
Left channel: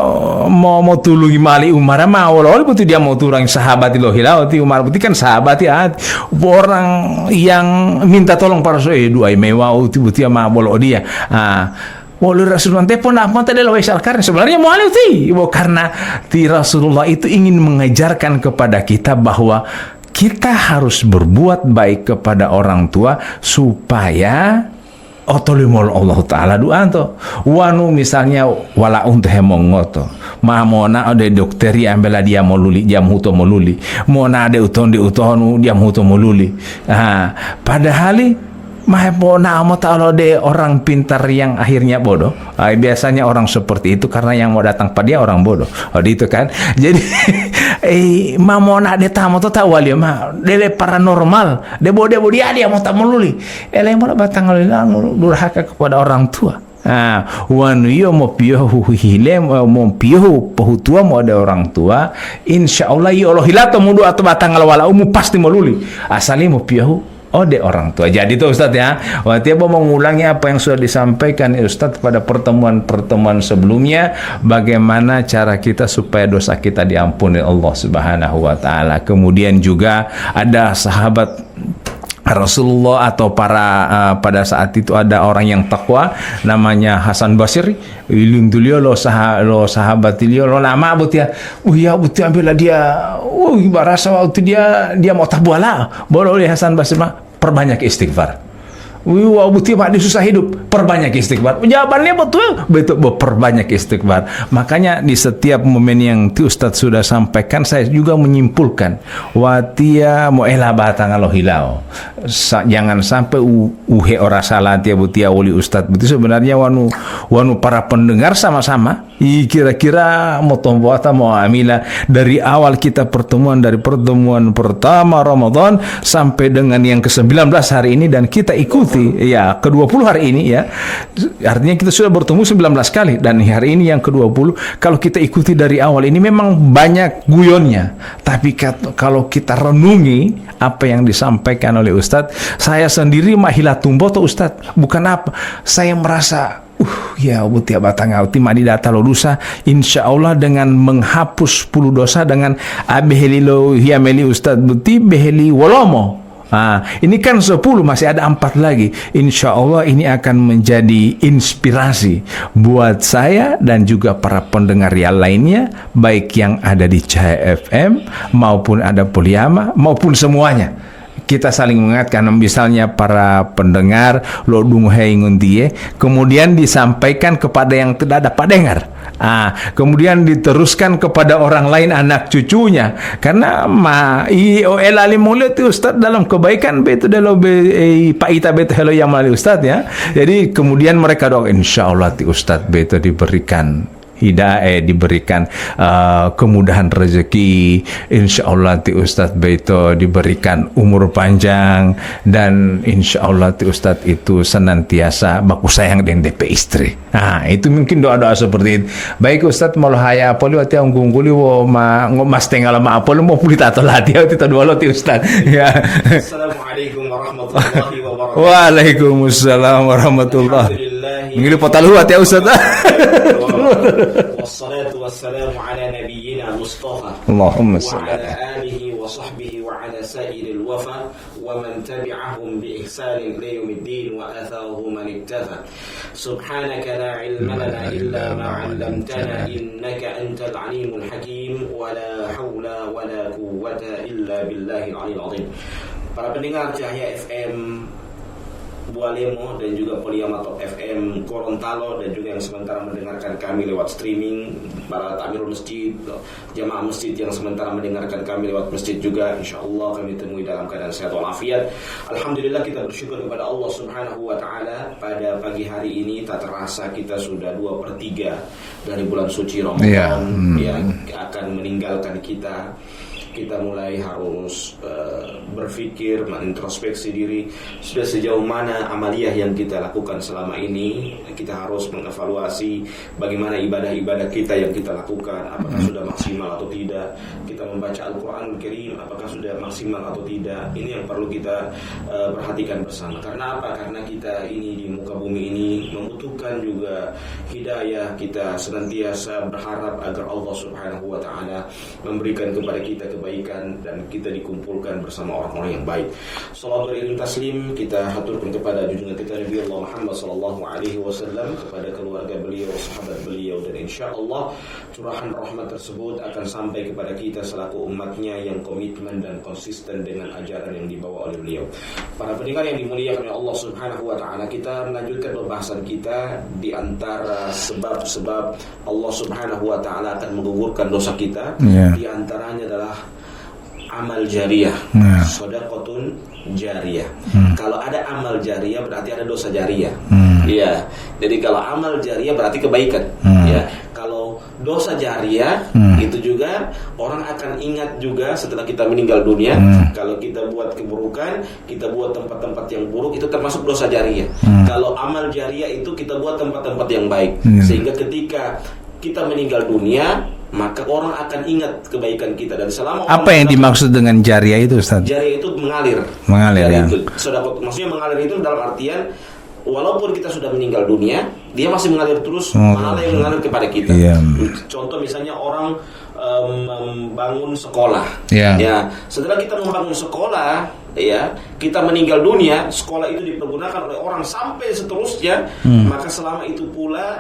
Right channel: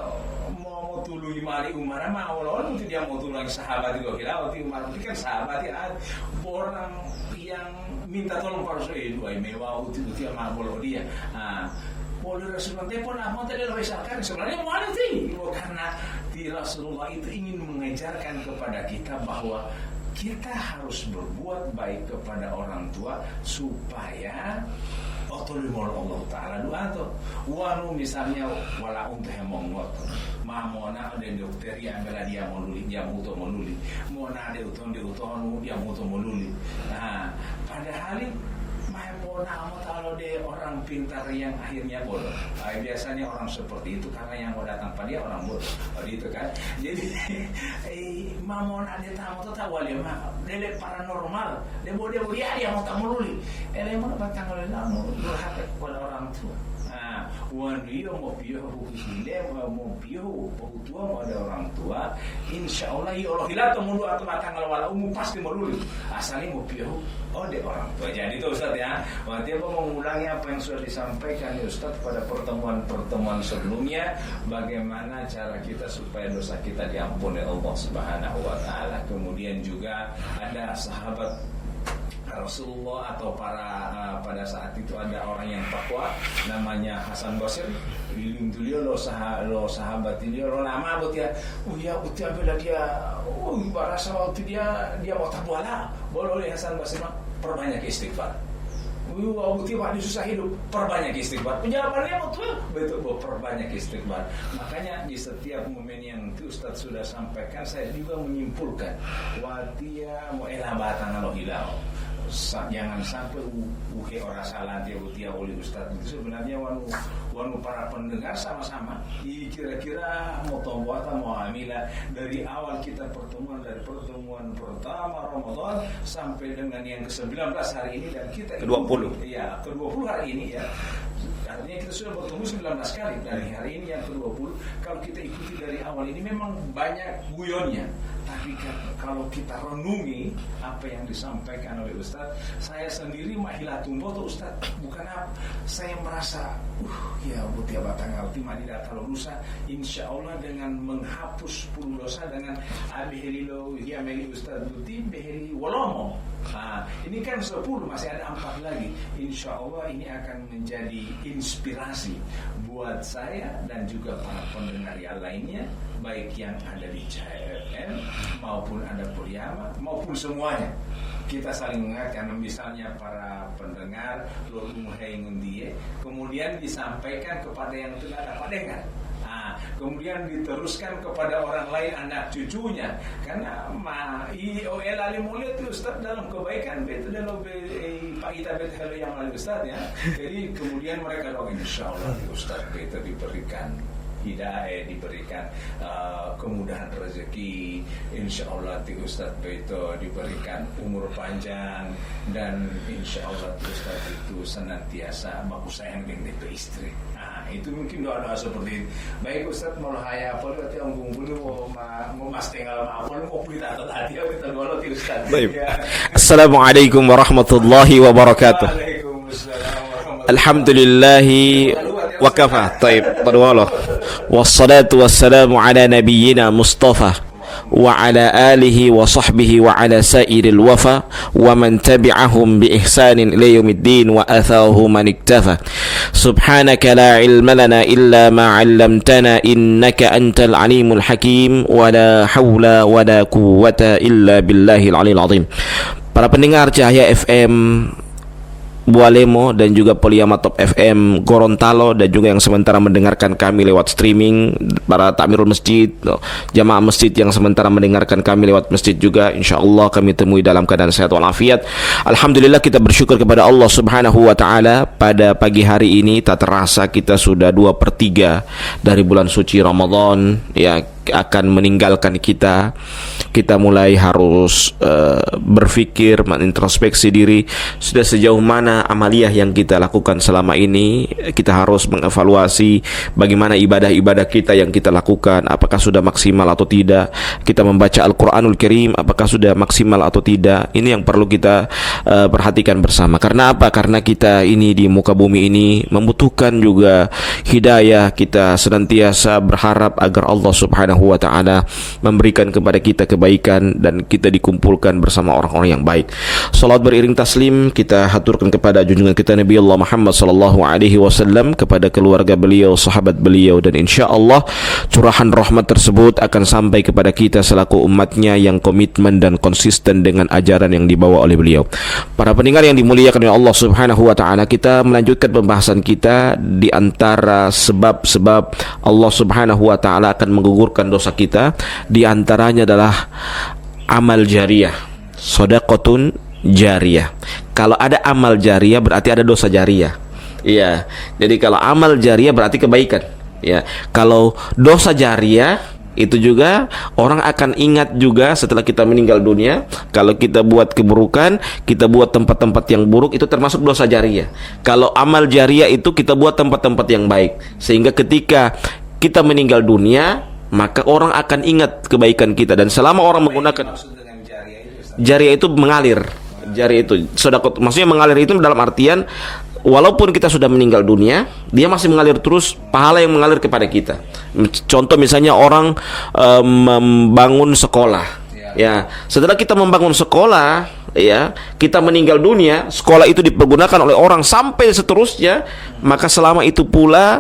mau tulungi mali Umar ma awal betul dia mau turang sahabat lo hilauti Umar betul kan sahabat ya orang yang minta tolong para sahabat dua mewah betul ma bolo dia. Walau Rasulullah pun apa tadi lawai salkarn sebenarnya mualif karena Rasulullah itu ingin mengajarkan kepada kita bahwa kita harus berbuat baik kepada orang tua supaya otolimol Allah Ta'ala doa to wanu misalnya wala untuk hemongoto mamona ade dokteri ambela dia moluli dia muto moluli mona ade uton di utonu dia muto moluli. Padahal mahepona amo ta'ala de orang pintar yang akhirnya bodoh. Biasanya orang seperti itu karena yang mau datang pada dia orang bodoh. Itu kan. Jadi mamona de tamo to tawali ma dele paranormal de bode dia mau tamululi. Ele mau batang durhaka kepada orang tua. Wanu yo mo piyohu hile mo piyohu pahutua mo ada orang tua insyaallah yo Allah hilato mo atau batang wala umu pasti moluli asali mo piyohu de orang tua. Jadi itu Ustaz ya. Waktu apa mengulangi apa yang sudah disampaikan Ustaz pada pertemuan-pertemuan sebelumnya, bagaimana cara kita supaya dosa kita diampuni Allah Subhanahu wa taala. Kemudian juga ada sahabat Rasulullah atau pada saat itu ada orang yang takwa namanya Hasan Basri. Ilundulio lo sahabat lo lama butia. Ya butia ambil dia. Barasa waktu dia mau tabuala. Boleh Hasan Basri perbanyak istighfar. Wah buti pak susah hidup, perbanyak istighfar. Jawabannya betul perbanyak istighfar. Makanya di setiap momen yang Ustadz sudah sampaikan, saya juga menyimpulkan watia moela batang alo hilau. Jangan sampai uhe ora salah tia butia wali Ustadz. Betul sebenarnya wanu para pendengar sama-sama. Kira-kira mau tomboata mau amila dari awal kita dari pertemuan pertama Ramadan sampai dengan yang ke-19 hari ini dan kita ikuti ya ke-20 hari ini ya. Artinya kita sudah bertemu 19 kali dan hari ini yang ke-20. Kalau kita ikuti dari awal ini memang banyak guyonnya. Tapi kalau kita renungi apa yang disampaikan oleh Ustadz, saya sendiri mahila tumboto Ustadz. Bukan apa, saya merasa ya butia batang auti madi data lo dosa insyaallah dengan menghapus 10 dosa dengan abeheli lo hiameli Ustadz buti beheli wolomo. Ini kan 10 masih ada 4 lagi. Insya Allah ini akan menjadi inspirasi buat saya dan juga para pendengar yang lainnya, baik yang ada di Cahaya FM maupun ada Poliama maupun semuanya. Kita saling mengingatkan, misalnya para pendengar lo dung hei nguntie, kemudian disampaikan kepada yang tidak dapat dengar. Kemudian diteruskan kepada orang lain, anak cucunya. Karena alim mulia tu ustaz dalam kebaikan betul dalam pak ita betul hello yang melalui ustaz ya. Jadi kemudian mereka doa insyaallah ti ustaz betul diberikan hidayah, diberikan kemudahan rezeki, insyaallah ti Ustaz Beito diberikan umur panjang, dan insyaallah ti Ustaz itu senantiasa baku sayang dengan DP istri. Itu mungkin doa-doa seperti itu. Baik Ustaz mau haya apa liwat yang gungguli mas tinggal ma apa lu mau pulih tato lati atau doa lo ti Ustaz. Ya. Assalamualaikum warahmatullahi wabarakatuh. Waalaikumsalam warahmatullahi. Alhamdulillah. Ini potaluat ya Ustaz. Wassalatu wassalamu ala nabiyyina Mustafa wa ala alihi wa sahbihi wa ala sairil wafa wa man tabi'ahum bi ihsanin ila yaumiddin wa athahu man iktafa. Subhanaka la ilma lana illa ma 'allamtana innaka antal alimul hakim wa la haula wa la quwwata illa billahil aliyil azim. Para pendengar Cahaya FM Bualemo dan juga Poliama Top FM Gorontalo, dan juga yang sementara mendengarkan kami lewat streaming, para takmirul masjid, jamaah masjid yang sementara mendengarkan kami lewat masjid juga, insyaallah kami temui dalam keadaan sehat walafiat. Alhamdulillah, kita bersyukur kepada Allah Subhanahu wa taala. Pada pagi hari ini tak terasa kita sudah 2/3 dari bulan suci Ramadan yang akan meninggalkan kita. Kita mulai harus berpikir, menintrospeksi diri, sudah sejauh mana amaliyah yang kita lakukan selama ini. Kita harus mengevaluasi bagaimana ibadah-ibadah kita yang kita lakukan, apakah sudah maksimal atau tidak. Kita membaca Al-Quranul Karim, apakah sudah maksimal atau tidak. Ini yang perlu kita perhatikan bersama. Karena apa? Karena kita ini di muka bumi ini membutuhkan juga hidayah. Kita senantiasa berharap agar Allah Subhanahu wa taala memberikan kepada kita kebaikan dan kita dikumpulkan bersama orang-orang yang baik. Salat beriring taslim kita haturkan kepada junjungan kita Nabi Allah Muhammad sallallahu alaihi wasallam, kepada keluarga beliau, sahabat beliau, dan insyaallah curahan rahmat tersebut akan sampai kepada kita selaku umatnya yang komitmen dan konsisten dengan ajaran yang dibawa oleh beliau. Para pendengar yang dimuliakan oleh Allah Subhanahu wa taala, kita melanjutkan pembahasan kita di antara sebab-sebab Allah Subhanahu wa taala akan menggugurkan dosa kita. Di antaranya adalah amal jariyah, shadaqatun jariyah. Kalau ada amal jariyah berarti ada dosa jariyah. Iya. Jadi kalau amal jariyah berarti kebaikan. Ya. Kalau dosa jariyah itu juga orang akan ingat juga setelah kita meninggal dunia. Kalau kita buat keburukan, kita buat tempat-tempat yang buruk, itu termasuk dosa jariyah. Kalau amal jariyah itu kita buat tempat-tempat yang baik. Sehingga ketika kita meninggal dunia, maka orang akan ingat kebaikan kita. Dan selama orang apa yang dimaksud dengan jariah itu Ustaz? Jariah itu mengalir. Ya? Itu sedekah, maksudnya mengalir itu dalam artian walaupun kita sudah meninggal dunia, dia masih mengalir terus, pahala yang mengalir kepada kita. Contoh misalnya orang membangun sekolah. Ya, setelah kita membangun sekolah, ya, kita meninggal dunia, sekolah itu dipergunakan oleh orang sampai seterusnya, maka selama itu pula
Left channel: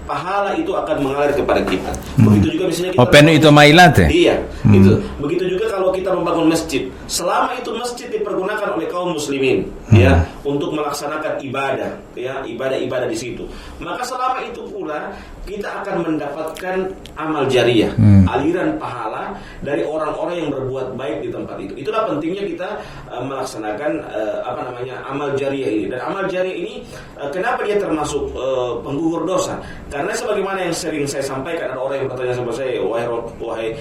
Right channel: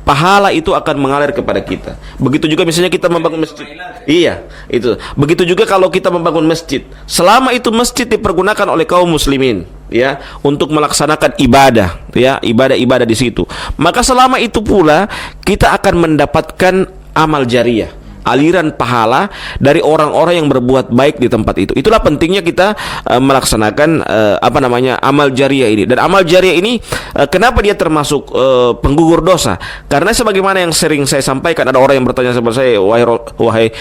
pahala itu akan mengalir kepada kita. Begitu juga misalnya kita membangun itu mailat ya? Iya, itu. Begitu juga kalau kita membangun masjid. Selama itu masjid dipergunakan oleh kaum muslimin, ya, untuk melaksanakan ibadah, ya, ibadah-ibadah di situ. Maka selama itu pula kita akan mendapatkan amal jariyah, aliran pahala dari orang-orang yang berbuat baik di tempat itu. Itulah pentingnya kita melaksanakan amal jariyah ini. Dan amal jariyah ini kenapa dia termasuk penggugur dosa? Karena sebagaimana yang sering saya sampaikan, ada orang yang bertanya kepada saya, wahai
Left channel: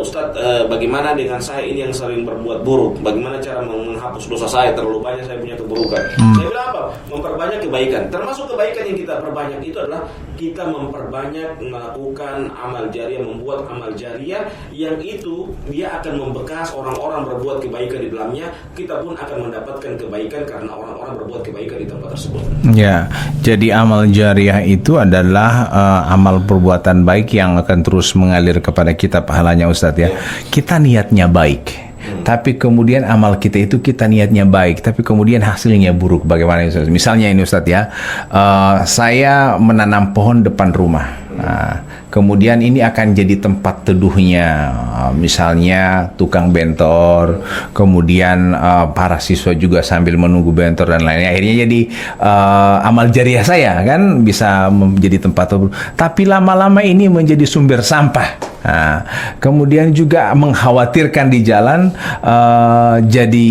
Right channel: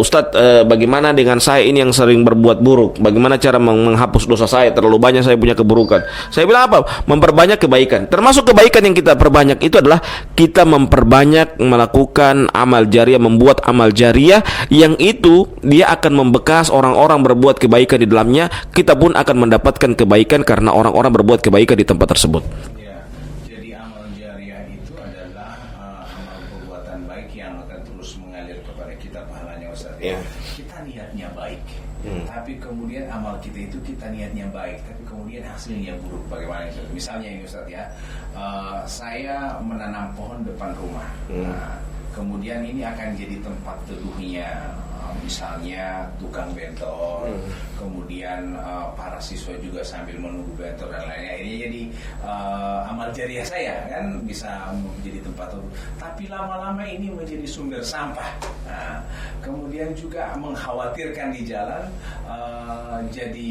Ustadz, bagaimana dengan saya ini yang sering berbuat buruk? Bagaimana cara menghapus dosa saya? Terlalu banyak saya punya keburukan. Saya bilang apa? Memperbanyak kebaikan. Termasuk kebaikan yang kita perbanyak itu adalah kita memperbanyak melakukan amal jariyah, membuat amal jariyah yang itu dia akan membekas, orang-orang berbuat kebaikan di dalamnya. Kita pun akan mendapatkan kebaikan karena orang-orang berbuat kebaikan di tempat tersebut. Ya, jadi amal jariyah itu adalah amal perbuatan baik yang akan terus mengalir kepada kita pahalanya Ustadz ya. Kita niatnya baik, tapi kemudian amal kita itu kita niatnya baik, tapi kemudian hasilnya buruk. Bagaimana Ustadz? Misalnya ini Ustadz ya, saya menanam pohon depan rumah. kemudian ini akan jadi tempat teduhnya, misalnya tukang bentor, kemudian para siswa juga sambil menunggu bentor dan lainnya. Akhirnya jadi amal jariah saya kan bisa menjadi tempat teduh. Tapi lama-lama ini menjadi sumber sampah. Nah, kemudian juga mengkhawatirkan di jalan jadi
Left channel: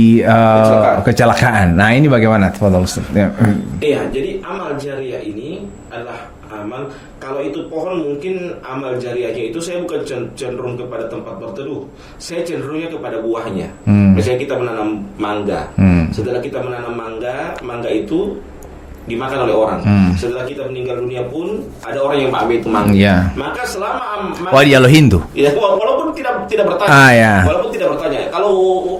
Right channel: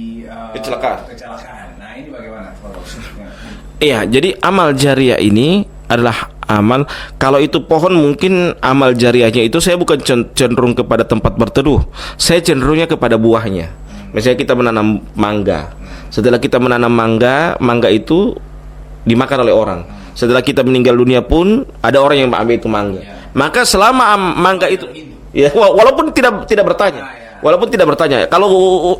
kecelakaan. Nah, ini bagaimana, Fadhil Ustaz? Ya. Iya, jadi amal jariah ini adalah amal, kalau itu pohon mungkin amal jariahnya itu saya bukan cenderung kepada tempat berteduh, saya cenderungnya kepada buahnya. Misalnya kita menanam mangga, setelah kita menanam mangga itu dimakan oleh orang. Setelah kita meninggal dunia pun ada orang yang mengambil itu mangga. Maka selama mangga Hindu. Ya, walaupun tidak bertanya. Walaupun tidak bertanya. Kalau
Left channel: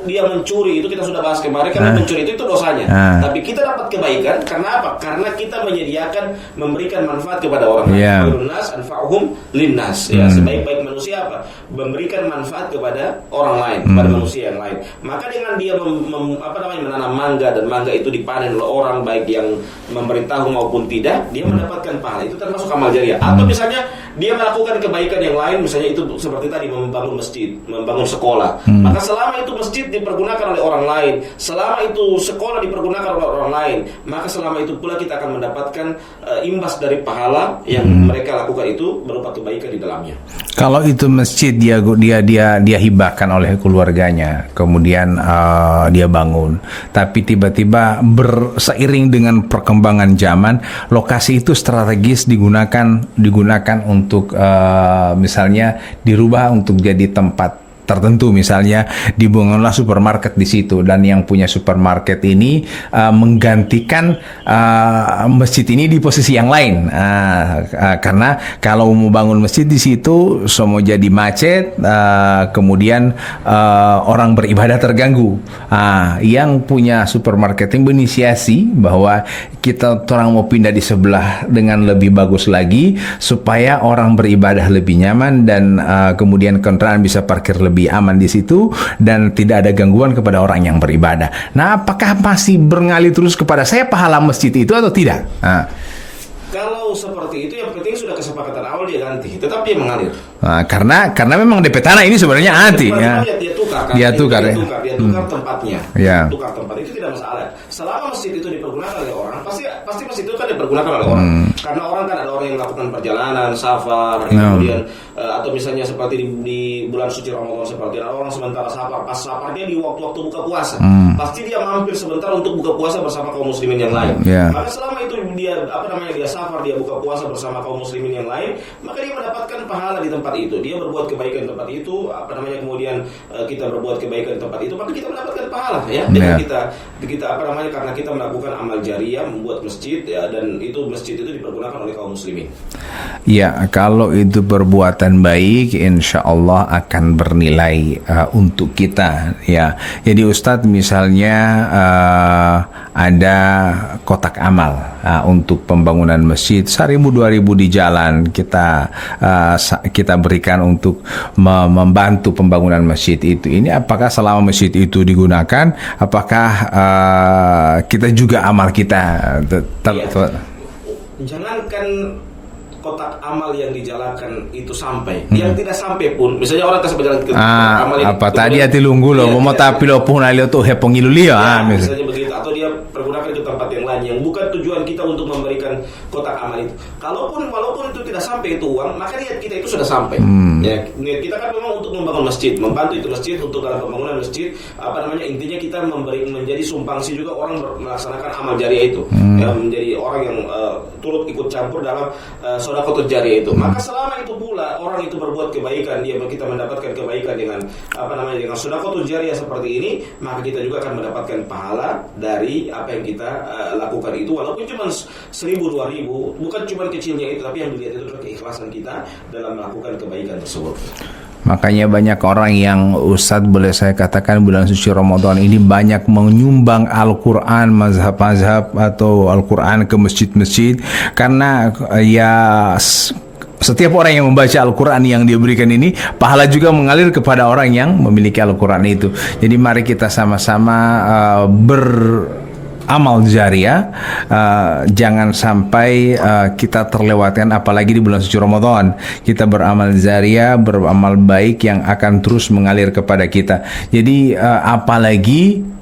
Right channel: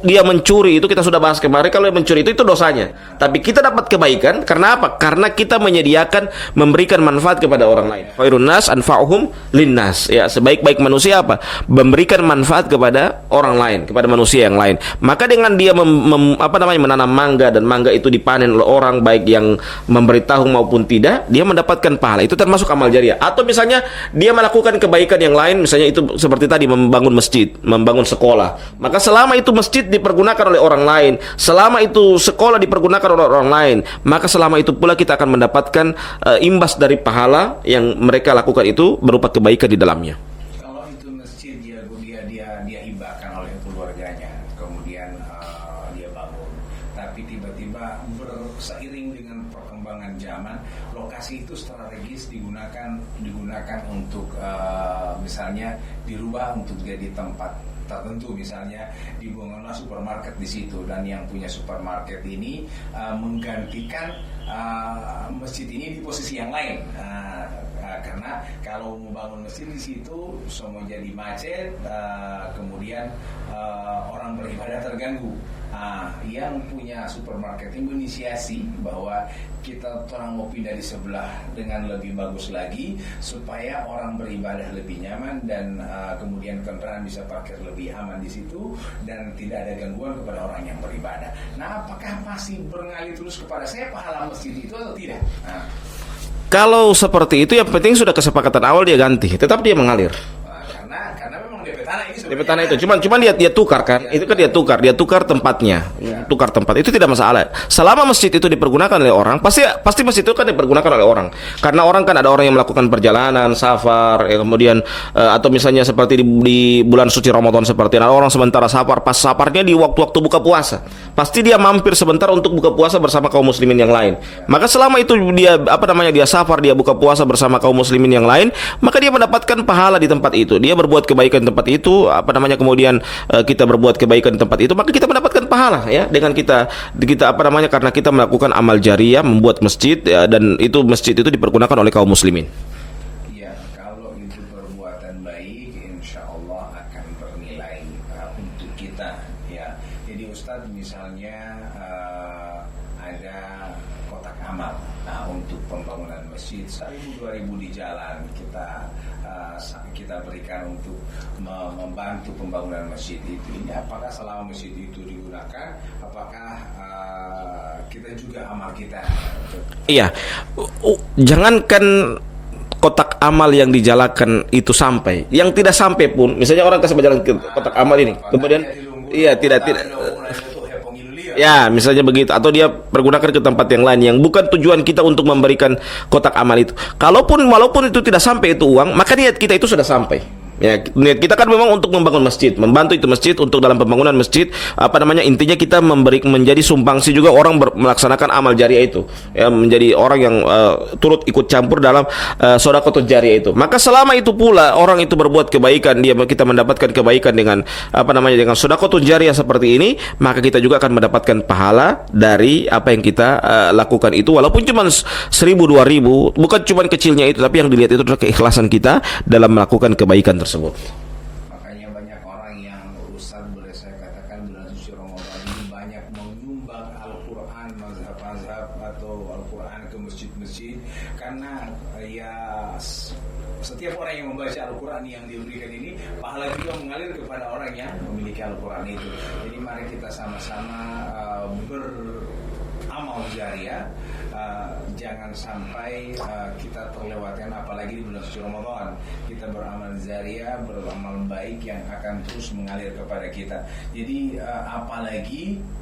dia mencuri itu kita sudah bahas kemarin, kalau dia mencuri itu dosanya. Tapi kita dapat kebaikan karena apa? Karena kita menyediakan memberikan manfaat kepada orang lain. Khairun nas anfa'uhum linnas. Ya, sebaik-baik manusia apa? Memberikan manfaat kepada orang lain, kepada manusia yang lain. Maka dengan dia menanam mangga dan mangga itu dipanen oleh orang baik yang memberitahu maupun tidak, dia mendapatkan pahala. Itu termasuk amal jariah. Atau misalnya dia melakukan kebaikan yang lain, misalnya itu seperti tadi membangun masjid, membangun sekolah. Maka selama itu masjid dipergunakan oleh orang lain, selama itu sekolah dipergunakan oleh orang lain, maka selama itu pula kita akan mendapatkan imbas dari pahala yang mereka lakukan itu berupa kebaikan di dalamnya. Kalau itu masjid dia hibahkan oleh keluarganya, kemudian dia bangun, tapi tiba-tiba seiring dengan perkembangan zaman, lokasi itu strategis digunakan untuk misalnya dirubah untuk jadi tempat tertentu, misalnya dibangunlah supermarket di situ, dan yang punya supermarket ini menggantikan masjid ini di posisi yang lain, karena kalau mau bangun masjid di situ semua jadi macet, kemudian orang beribadah terganggu. Yang punya supermarket yang berinisiasi bahwa kita orang mau pindah di sebelah dengan lebih bagus lagi supaya orang beribadah lebih nyaman, dan kemudian kendaraan bisa parkir lebih aman di situ dan tidak ada gangguan kepada orang yang beribadah. Nah, apakah masih berngalih terus kepada saya pahala masjid itu atau tidak? Kalau seperti itu, yang penting sudah kesepakatan awal dia ganti, tetap dia mengalir. Karena memang DP tanah ini sebenarnya anti. Cuma dia tukar kan? Dia tukar tempatnya. Tukar tempat itu tidak masalah. Selama masjid itu dipergunakan oleh orang, pasti masjid itu kan dipergunakan oleh orang. Karena orang kan ada orang yang melakukan perjalanan, safar, kemudian atau misalnya seperti di bulan suci Ramadan seperti ada orang sementara safar, pas safarnya di waktu-waktu buka puasa. Pasti dia mampir sebentar untuk buka puasa bersama kaum muslimin yang lain. Maka selama itu dia dia safar, dia buka puasa bersama kaum muslimin yang lain, maka dia mendapatkan pahala di tempat itu. Dia berbuat kebaikan di tempat itu, kemudian kita berbuat kebaikan di tempat itu, maka kita mendapatkan pahala ya. Dengan kita karena kita melakukan amal jariah, membuat masjid dan itu masjid itu dipergunakan oleh kaum muslimin. Ya, kalau itu perbuatan baik, insya Allah akan bernilai untuk kita. Ya, jadi Ustadz misalnya ada kotak amal untuk pembangunan masjid 1.000 2.000 di jalan kita berikan untuk membantu pembangunan masjid itu. Ini apakah selama masjid itu digunakan, apakah kita juga amal kita? Iya, jangankan kotak amal yang dijalankan itu sampai, yang tidak sampai pun, misalnya orang kasih jalan ke kotak amal ini, apa tadi hati lunggu loh, mau tapi lo pun alio tuh hepong ilulia, misalnya begitu, atau dia pergunakan ke tempat yang lain yang bukan tujuan kita untuk memberikan kotak amal itu. Walaupun itu tidak sampai itu uang, maka niat kita itu sudah sampai. Ya, niat kita kan memang untuk membangun masjid, membantu itu masjid untuk dalam pembangunan masjid, intinya kita menjadi sumbangsi juga orang melaksanakan amal jariah itu, ya, menjadi orang yang turut ikut campur dalam sedekah jariah itu. Maka selama itu pula orang itu berbuat kebaikan, kita mendapatkan kebaikan dengan dengan sedekah jariah seperti ini, maka kita juga akan mendapatkan pahala dari apa yang kita lakukan itu, walaupun cuma 1.000 2.000, bukan cuma kecilnya itu, tapi yang dilihat itu adalah keikhlasan kita dalam melakukan kebaikan tersebut. Makanya banyak orang yang, Ustadz boleh saya katakan, bulan suci Ramadan ini banyak menyumbang Al-Quran, mazhab-mazhab atau Al-Quran ke masjid-masjid, karena ya setiap orang yang membaca Al-Quran yang dia berikan ini, pahala juga mengalir kepada orang yang memiliki Al-Quran itu. Jadi mari kita sama-sama amal jariah, jangan sampai kita terlewatkan, apalagi di bulan suci Ramadan. Kita beramal jariah, beramal baik yang akan terus mengalir kepada kita. Jadi apalagi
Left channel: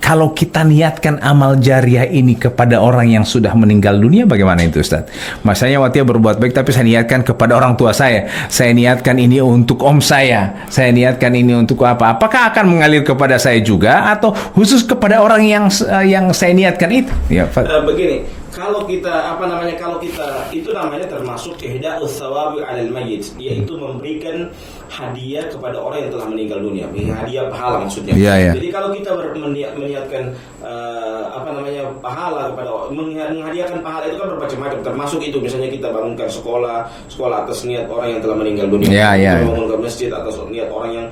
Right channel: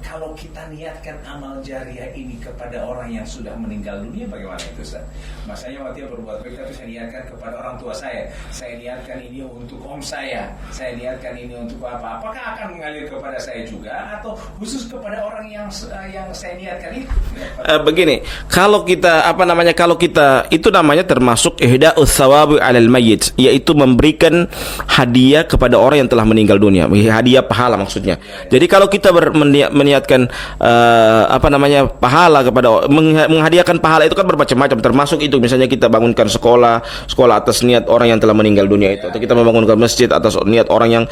kalau kita niatkan amal jariah ini kepada orang yang sudah meninggal dunia, bagaimana itu Ustaz? Masanya Watia berbuat baik, tapi saya niatkan kepada orang tua saya niatkan ini untuk om saya niatkan ini untuk apa? Apakah akan mengalir kepada saya juga, atau khusus kepada orang yang saya niatkan itu? Ya, begini, kalau kita kalau kita itu namanya termasuk ihda'us tsawabi 'alal mayyit, yaitu memberikan hadiah kepada orang yang telah meninggal dunia, hadiah pahala maksudnya. Ya. Jadi kalau kita meniatkan pahala kepada menghadiahkan pahala itu kan bermacam-macam, termasuk itu misalnya kita bangunkan sekolah atas niat orang yang telah meninggal dunia. Kita membangunkan masjid atas niat orang yang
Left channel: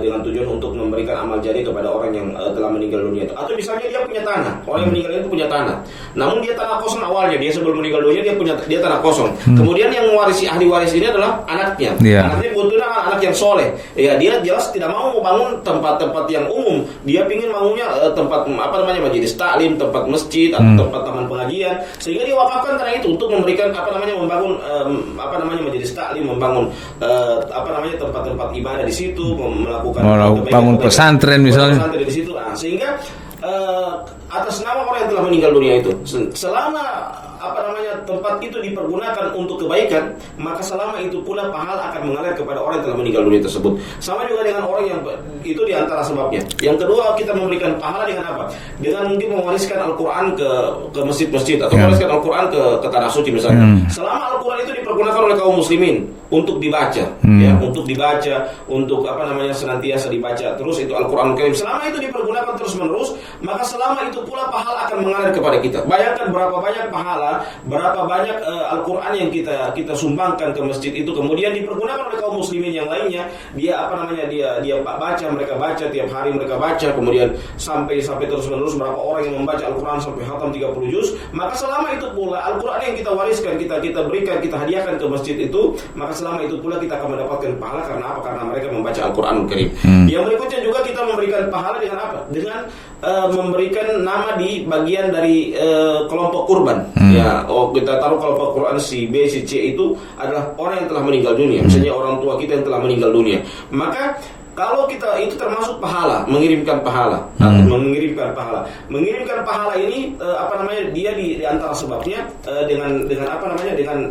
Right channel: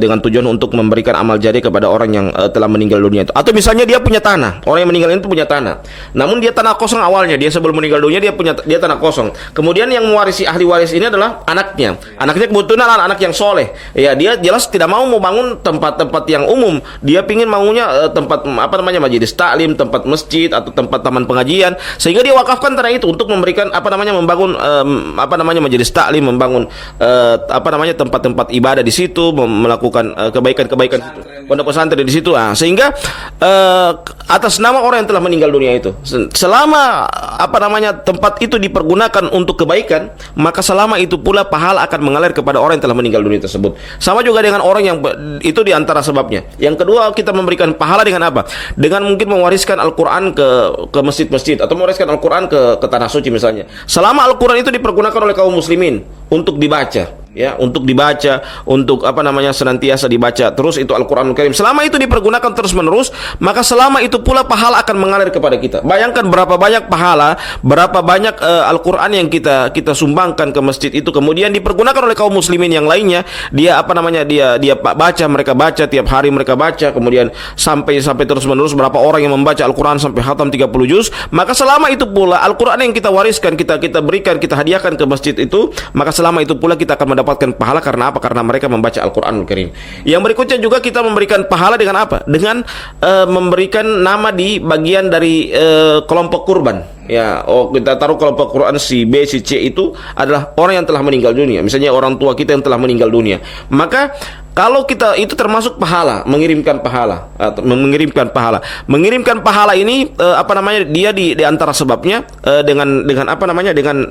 dengan tujuan untuk memberikan amal jariah kepada orang yang telah meninggal dunia itu. Atau misalnya dia punya tanah, orang yang meninggal itu punya tanah. Namun dia tanah kosong awalnya, dia sebelum meninggal dunia dia tanah kosong. Kemudian yang mewarisi, ahli waris ini adalah anaknya. Anaknya kebetulan anak yang soleh. Ya, dia jelas tidak mau bangun tempat-tempat yang umum. Dia pingin maunya tempat majelis taklim, tempat masjid atau tempat taman pengajian, sehingga dia wakafkan tanah itu untuk memberikan membangun majelis taklim, membangun tempat-tempat ibadah di situ, melakukan kebaikan-kebaikan pesantren di situ. Sehingga atas nama orang yang telah meninggal dunia itu, selama tempat itu dipergunakan untuk kebaikan, maka selama itu pula pahala akan mengalir kepada orang yang telah meninggal dunia tersebut. Sama juga dengan orang yang itu diantara sebabnya. Yang kedua, kita memberikan pahala dengan apa? Dengan mungkin mewariskan Al-Quran ke masjid-masjid, atau mewariskan Al-Quran ke tanah suci misalnya. Selama Al-Quran itu dipergunakan oleh kaum muslimin untuk dibaca, untuk dibaca, untuk senantiasa dibaca terus itu Al-Quranul Karim. Selama itu dipergunakan terus-menerus, maka selama itu pula pahala akan mengalir kepada kita. Bayangkan berapa banyak pahala, berapa banyak Al-Quran yang kita sumbangkan ke masjid itu, kemudian dipergunakan oleh kaum muslimin yang lainnya. Dia dia baca, mereka baca tiap hari, mereka baca, kemudian sampai terus-menerus berapa orang yang membaca Al-Quran sampai khatam 30 juz. Maka selama itu pula Al-Quran yang kita wariskan, kita berikan, kita hadiahkan ke masjid itu, maka selama itu pula kita akan mendapatkan pahala. Karena apa? Karena mereka membaca Al-Quranul Karim. Yang berikutnya juga kita memberikan pahala dengan apa? Dengan memberikan nama di bagian dari kelompok kurban. Kita taruh kelompok Quran si B, si C itu adalah orang yang telah meninggal dunia. Misalnya orang tua kita yang telah meninggal dunia. Maka kalau kita itu termasuk pahala, mengirimkan pahala, mengirimkan pahala ini dia di antara sebabnya dengan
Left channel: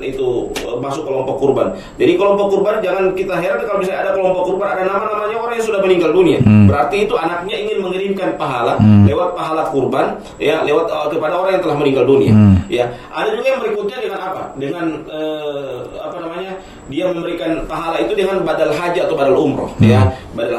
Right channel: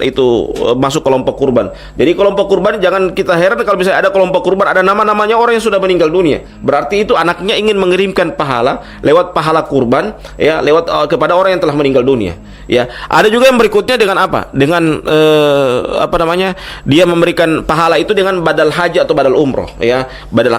itu masuk kelompok kurban. Jadi kelompok kurban, jangan kita heran kalau misalnya ada kelompok kurban ada nama-namanya orang yang sudah meninggal dunia. Berarti itu anaknya ingin mengirimkan pahala lewat pahala kurban, ya, lewat kepada orang yang telah meninggal dunia. Ya, ada juga yang berikutnya dengan apa? Dengan dia memberikan pahala itu dengan badal haji atau badal umroh, ya.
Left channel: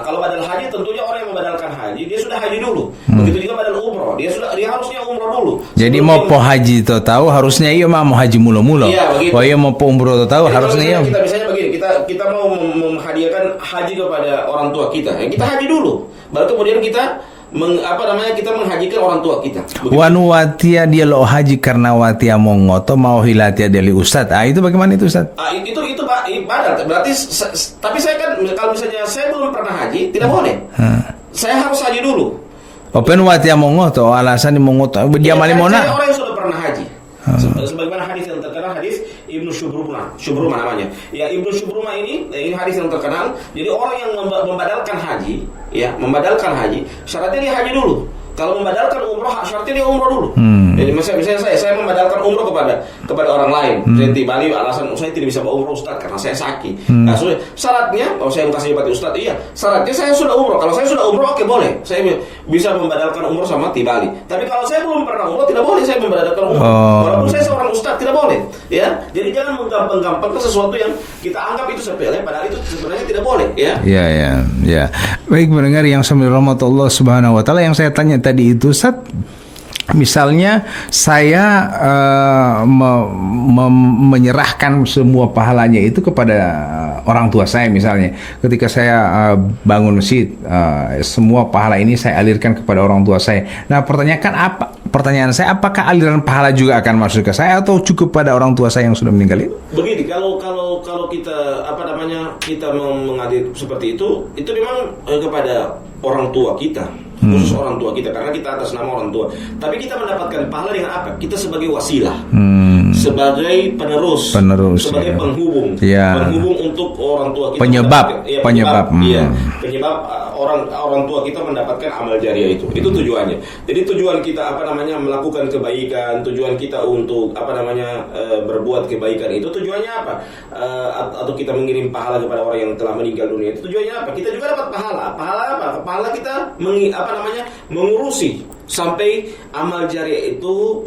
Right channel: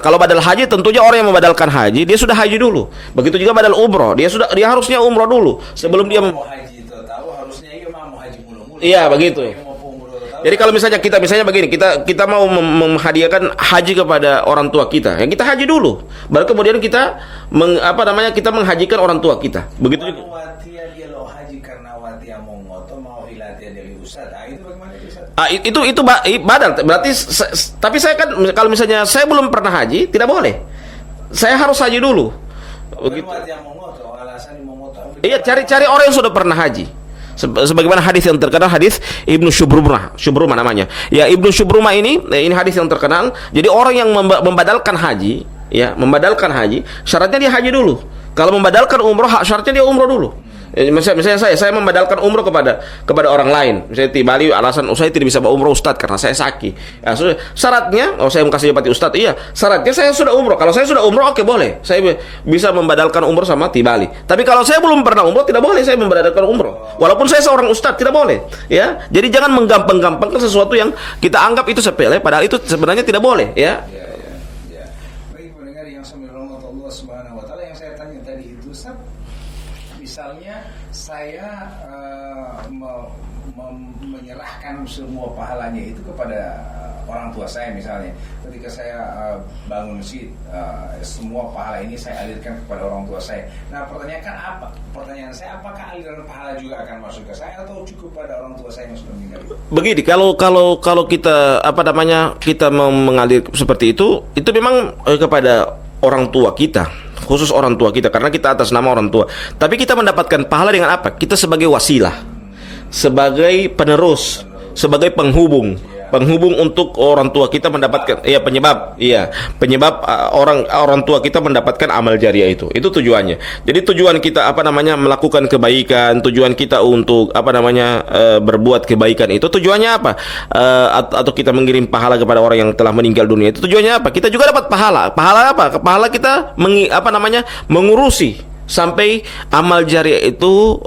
Kalau badal haji tentunya orang yang membadalkan haji dia sudah haji dulu. Begitu juga badal umroh, dia harusnya umroh dulu. Jadi mau haji tahu harusnya mau haji mulu-mulu. Iya, begitu. Mau umroh tahu. Jadi kalau misalnya begini, kita mau menghadiahkan haji kepada orang tua kita, ya kita haji dulu. Baru kemudian kita kita menghajikan orang tua kita. Wanu watia dia lo haji karena watia mongoto mau hilatia dari ustad. Itu bagaimana itu ustad? Itu badal. Berarti tapi saya kan kalau misalnya saya belum pernah haji tidak boleh. Saya harus haji dulu. Open watia mongoto alasan mongoto dia cari orang yang sudah pernah haji. Sebagaimana hadis yang terkenal, hadis Ibnu Syubrumah namanya. Ya, Ibnu Syubrumah ini hadis yang terkenal. Jadi orang yang membadalkan haji, syaratnya dia haji dulu. Kalau membadalkan umroh, syaratnya dia umroh dulu. Jadi misalnya saya membadalkan umroh kepada orang lain. Saya di Bali, alasan saya tidak bisa umroh Ustadz karena saya sakit. Nah, syaratnya, saya kasih pati Ustadz, iya, syaratnya saya sudah umroh. Kalau saya sudah umroh, oke, boleh. Saya bisa membadalkan umroh sama di Bali. Tapi kalau saya belum pernah umroh, tidak boleh saya membadalkan umroh. Walaupun saya seorang Ustadz, tidak boleh. Ya, jadi jangan menggampang-gampangkan sesuatu yang kita anggap itu sepele, padahal itu sebenarnya tidak boleh. Ya. Ya. Baik pendengar yang rahmatullah subhanahu wa taala, yang saya tanya tadi itu Ustaz, misalnya saya menyerahkan semua pahalanya itu kepada orang tua saya, misalnya ketika saya bangun masjid, semua pahala ini saya alirkan kepada orang tua saya. Nah, pertanyaan saya, apakah aliran pahala juga akan masuk ke saya atau cukup pada orang tua saya yang sudah meninggal itu? Begini, kalau kita kita mau mengalir seperti itu memang kepada orang tua kita. khusus orang tua kita, karena kita atas nama orang tua. Tapi kita mendapatkan pahala dengan apa? Kita sebagai wasilah, sebagai penerus, sebagai penghubung, penghubung untuk orang tua kita mendapatkan, penyebab orang tua kita mendapatkan amal jariah itu. Itu tujuannya. Jadi tujuan kita melakukan kebaikan, tujuan kita untuk berbuat kebaikan itu tujuannya apa? Atau kita mengirim pahala kepada orang yang telah meninggal dunia itu tujuannya apa? Kita juga dapat pahala. Pahala apa? Pahala kita mengurusi sampai amal jariah itu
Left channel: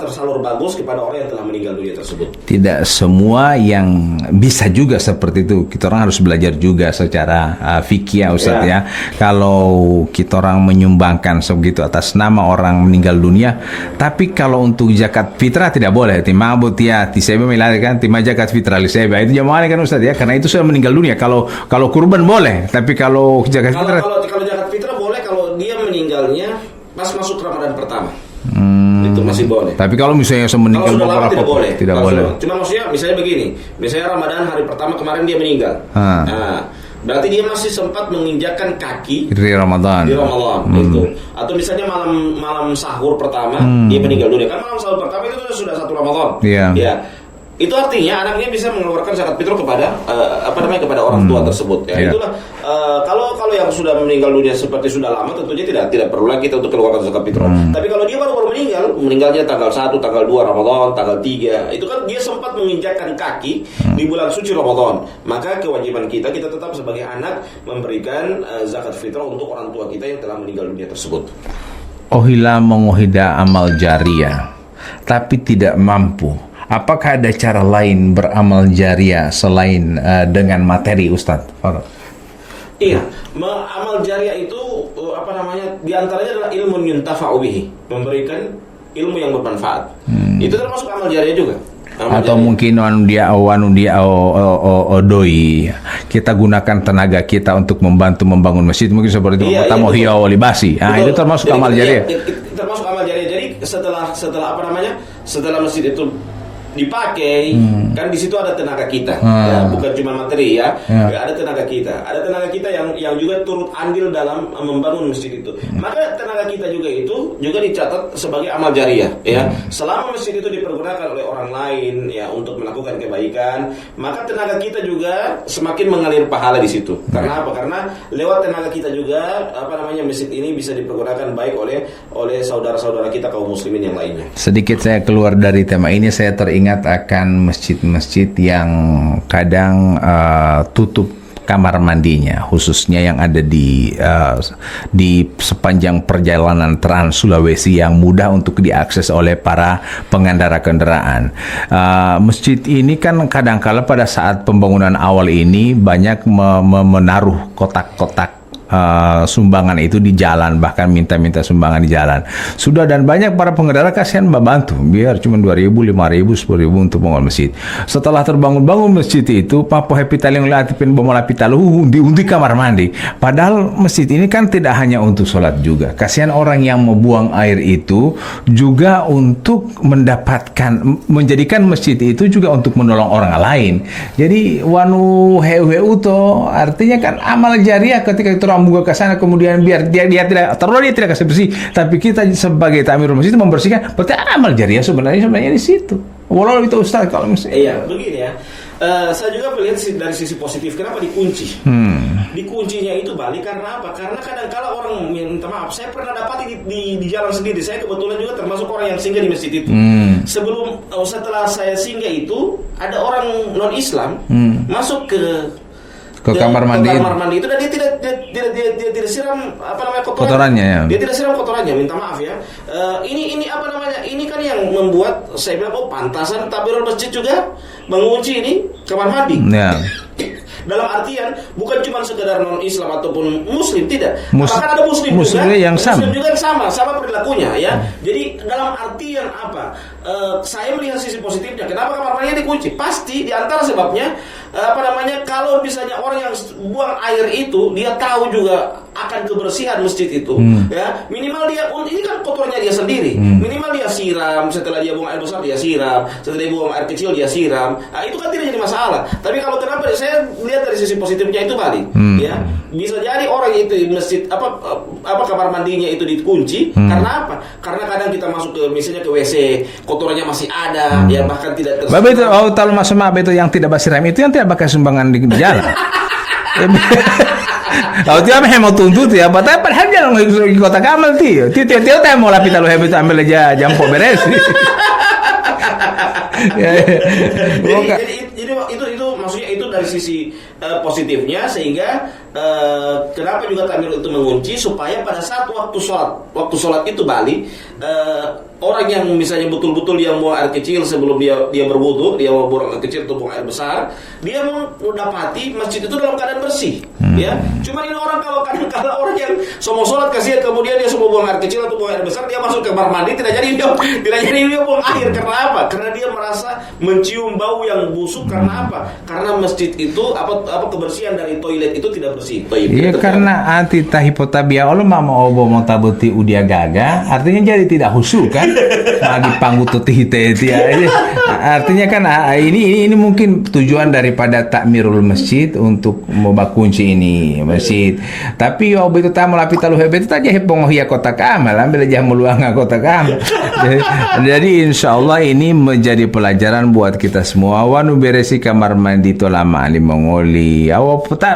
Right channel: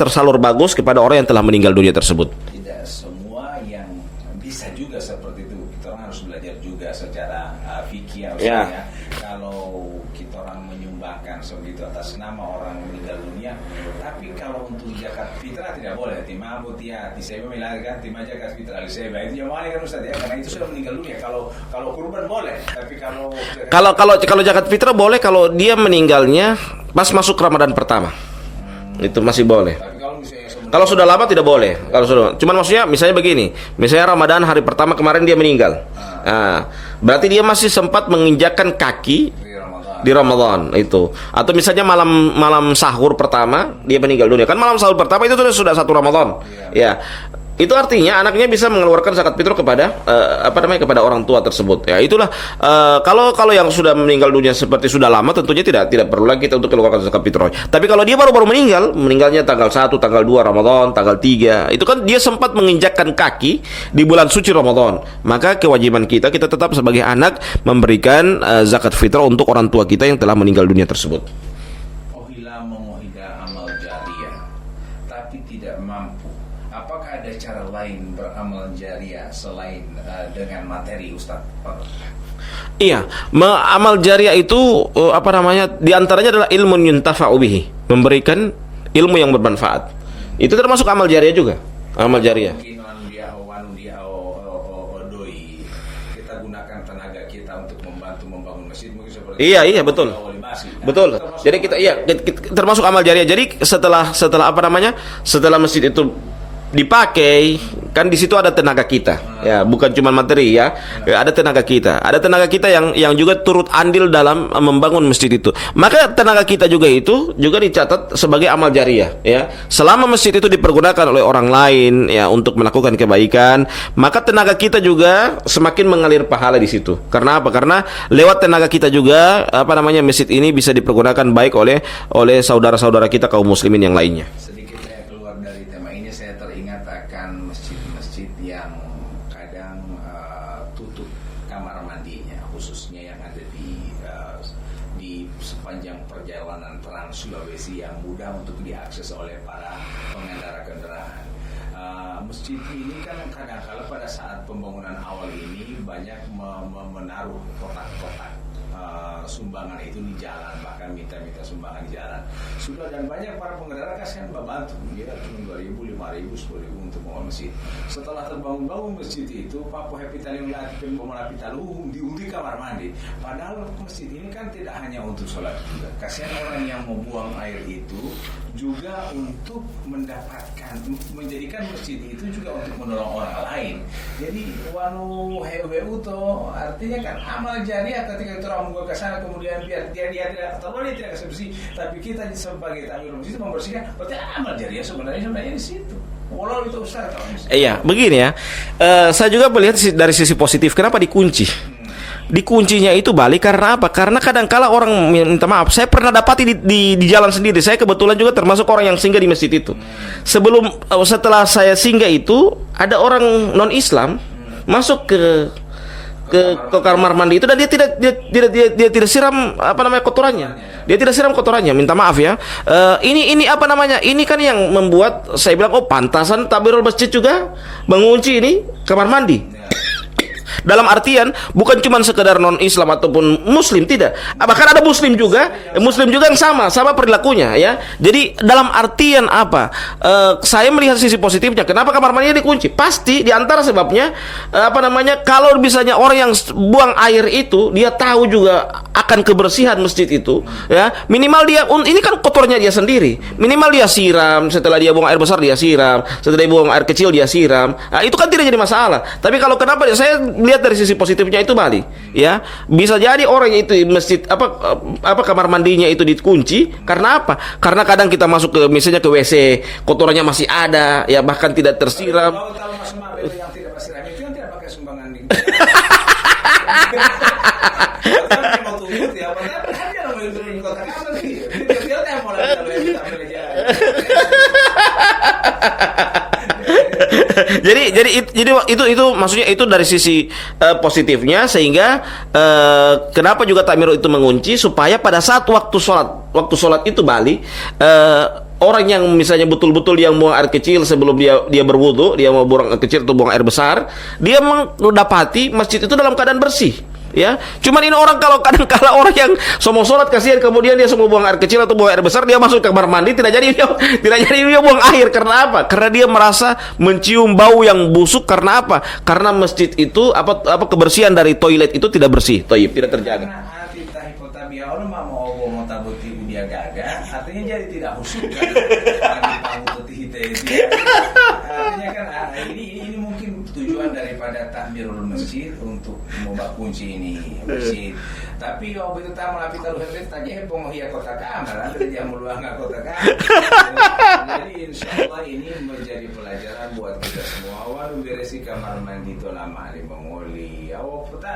tersalur bagus kepada orang yang telah meninggal dunia tersebut. Tidak semua yang bisa juga seperti itu. Kita orang harus belajar juga secara fikih ya Ustaz ya. Kalau kita orang menyumbangkan sebegitu atas nama orang meninggal dunia, tapi kalau untuk zakat fitrah tidak boleh. Timabut ya, tisebe melarikan timah zakat fitrah lisebe. Itu jamaah kan Ustaz ya, karena itu sudah meninggal dunia. Kalau kurban boleh, tapi kalau zakat kalau zakat fitrah boleh kalau dia meninggalnya pas masuk Ramadan pertama. Itu masih boleh. Tapi kalau misalnya kalau sudah lama tidak boleh. Boleh. Cuman maksudnya misalnya begini, misalnya Ramadan hari pertama kemarin dia meninggal. Nah, berarti dia masih sempat menginjakkan kaki di Ramadan. Itu. Atau misalnya malam sahur pertama dia meninggal dunia. Kan malam sahur pertama itu sudah satu Ramadan. Ya. Itu artinya anaknya bisa mengeluarkan zakat fitrah kepada kepada orang tua tersebut. Ya, itulah kalau yang sudah meninggal dunia seperti sudah lama tentunya tidak perlu lagi kita untuk keluarkan zakat fitrah. Tapi kalau dia baru meninggalnya tanggal 1, tanggal 2 Ramadan, tanggal 3, itu kan dia sempat menginjakkan kaki di bulan suci Ramadan. Maka kewajiban kita tetap sebagai anak memberikan zakat fitrah untuk orang tua kita yang telah meninggal dunia tersebut. Ohila mengohida amal jariah tapi tidak mampu. Apakah ada cara lain beramal jariah selain dengan materi, Ustadz? Iya, amal jariah itu di antaranya adalah ilmu yuntafa'u bihi, memberikan ilmu yang bermanfaat. Itu termasuk amal jariah juga. Amal atau jariah. Mungkin dia doi. Kita gunakan tenaga kita untuk membantu membangun masjid, mungkin seperti itu. Itu termasuk amal jariah. Termasuk amal jariah. Jadi setelah masjid itu dipakai, kan di situ ada tenaga kita, ya bukan cuma materi ya. Ada tenaga kita yang juga turut andil dalam membangun masjid itu. Maka tenaga kita juga dicatat sebagai amal jariah, ya. Selama masjid itu dipergunakan oleh orang lain ya untuk melakukan kebaikan, maka tenaga kita juga semakin mengalir pahala di situ. Karena apa? Karena lewat tenaga kita juga masjid ini bisa dipergunakan baik oleh saudara-saudara kita kaum muslimin yang lainnya. Sedikit saya keluar dari tema ini, saya ingat akan masjid-masjid yang kadang tutup kamar mandinya, khususnya yang ada di sepanjang perjalanan Trans Sulawesi yang mudah untuk diakses oleh para pengendara kendaraan. Masjid ini kan kadang-kala pada saat pembangunan awal ini banyak menaruh kotak-kotak sumbangan itu di jalan, bahkan minta sumbangan di jalan. Sudah, dan banyak para pengendara kasihan membantu, biar cuma 2.000, 5.000, 10.000 untuk bangun masjid. Setelah terbangun masjid itu, Papo Hepitaling Latipin Bomolapitalu undi kamar mandi. Padahal masjid ini kan tidak hanya untuk sholat juga. Kasihan orang yang membuang air itu juga untuk menjadikan masjid itu juga untuk menolong orang lain. Jadi wanu heu to artinya kan amal jariah ketika itu buka ke sana, kemudian biar dia tidak kasih bersih, tapi kita sebagai tamirul masjid itu membersihkan, berarti amal jariah sebenarnya di situ. Walau itu Ustaz kalau misalnya. Iya, begini ya. Saya juga melihat dari sisi positif. Kenapa dikunci? Dikuncinya itu balik karena apa? Karena kadang-kala orang minta maaf. Saya pernah dapati di jalan sendiri. Saya kebetulan juga termasuk orang yang singgah di masjid itu. Setelah saya singgah itu, ada orang non Islam masuk ke kamar mandi itu, dan dia tidak siram kotorannya. Ya. Dia tidak siram kotorannya. Minta maaf ya. Ini Ini kan yang membuat saya bilang, pantasan takbirul masjid juga mengunci ini kamar mandi. Ya. Dalam artian bukan cuma sekedar non Islam ataupun Muslim, tidak. Bahkan ada Muslim juga yang sama perilakunya ya. Jadi dalam artian apa? Saya melihat sisi positifnya. Kenapa kamar mandinya dikunci? Pasti di antara sebabnya kalau misalnya orang yang buang air itu dia tahu juga akan kebersihan masjid itu, ya minimal dia ini kan kotornya dia sendiri. Minimal dia siram, setelah dia buang air besar dia siram, setelah dia buang air kecil dia siram. Nah, itu kan tidak jadi masalah. Tapi kalau kenapa saya lihat dari sisi positifnya itu Bali. Ya, bisa jadi orang itu masjid apa kamar mandinya itu dikunci karena apa? Karena kadang kita masuk ke misalnya ke WC, kotorannya masih ada, ya bahkan tidak tersiram. Babe itu kalau masuk itu yang tidak basiram itu yang tidak pakai sumbangan di jalan. Kalau dia mau tuntut ya, padahal dia di kota Kamal tio. Tio mau lapis kalau habis ambil aja jampo beres. jadi itu maksudnya itu dari sisi positifnya sehingga kenapa juga takmir itu mengunci supaya pada saat waktu sholat itu Bali orang yang misalnya betul-betul yang buang air kecil sebelum dia berwudu, dia mau buang air kecil atau buang air besar, dia mendapati masjid itu dalam keadaan bersih. Ya, cuman ini orang kalau kadang-kala orang yang mau sholat kasihan kemudian dia semua buang air kecil atau buang air besar, dia masuk ke kamar mandi tidak jadi dia buang air karena apa? Karena dia merasa mencium bau yang busuk karena apa? Karena masjid itu kebersihan dari toilet itu tidak bersih. Iya, karena anti tahipotabia Allah mau mau tabuti udia gaga, artinya jadi tidak khusyuk kan? Lagi panggut tihite artinya kan ini mungkin tujuan daripada takmirul masjid untuk membakunci ini masjid. Tapi itu tamu lapi talu hebet aja hebong ya kotak amal ambil aja meluang kotak amal. Jadi insyaallah ini menjadi pelajaran buat kita semua. Wanu beresi kamar mandi itu lama di mengoli.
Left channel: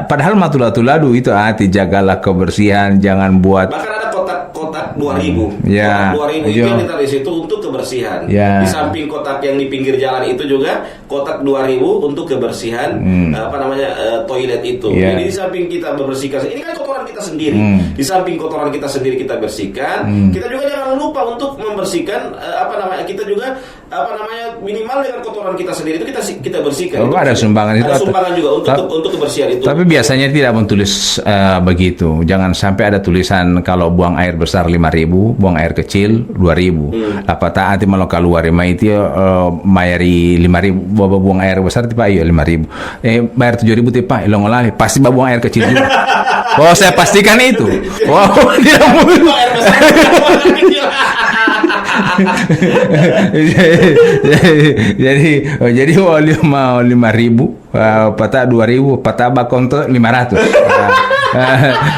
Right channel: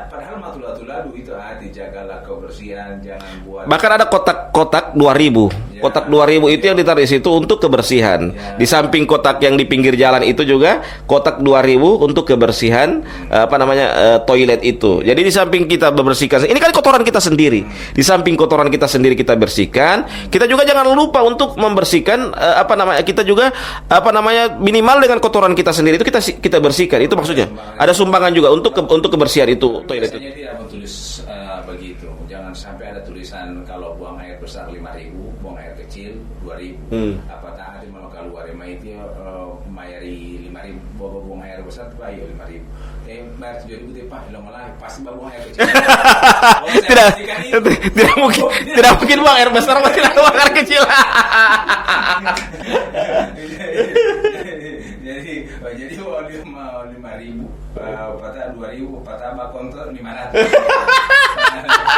Padahal matulatu-ladu itu hati jagalah kebersihan, jangan buat. Bahkan ada kotak 2000. Ya, kotak 2000 itu yang ditaruh di situ untuk kebersihan. Ya. Di samping kotak yang di pinggir jalan itu juga kotak 2000 untuk kebersihan toilet itu. Ya. Jadi di samping kita membersihkan, ini kan kotoran kita sendiri. Di samping kotoran kita sendiri kita bersihkan, kita juga jangan lupa untuk membersihkan kita juga minimal dengan kotoran kita sendiri itu kita bersihkan. Itu ada sumbangan. Ada sumbangan juga untuk kebersihan itu. Tapi biasanya tidak menulis begitu. Jangan sampai ada tulisan kalau buang air besar 5.000, buang air kecil 2.000. Apa taati malah keluar itu mayari 5.000, bawa buang air besar tiba ayo 5.000. Bayar 7.000 tiba ilongolali pasti buang air kecil juga. Oh, saya pastikan itu. Tidak mungkin buang air besar, buang air kecil. jadi 5.000, patah 2.000, patah bakonto 500.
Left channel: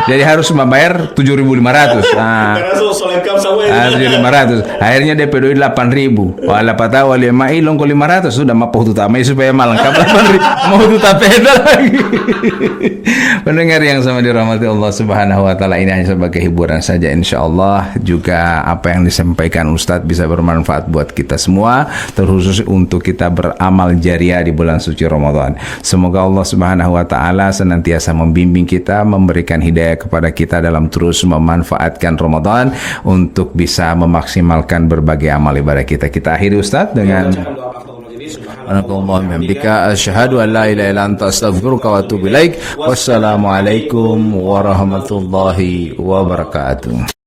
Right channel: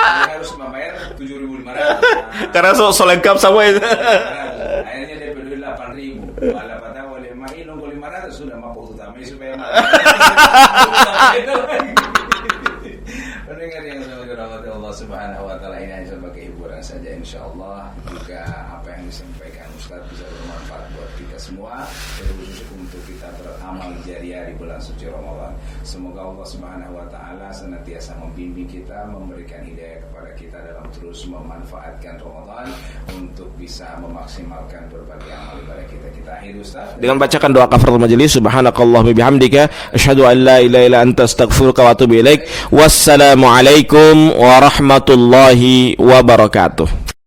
Jadi harus membayar 7.500. Karena so lengkap sama itu. 7.500. Akhirnya DP doi 8.000. Wala patah wali mai long ko 500 sudah mapau tutamai supaya malengkap 8.000. Mau tutapeda lagi. Pendengar yang sama dirahmati Allah Subhanahu wa taala, ini hanya sebagai hiburan saja, insyaallah juga apa yang disampaikan Ustadz bisa bermanfaat buat kita semua, terkhusus untuk kita beramal jariah di bulan suci Ramadan. Semoga Allah Subhanahu wa taala senantiasa membimbing kita, memberikan hidayah kepada kita dalam terus memanfaatkan Ramadan untuk bisa memaksimalkan berbagai amal ibadah kita. Kita akhiri Ustadz dengan membacakan doa kafaratul majelis. Subhanakallahumma bihamdika asyhadu an la ilaha illa anta astaghfiruka wa atubu ilaik. Wassalamualaikum warahmatullahi wabarakatuh.